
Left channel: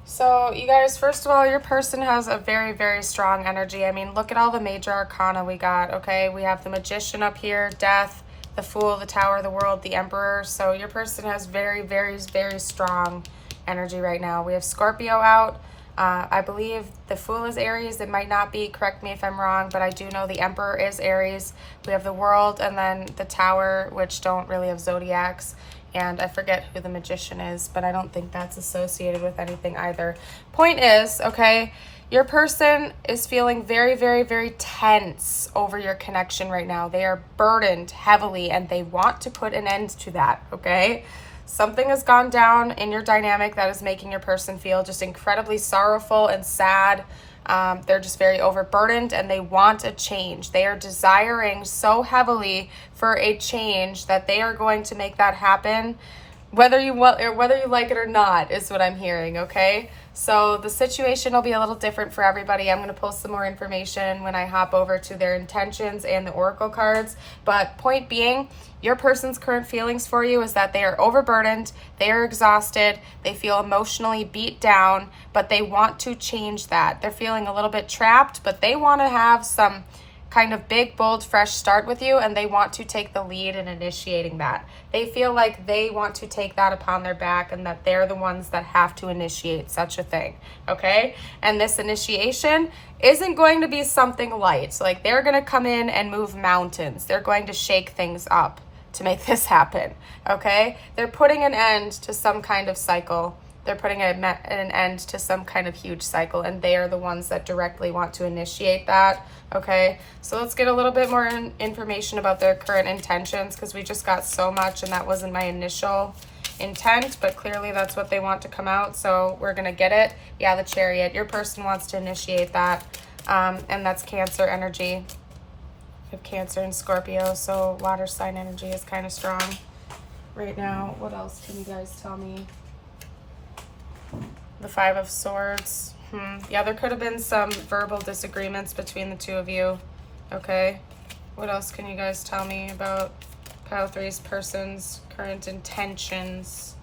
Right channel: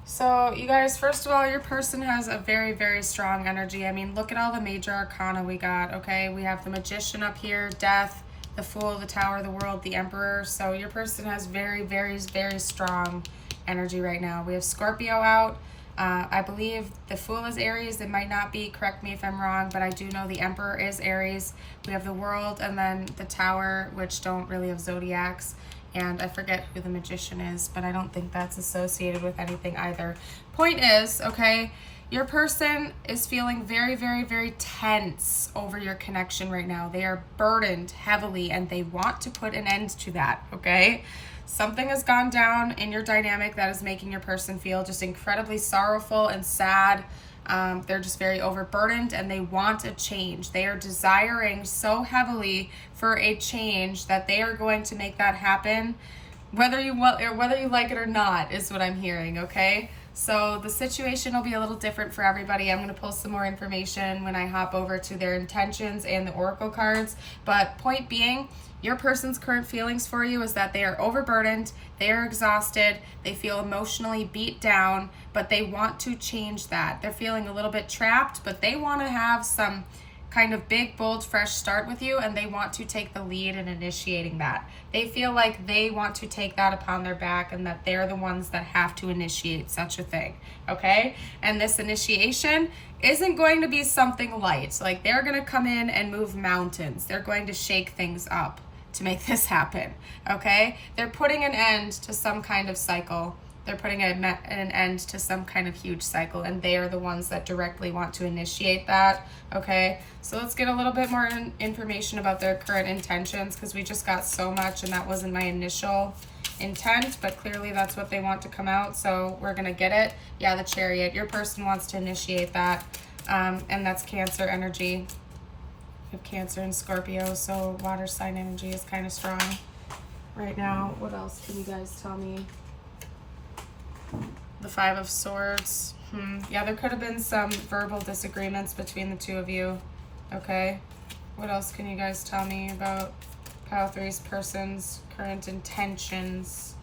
So, you guys, first of all, your person has a very, very strong energy. I mean, look at all the major arcana we got, okay? We have the Magician up here, Death, the Fool, the Tower, the World, the Emperor. So your person has very, very, very strong energy right now. We have Scorpio out. I believe the Fool is Aries. It might not be. Correct me if I'm wrong, but I do know the Emperor is Aries. We have the World and then the Tower, which don't really have zodiacs. And I forget who the Magician is, but I don't think that's associated with anything either. Point is, okay, your person is feeling very, very, very tense over your connection right now. They are burdened heavily and they want to put an end to that, okay? Something has gone down in your dynamic that is making your person feel just incredibly sorrowful and sad. They're just very overburdened and they want a change. They are desiring so heavily for a change that they are going to make that happen, whether you like it or not, is what I'm hearing, okay? So the situation will be a little different for everybody. I'm going to pull some more information when I hop over to their intentions and the oracle cards. But point being, your person's current feelings for you is that they are overburdened, they are exhausted, they feel emotionally beat down, but they want to change that. They're feeling a little bit trapped, but they want to have some kind of big, bold, fresh start with you, and they want to take the lead in initiating that. They feel like they want to take that upon their back and that they're the ones that have to initiate such a thing, okay? And this initiation isn't going to be something light. Like, they're going to come in and move mountains. They're going to shake things up to make this happen, okay? They're putting an end to some kind of cycle. They're putting an end to some kind of huge cycle, and they are the ones that directly want to initiate that, okay? So let's get a little bit more information about their current intentions, because we just got so much, and that wasn't my initial intent, but clearly that's what they want to come out, so we're going to get it. Yeah, the Chariot. Your person wants to initiate that, and that's Cancer energy. We have Cancer and Scorpio, so water sign energy is kind of strong right now. What else can you guys tell me? The Five of Swords. Yeah, there could have been some verbal disagreements between the two of you. Okay. What else can you guys tell me about Pile 3's person's current intentions?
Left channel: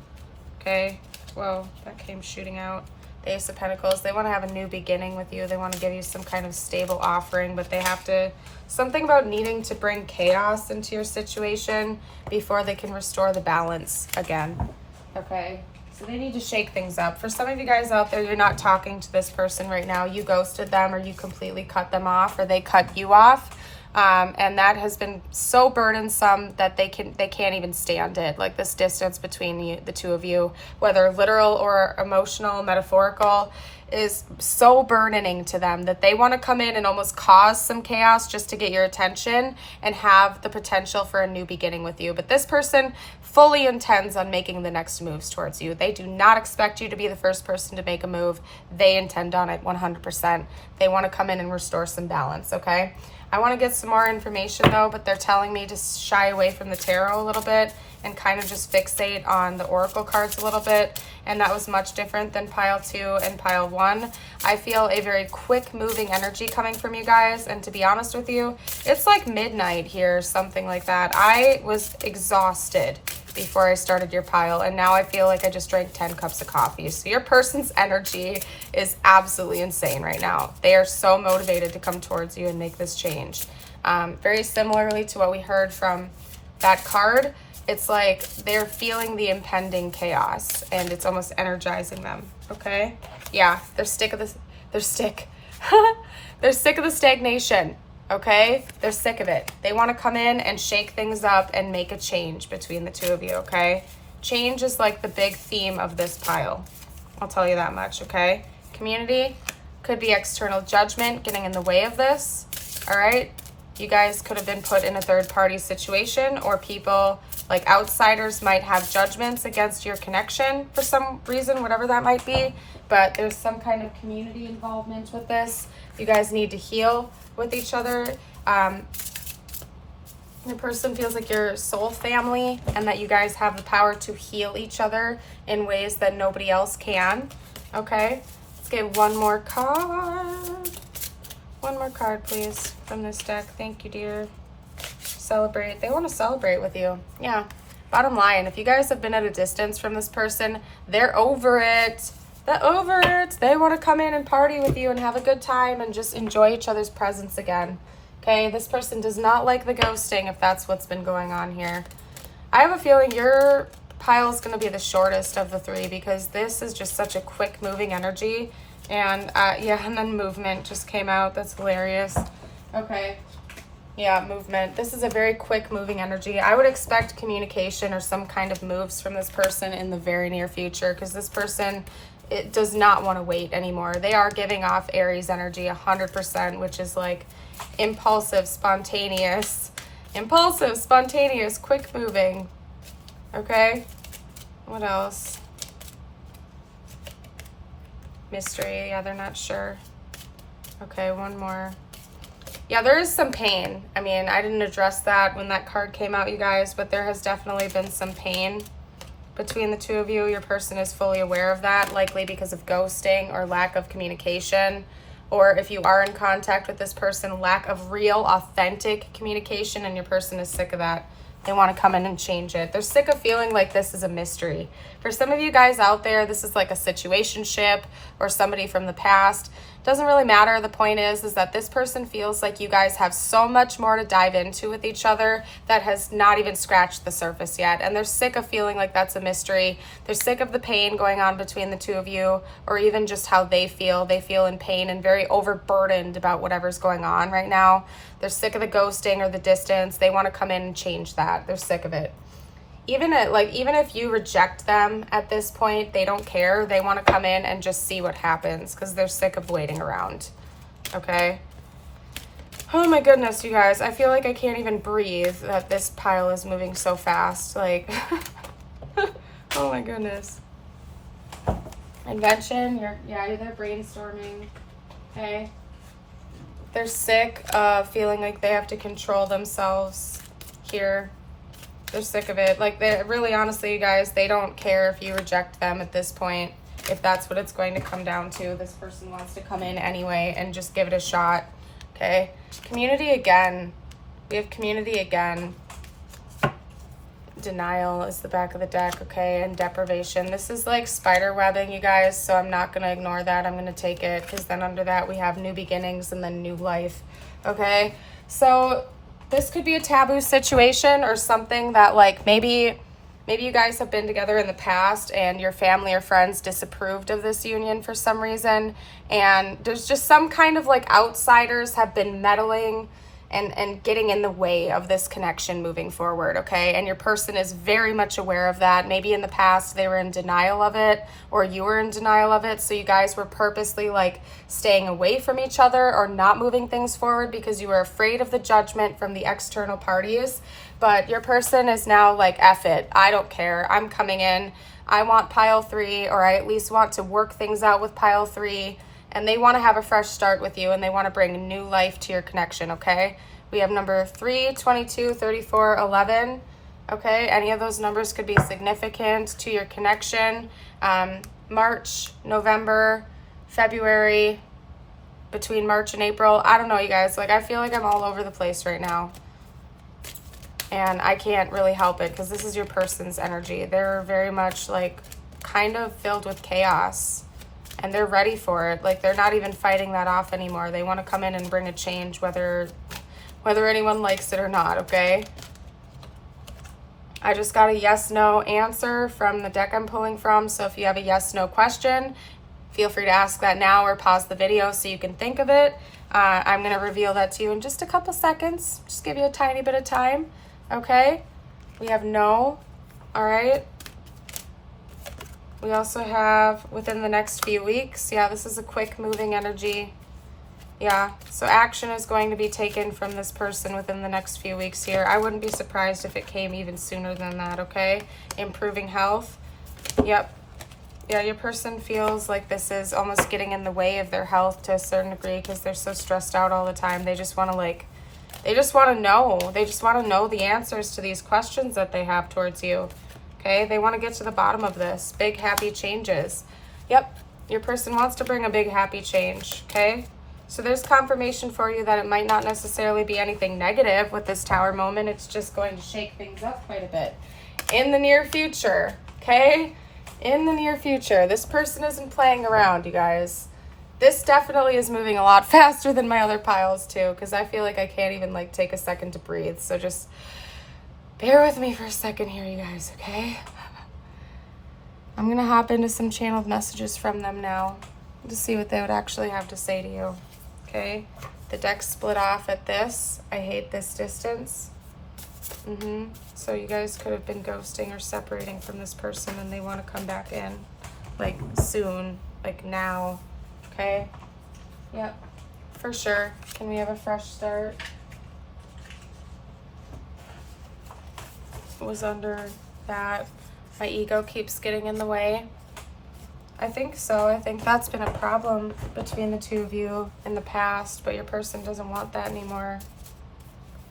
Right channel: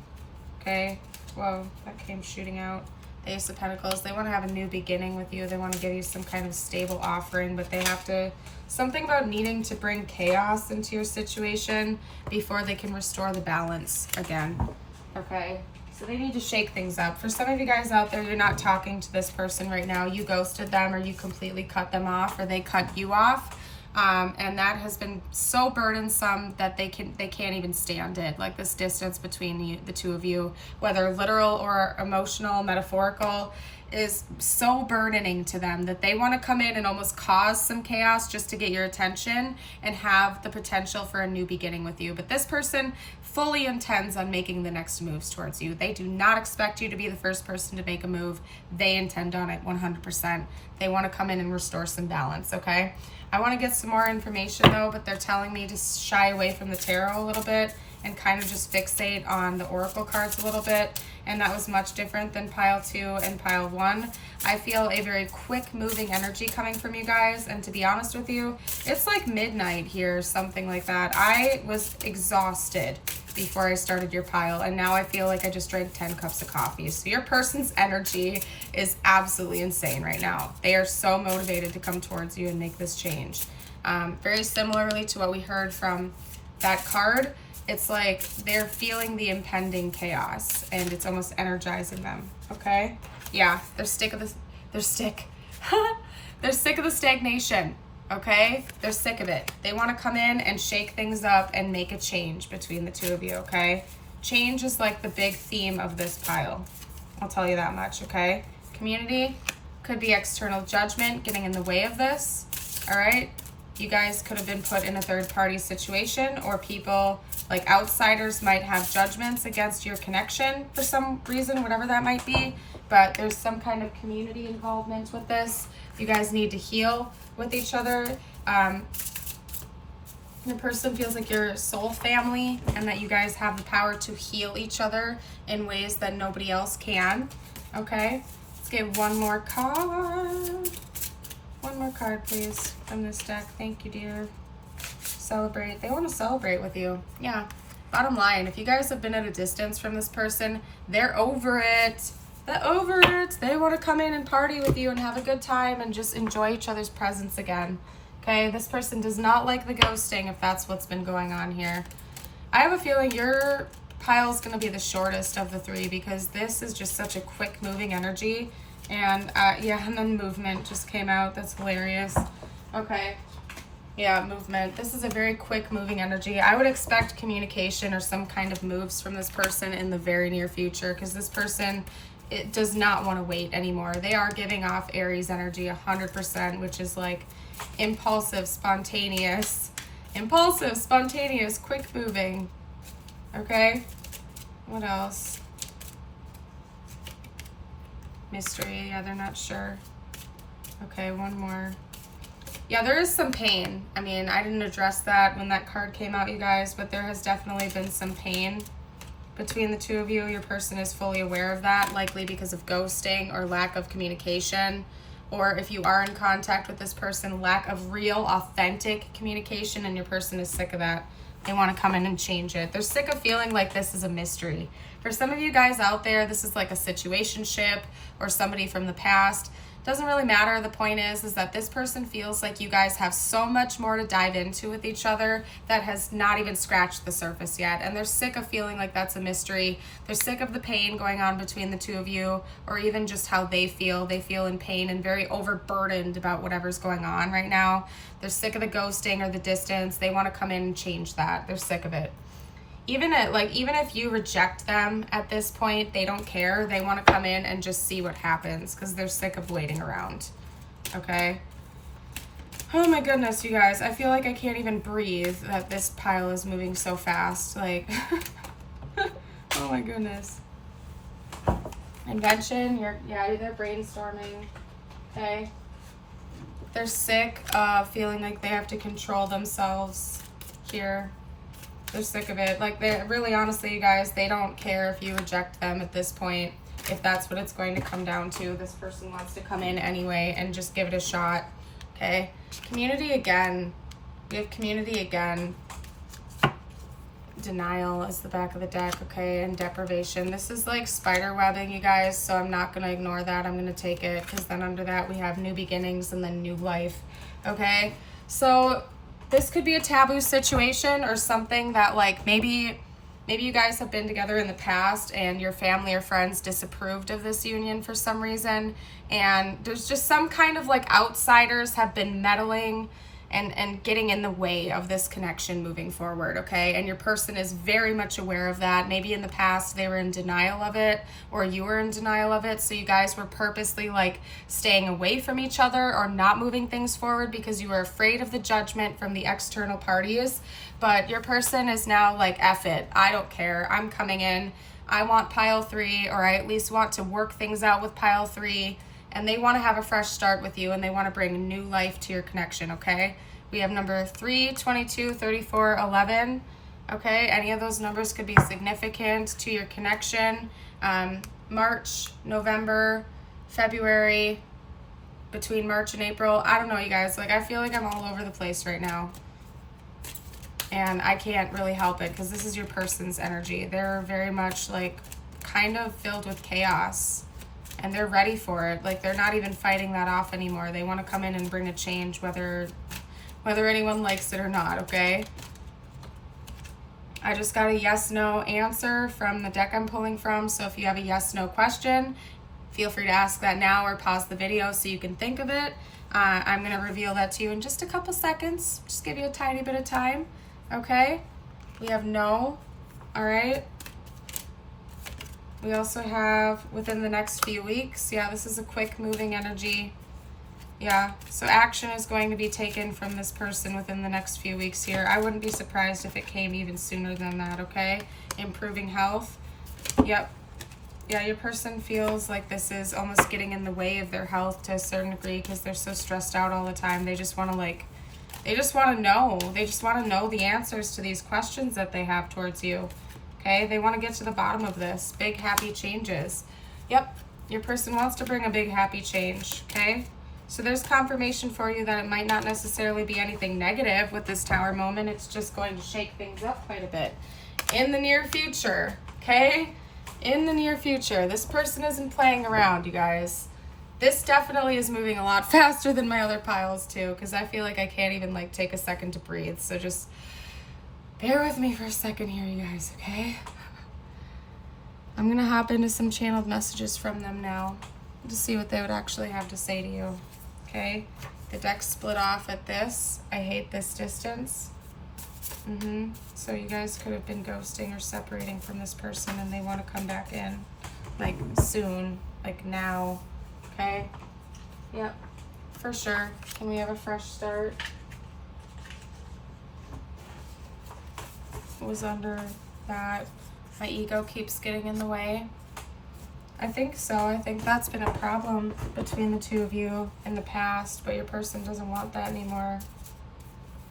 Okay. Whoa, that came shooting out. The Ace of Pentacles. They want to have a new beginning with you. They want to give you some kind of stable offering, but they have to... Something about needing to bring chaos into your situation before they can restore the balance again. Okay. So they need to shake things up. For some of you guys out there, you're not talking to this person right now. You ghosted them, or you completely cut them off, or they cut you off. And that has been so burdensome that they can't even stand it. Like, this distance between the two of you, whether literal or emotional, metaphorical, is so burdening to them that they want to come in and almost cause some chaos just to get your attention and have the potential for a new beginning with you. But this person fully intends on making the next moves towards you. They do not expect you to be the first person to make a move. They intend on it 100%. They want to come in and restore some balance, okay? I want to get some more information though, but they're telling me to shy away from the tarot a little bit and kind of just fixate on the oracle cards a little bit. And that was much different than Pile 2 and Pile 1. I feel a very quick moving energy coming from you guys. And to be honest with you, it's like midnight here, something like that. I was exhausted before I started your pile, and now I feel like I just drank 10 cups of coffee. So your person's energy is absolutely insane right now. They are so motivated to come towards you and make this change. Very similarly to what we heard from that card, it's like they're feeling the impending chaos and it's almost energizing them, okay? Yeah, they're sick of the stagnation. Okay, they're sick of it. They want to come in and shake things up and make a change between the two of you, okay? Change is like the big theme of this pile. I'll tell you that much, okay? Community could be external judgment getting in the way of this, all right? You guys could have been put in a third-party situation, or people, like outsiders, might have judgments against your connection for some reason, whatever that might be. But there's some kind of community involvement with this. You guys need to heal with each other. Your person feels like your soul family and that you guys have the power to heal each other in ways that nobody else can. Okay, let's get one more card. One more card, please, from this deck. Thank you, dear. Celebrate. They want to celebrate with you. Yeah. Bottom line, if you guys have been at a distance from this person, they're over it. They're over it. They want to come in and party with you and have a good time and just enjoy each other's presence again. Okay, this person does not like the ghosting if that's what's been going on here. I have a feeling your pile is going to be the shortest of the three because this is just such a quick moving energy. And yeah, and then movement just came out. That's hilarious. Okay. Yeah, movement. This is a very quick moving energy. I would expect communication or some kind of moves from this person in the very near future because this person, it does not want to wait anymore. They are giving off Aries energy 100%, which is like impulsive, spontaneous, quick moving. Okay, what else? Mystery. Yeah, they're not sure. Okay, one more. Yeah, there is some pain. I mean, I didn't address that when that card came out, you guys, but there has definitely been some pain between the two of you. Your person is fully aware of that, likely because of ghosting or lack of communication. Or if you are in contact with this person, lack of real, authentic communication, and your person is sick of that. They want to come in and change it. They're sick of feeling like this is a mystery. For some of you guys out there, this is like a situationship or somebody from the past. Doesn't really matter. The point is that this person feels like you guys have so much more to dive into with each other that has not even scratched the surface yet. And they're sick of feeling like that's a mystery. They're sick of the pain going on between the two of you, or even just how they feel. They feel in pain and very overburdened about whatever's going on right now. They're sick of the ghosting or the distance. They want to come in and change that. They're sick of it. Even if you reject them at this point, they don't care. They want to come in and just see what happens because they're sick of waiting around. Okay? Oh my goodness, you guys. I feel like I can't even breathe that this pile is moving so fast. Like, oh my goodness. Invention, you're there brainstorming. Okay? They're sick of feeling like they have to control themselves here. They're sick of it. Like, they really, honestly, you guys, they don't care if you reject them at this point. If that's what it's going to come down to, this person wants to come in anyway and just give it a shot. Okay. Community again. We have community again. Denial is the back of the deck. Okay. And deprivation. This is like spider webbing, you guys. So I'm not going to ignore that. I'm going to take it because then under that we have new beginnings and then new life. Okay. So this could be a taboo situation or something that like maybe you guys have been together in the past and your family or friends disapproved of this union for some reason. And there's just some kind of like outsiders have been meddling and getting in the way of this connection moving forward, okay? And your person is very much aware of that. Maybe in the past they were in denial of it or you were in denial of it. So you guys were purposely like staying away from each other or not moving things forward because you were afraid of the judgment from the external parties. But your person is now like, F it, I don't care. I'm coming in. I want pile 3, or I at least want to work things out with pile 3. And they want to have a fresh start with you and they want to bring new life to your connection, okay? We have number 3, 22, 34, 11. Okay, any of those numbers could be significant to your connection. March, November, February, between March and April. I don't know, you guys. Like, I feel like I'm all over the place right now. And I can't really help it because this is your person's energy. They're very much like kind of filled with chaos. And they're ready for it. Like, they're not even fighting that off anymore. They want to come in and bring a change, whether anyone likes it or not, okay? I just got a yes/no answer from the deck I'm pulling from. So if you have a yes/no question, feel free to ask that now or pause the video so you can think of it. I'm going to reveal that to you in just a couple seconds. Just give you a tiny bit of time, okay? We have no, all right? We also have within the next few weeks. Yeah, this is a quick moving energy. Yeah, so action is going to be taken from this person within the next few weeks here. I wouldn't be surprised if it came even sooner than that, okay? Improving health. Yep. Yeah, your person feels like this is almost getting in the way of their health to a certain degree because they're so stressed out all the time. They just want to like, They just want to know. They just want to know the answers to these questions that they have towards you. Okay, they want to get to the bottom of this. Big happy changes. Yep, your person wants to bring a big happy change. Okay, so there's confirmation for you that it might not necessarily be anything negative with this Tower moment. It's just going to shake things up quite a bit in the near future. Okay, in the near future. This person isn't playing around, you guys. This definitely is moving a lot faster than my other piles too, because I feel like I can't even like take a second to breathe. So just bear with me for a second here, you guys, okay? I'm gonna hop into some channeled messages from them now to see what they would actually have to say to you, okay? The deck split off at this. I hate this distance. So you guys could have been ghosting or separating from this person and they want to come back in like soon, like now. Okay, yep, for sure. Can we have a fresh start? Was under that. My ego keeps getting in the way. I think so. I think that's been a problem between the two of you in the past, but your person doesn't want that anymore.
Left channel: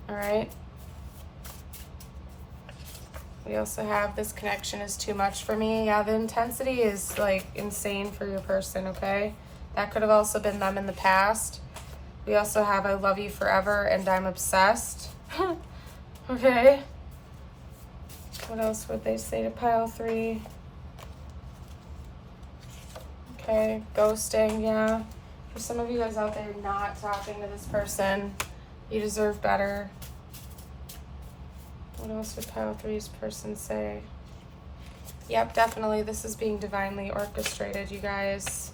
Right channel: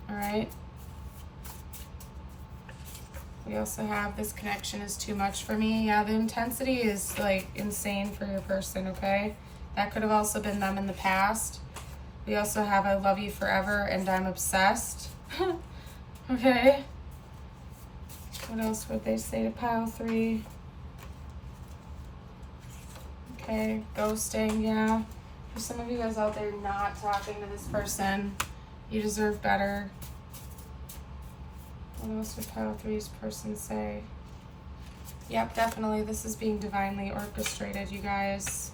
All right. We also have this connection is too much for me. Yeah, the intensity is like insane for your person, okay? That could have also been them in the past. We also have I love you forever and I'm obsessed. Okay. What else would they say to pile 3? Okay, ghosting, yeah. For some of you guys out there not talking to this person, you deserve better. What else would pile 3's person say? Yep, definitely this is being divinely orchestrated, you guys.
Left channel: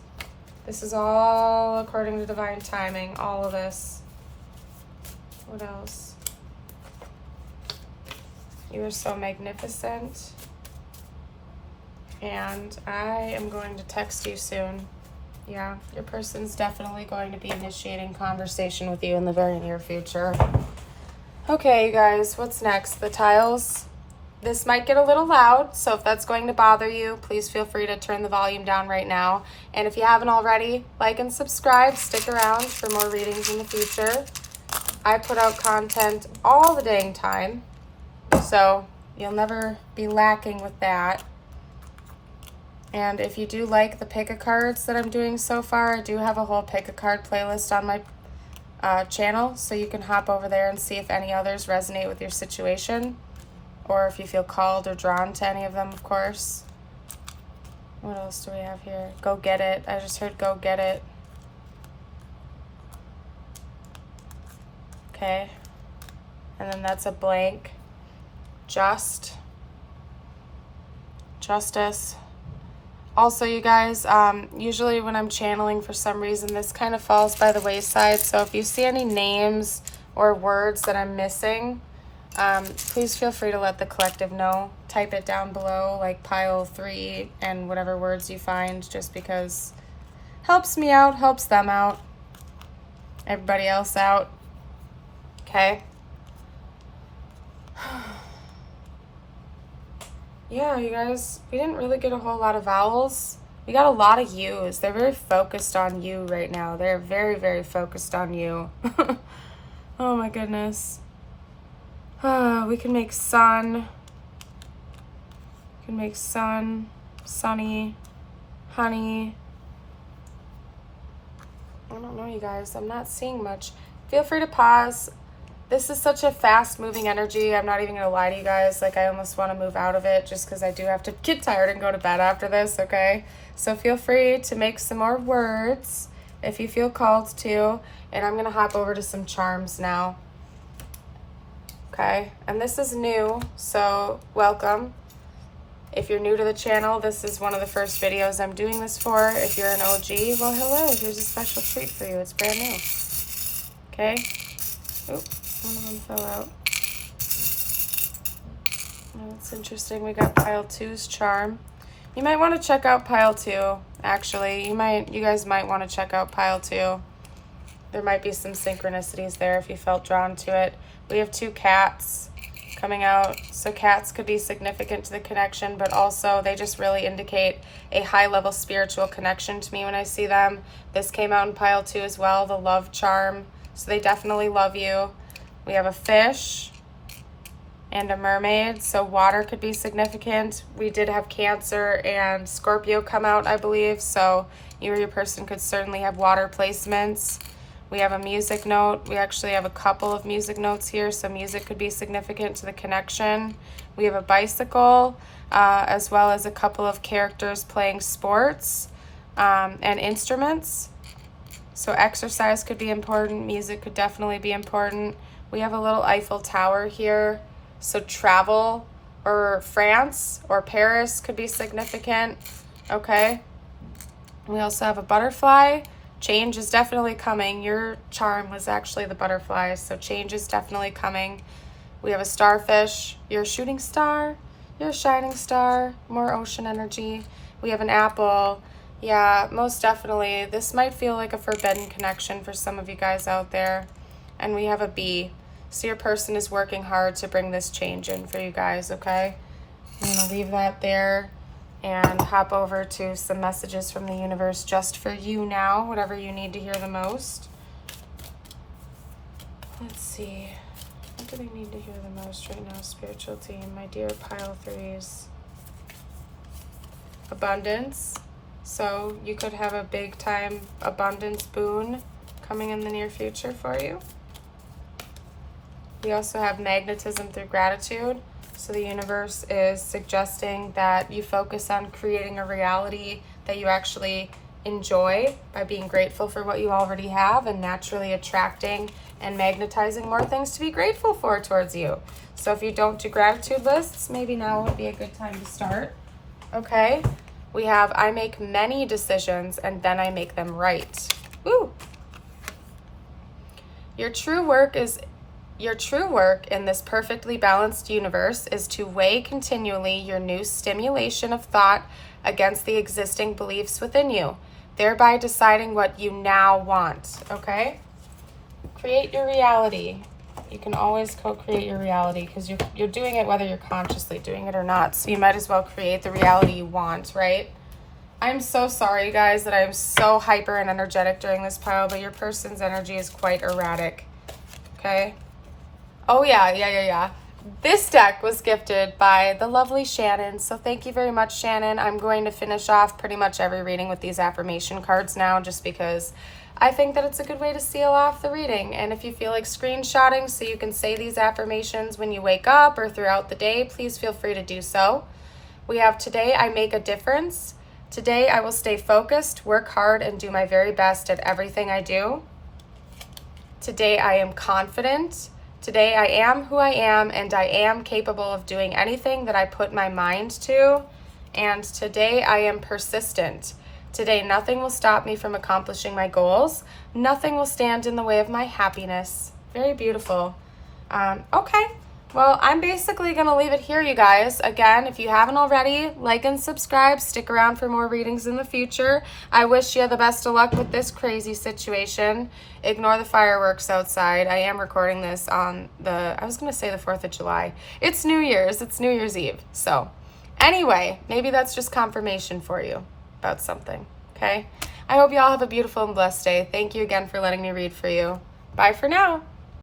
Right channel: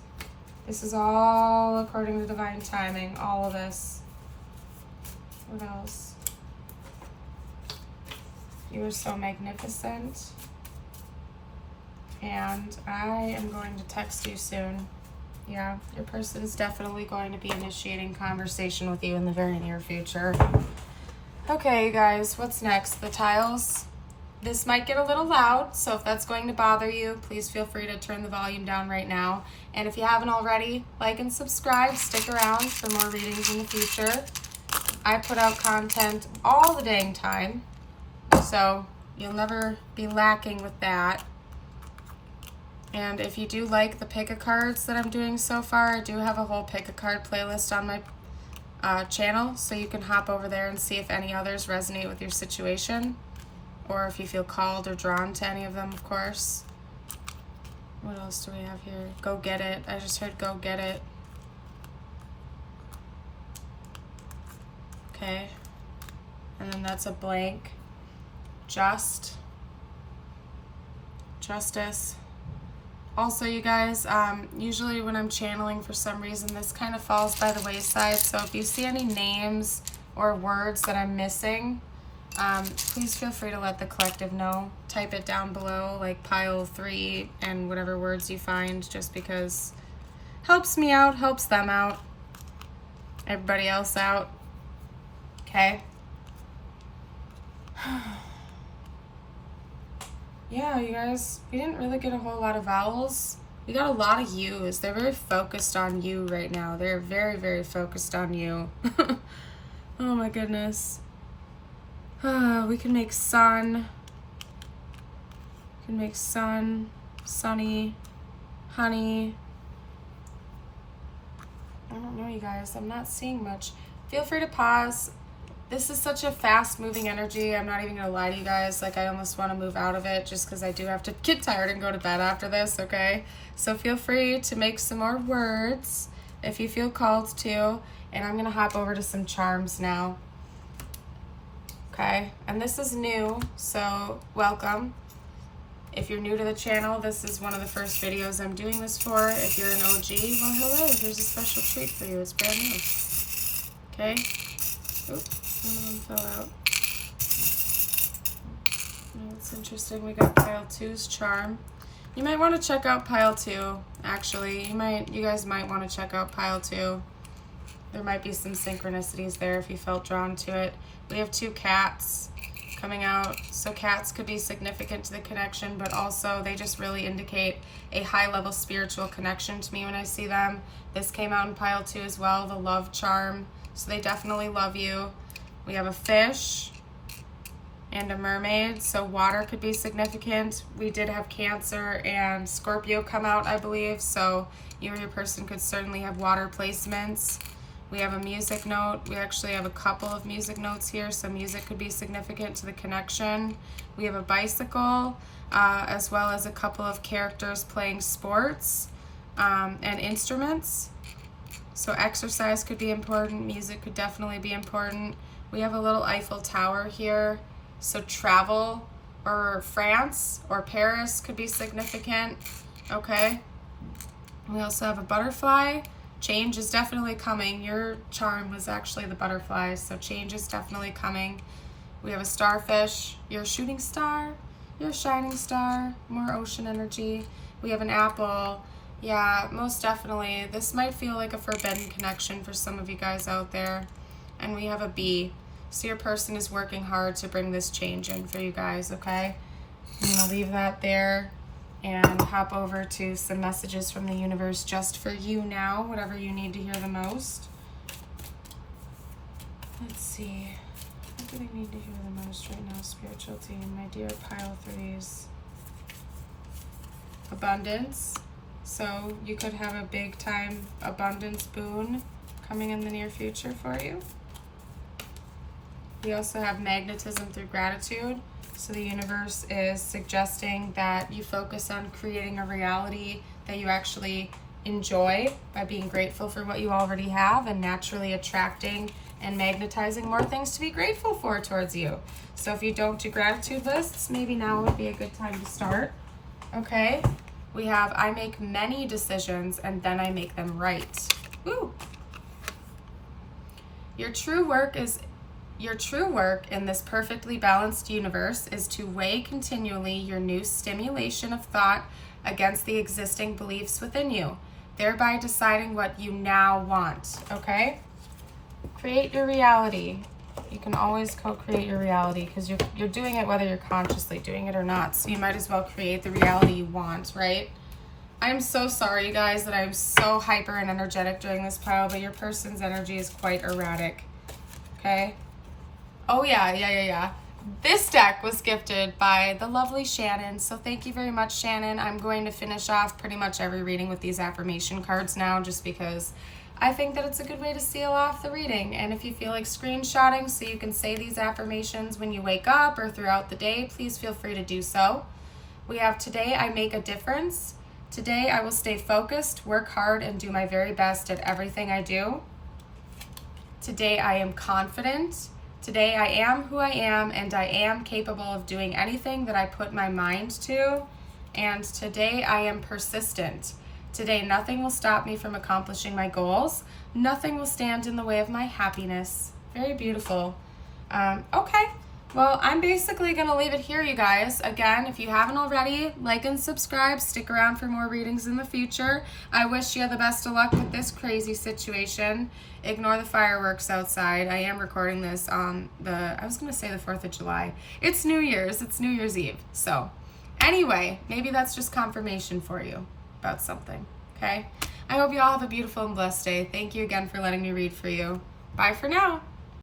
This is all according to divine timing, all of this. What else? You are so magnificent. And I am going to text you soon. Yeah, your person's definitely going to be initiating conversation with you in the very near future. Okay, you guys, what's next? The tiles. This might get a little loud, so if that's going to bother you, please feel free to turn the volume down right now. And if you haven't already, like and subscribe. Stick around for more readings in the future. I put out content all the dang time, so you'll never be lacking with that. And if you do like the pick-a-cards that I'm doing so far, I do have a whole pick-a-card playlist on my channel, so you can hop over there and see if any others resonate with your situation, or if you feel called or drawn to any of them, of course. What else do we have here? Go get it. I just heard go get it. Okay. And then that's a blank. Justice. Also, you guys, usually when I'm channeling, for some reason, this kind of falls by the wayside. So if you see any names or words that I'm missing, please feel free to let the collective know. Type it down below, like pile 3 and whatever words you find, just because helps me out, helps them out, everybody else out. Okay. Yeah, you guys, we didn't really get a whole lot of vowels. We got a lot of U's. They're very focused on you right now. They're very, very focused on you. Oh my goodness. We can make sun. We can make sun, sunny, honey. I don't know, you guys. I'm not seeing much. Feel free to pause. This is such a fast-moving energy. I'm not even going to lie to you guys. Like, I almost want to move out of it just because I do have to get tired and go to bed after this, okay? So feel free to make some more words if you feel called to. And I'm going to hop over to some charms now. Okay? And this is new, so welcome. If you're new to the channel, this is one of the first videos I'm doing this for. If you're an OG, well, hello. Here's a special treat for you. It's brand new. Okay? Oop. One of them fell out. Oh, that's interesting. We got pile 2's charm. You might want to check out pile 2, actually. You guys might want to check out pile 2. There might be some synchronicities there if you felt drawn to it. We have 2 cats coming out. So cats could be significant to the connection, but also they just really indicate a high-level spiritual connection to me when I see them. This came out in pile 2 as well, the love charm. So they definitely love you. We have a fish and a mermaid, so water could be significant. We did have Cancer and Scorpio come out, I believe, so you or your person could certainly have water placements. We have a music note. We actually have a couple of music notes here, so music could be significant to the connection. We have a bicycle, as well as a couple of characters playing sports and instruments. So exercise could be important. Music could definitely be important. We have a little Eiffel Tower here. So travel or France or Paris could be significant. Okay. We also have a butterfly. Change is definitely coming. Your charm was actually the butterfly, so change is definitely coming. We have a starfish. You're a shooting star. You're a shining star. More ocean energy. We have an apple. Yeah, most definitely. This might feel like a forbidden connection for some of you guys out there. And we have a bee. So your person is working hard to bring this change in for you guys, okay? I'm going to leave that there and hop over to some messages from the universe just for you now, whatever you need to hear the most. Let's see. What do we need to hear the most right now, spiritual team? My dear pile threes. Abundance. So you could have a big time abundance boon coming in the near future for you. We also have magnetism through gratitude. So the universe is suggesting that you focus on creating a reality that you actually enjoy by being grateful for what you already have and naturally attracting and magnetizing more things to be grateful for towards you. So if you don't do gratitude lists, maybe now would be a good time to start. Okay. We have I make many decisions and then I make them right. Woo! Your true work in this perfectly balanced universe is to weigh continually your new stimulation of thought against the existing beliefs within you, thereby deciding what you now want, okay? Create your reality. You can always co-create your reality because you're doing it whether you're consciously doing it or not, so you might as well create the reality you want, right? I'm so sorry, you guys, that I'm so hyper and energetic during this pile, but your person's energy is quite erratic, okay? Oh, yeah. This deck was gifted by the lovely Shannon, so thank you very much, Shannon. I'm going to finish off pretty much every reading with these affirmation cards now just because I think that it's a good way to seal off the reading. And if you feel like screenshotting so you can say these affirmations when you wake up or throughout the day, please feel free to do so. We have today, I make a difference. Today, I will stay focused, work hard, and do my very best at everything I do. Today, I am confident. Today, I am who I am, and I am capable of doing anything that I put my mind to. And today, I am persistent. Today, nothing will stop me from accomplishing my goals. Nothing will stand in the way of my happiness. Very beautiful. Okay. Well, I'm basically going to leave it here, you guys. Again, if you haven't already, like and subscribe. Stick around for more readings in the future. I wish you the best of luck with this crazy situation. Ignore the fireworks outside. I am recording this on I was going to say the 4th of July. It's New Year's. It's New Year's Eve. So anyway, maybe that's just confirmation for you about something, okay? I hope you all have a beautiful and blessed day. Thank you again for letting me read for you. Bye for now.